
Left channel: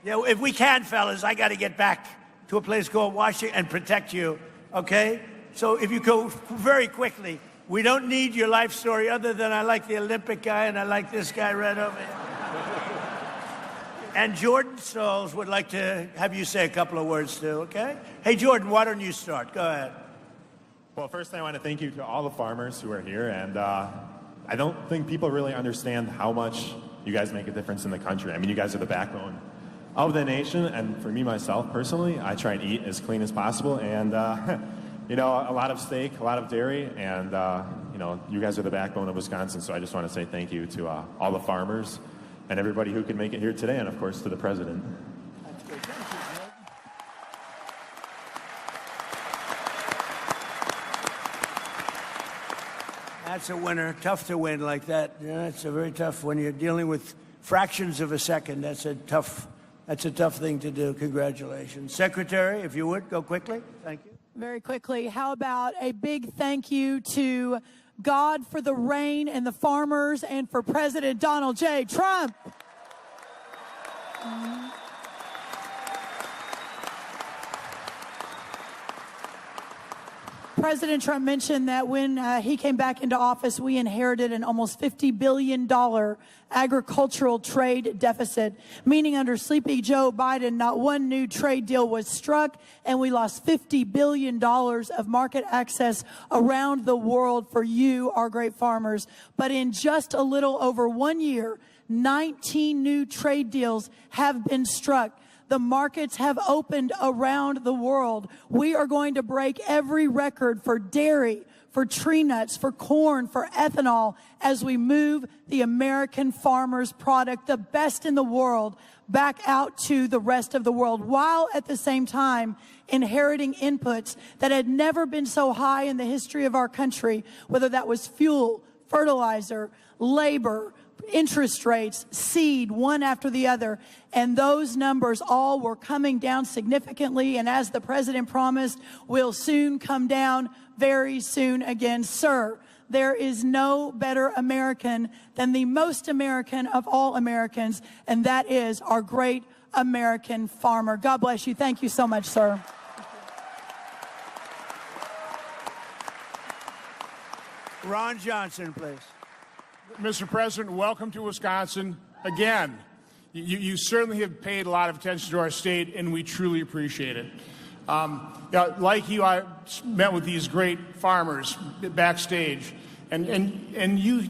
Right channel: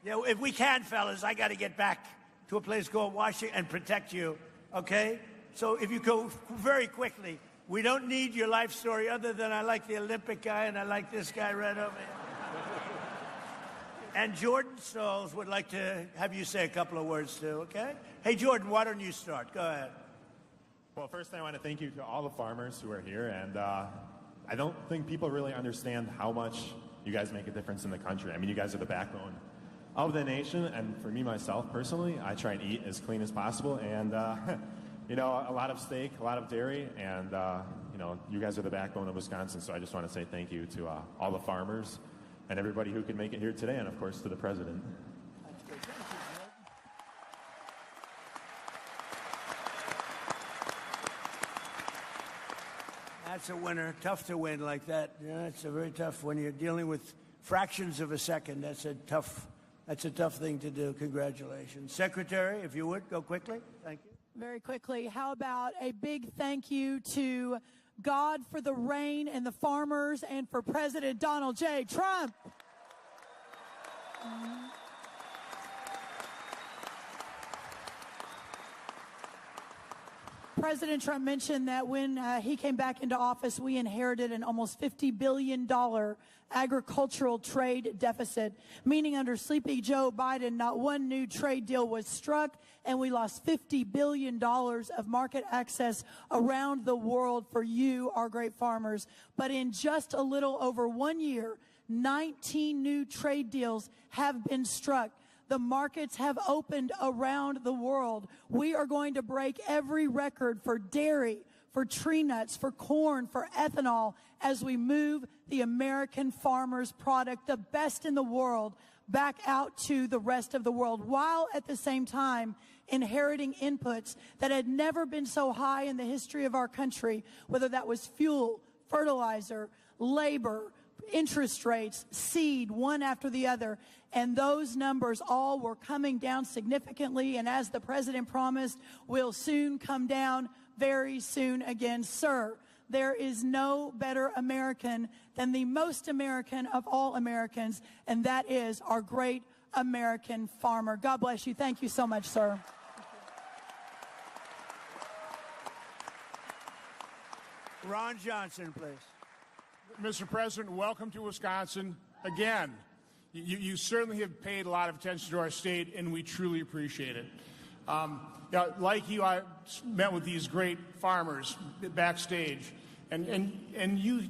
Yeah, if we can, fellas, I got to get back to a place called Washington and protect you, okay? So if you go very quickly, we don't need your life story other than I like the Olympic guy and I like this guy right over here. And Jordan Stolz would like to have you say a couple of words too, okay? Hey, Jordan, why don't you start? Go ahead. Well, first I want to thank you to all the farmers who are here, and I don't think people really understand how much you guys make a difference in the country. I mean, you guys are the backbone of the nation, and for me, myself, personally, I try and eat as clean as possible, and, you know, a lot of steak, a lot of dairy, and, you know, you guys are the backbone of Wisconsin, so I just want to say thank you to all the farmers and everybody who could make it here today, and, of course, to the president. That's good. Thank you, Jordan. That's a winner. Tough to win like that. Yeah, it's a very tough when you're dealing with fractions of a second. That's a tough thing to do. Congratulations. Secretary, if you would, go quickly. Thank you. Very quickly, how about a big thank you to God for the rain and the farmers and for President Donald J. Trump. President Trump mentioned that when he came back into office, we inherited an almost $50 billion agricultural trade deficit, meaning under Sleepy Joe Biden, not one new trade deal was struck, and we lost $50 billion of market access around the world for you, our great farmers. But in just a little over 1 year, 19 new trade deals have been struck. The markets have opened around the world. We are going to break every record for dairy, for tree nuts, for corn, for ethanol, as we move the American farmer's product, the best in the world, back out to the rest of the world, while at the same time inheriting inputs that had never been so high in the history of our country, whether that was fuel, fertilizer, labor, interest rates, seed, one after the other. And those numbers all were coming down significantly. And as the president promised, will soon come down very soon again. Sir, there is no better American than the most American of all Americans, and that is our great American farmer. God bless you. Thank you so much, sir. Ron Johnson, please. Mr. President, welcome to Wisconsin again. You certainly have paid a lot of attention to our state, and we truly appreciate it. Like you, I met with these great farmers backstage, and you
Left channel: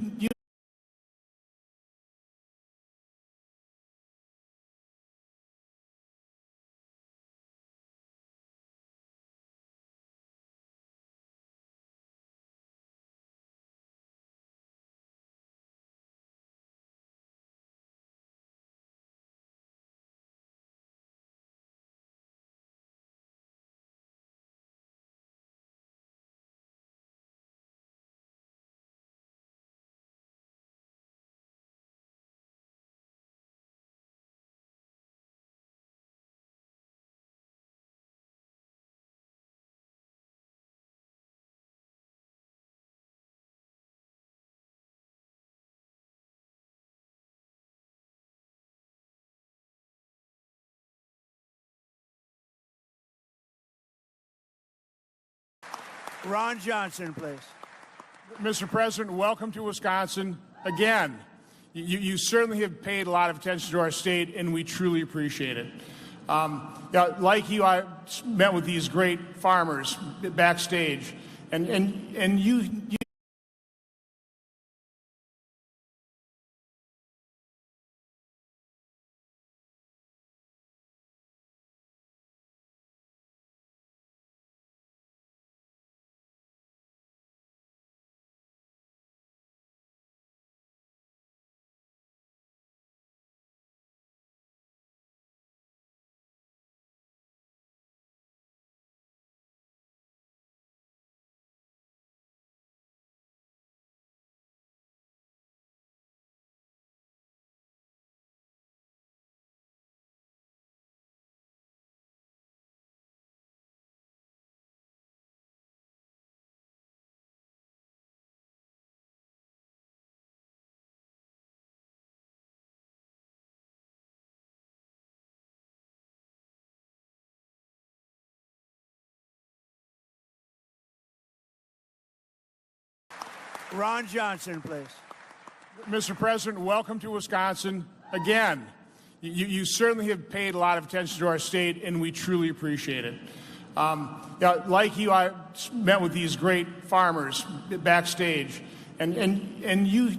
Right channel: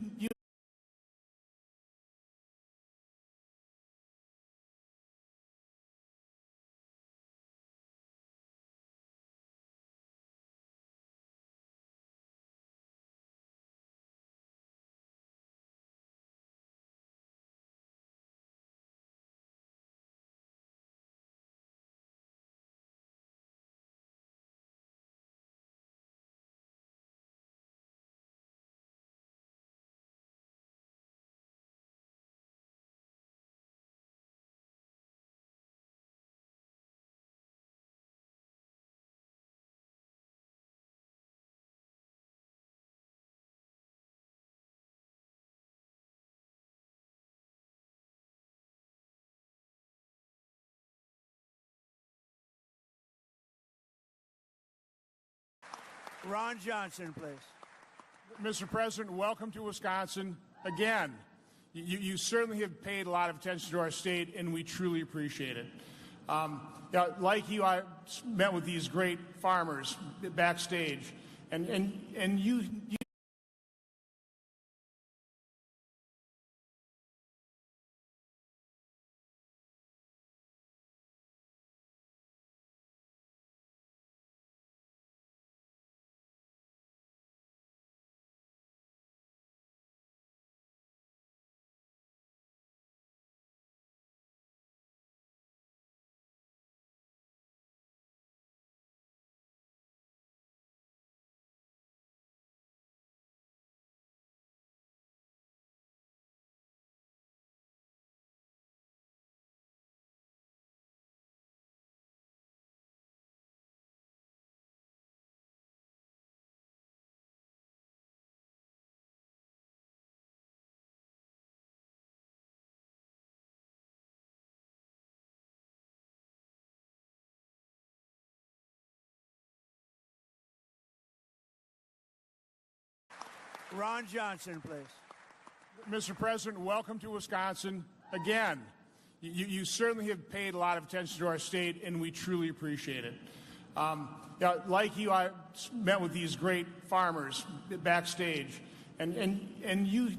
Ron Johnson, please. Mr. President, welcome to Wisconsin again. You certainly have paid a lot of attention to our state, and we truly appreciate it. Like you, I met with these great farmers backstage, and you Ron Johnson, please. Mr. President, welcome to Wisconsin again. You certainly have paid a lot of attention to our state, and we truly appreciate it. Like you, I met with these great farmers backstage, and you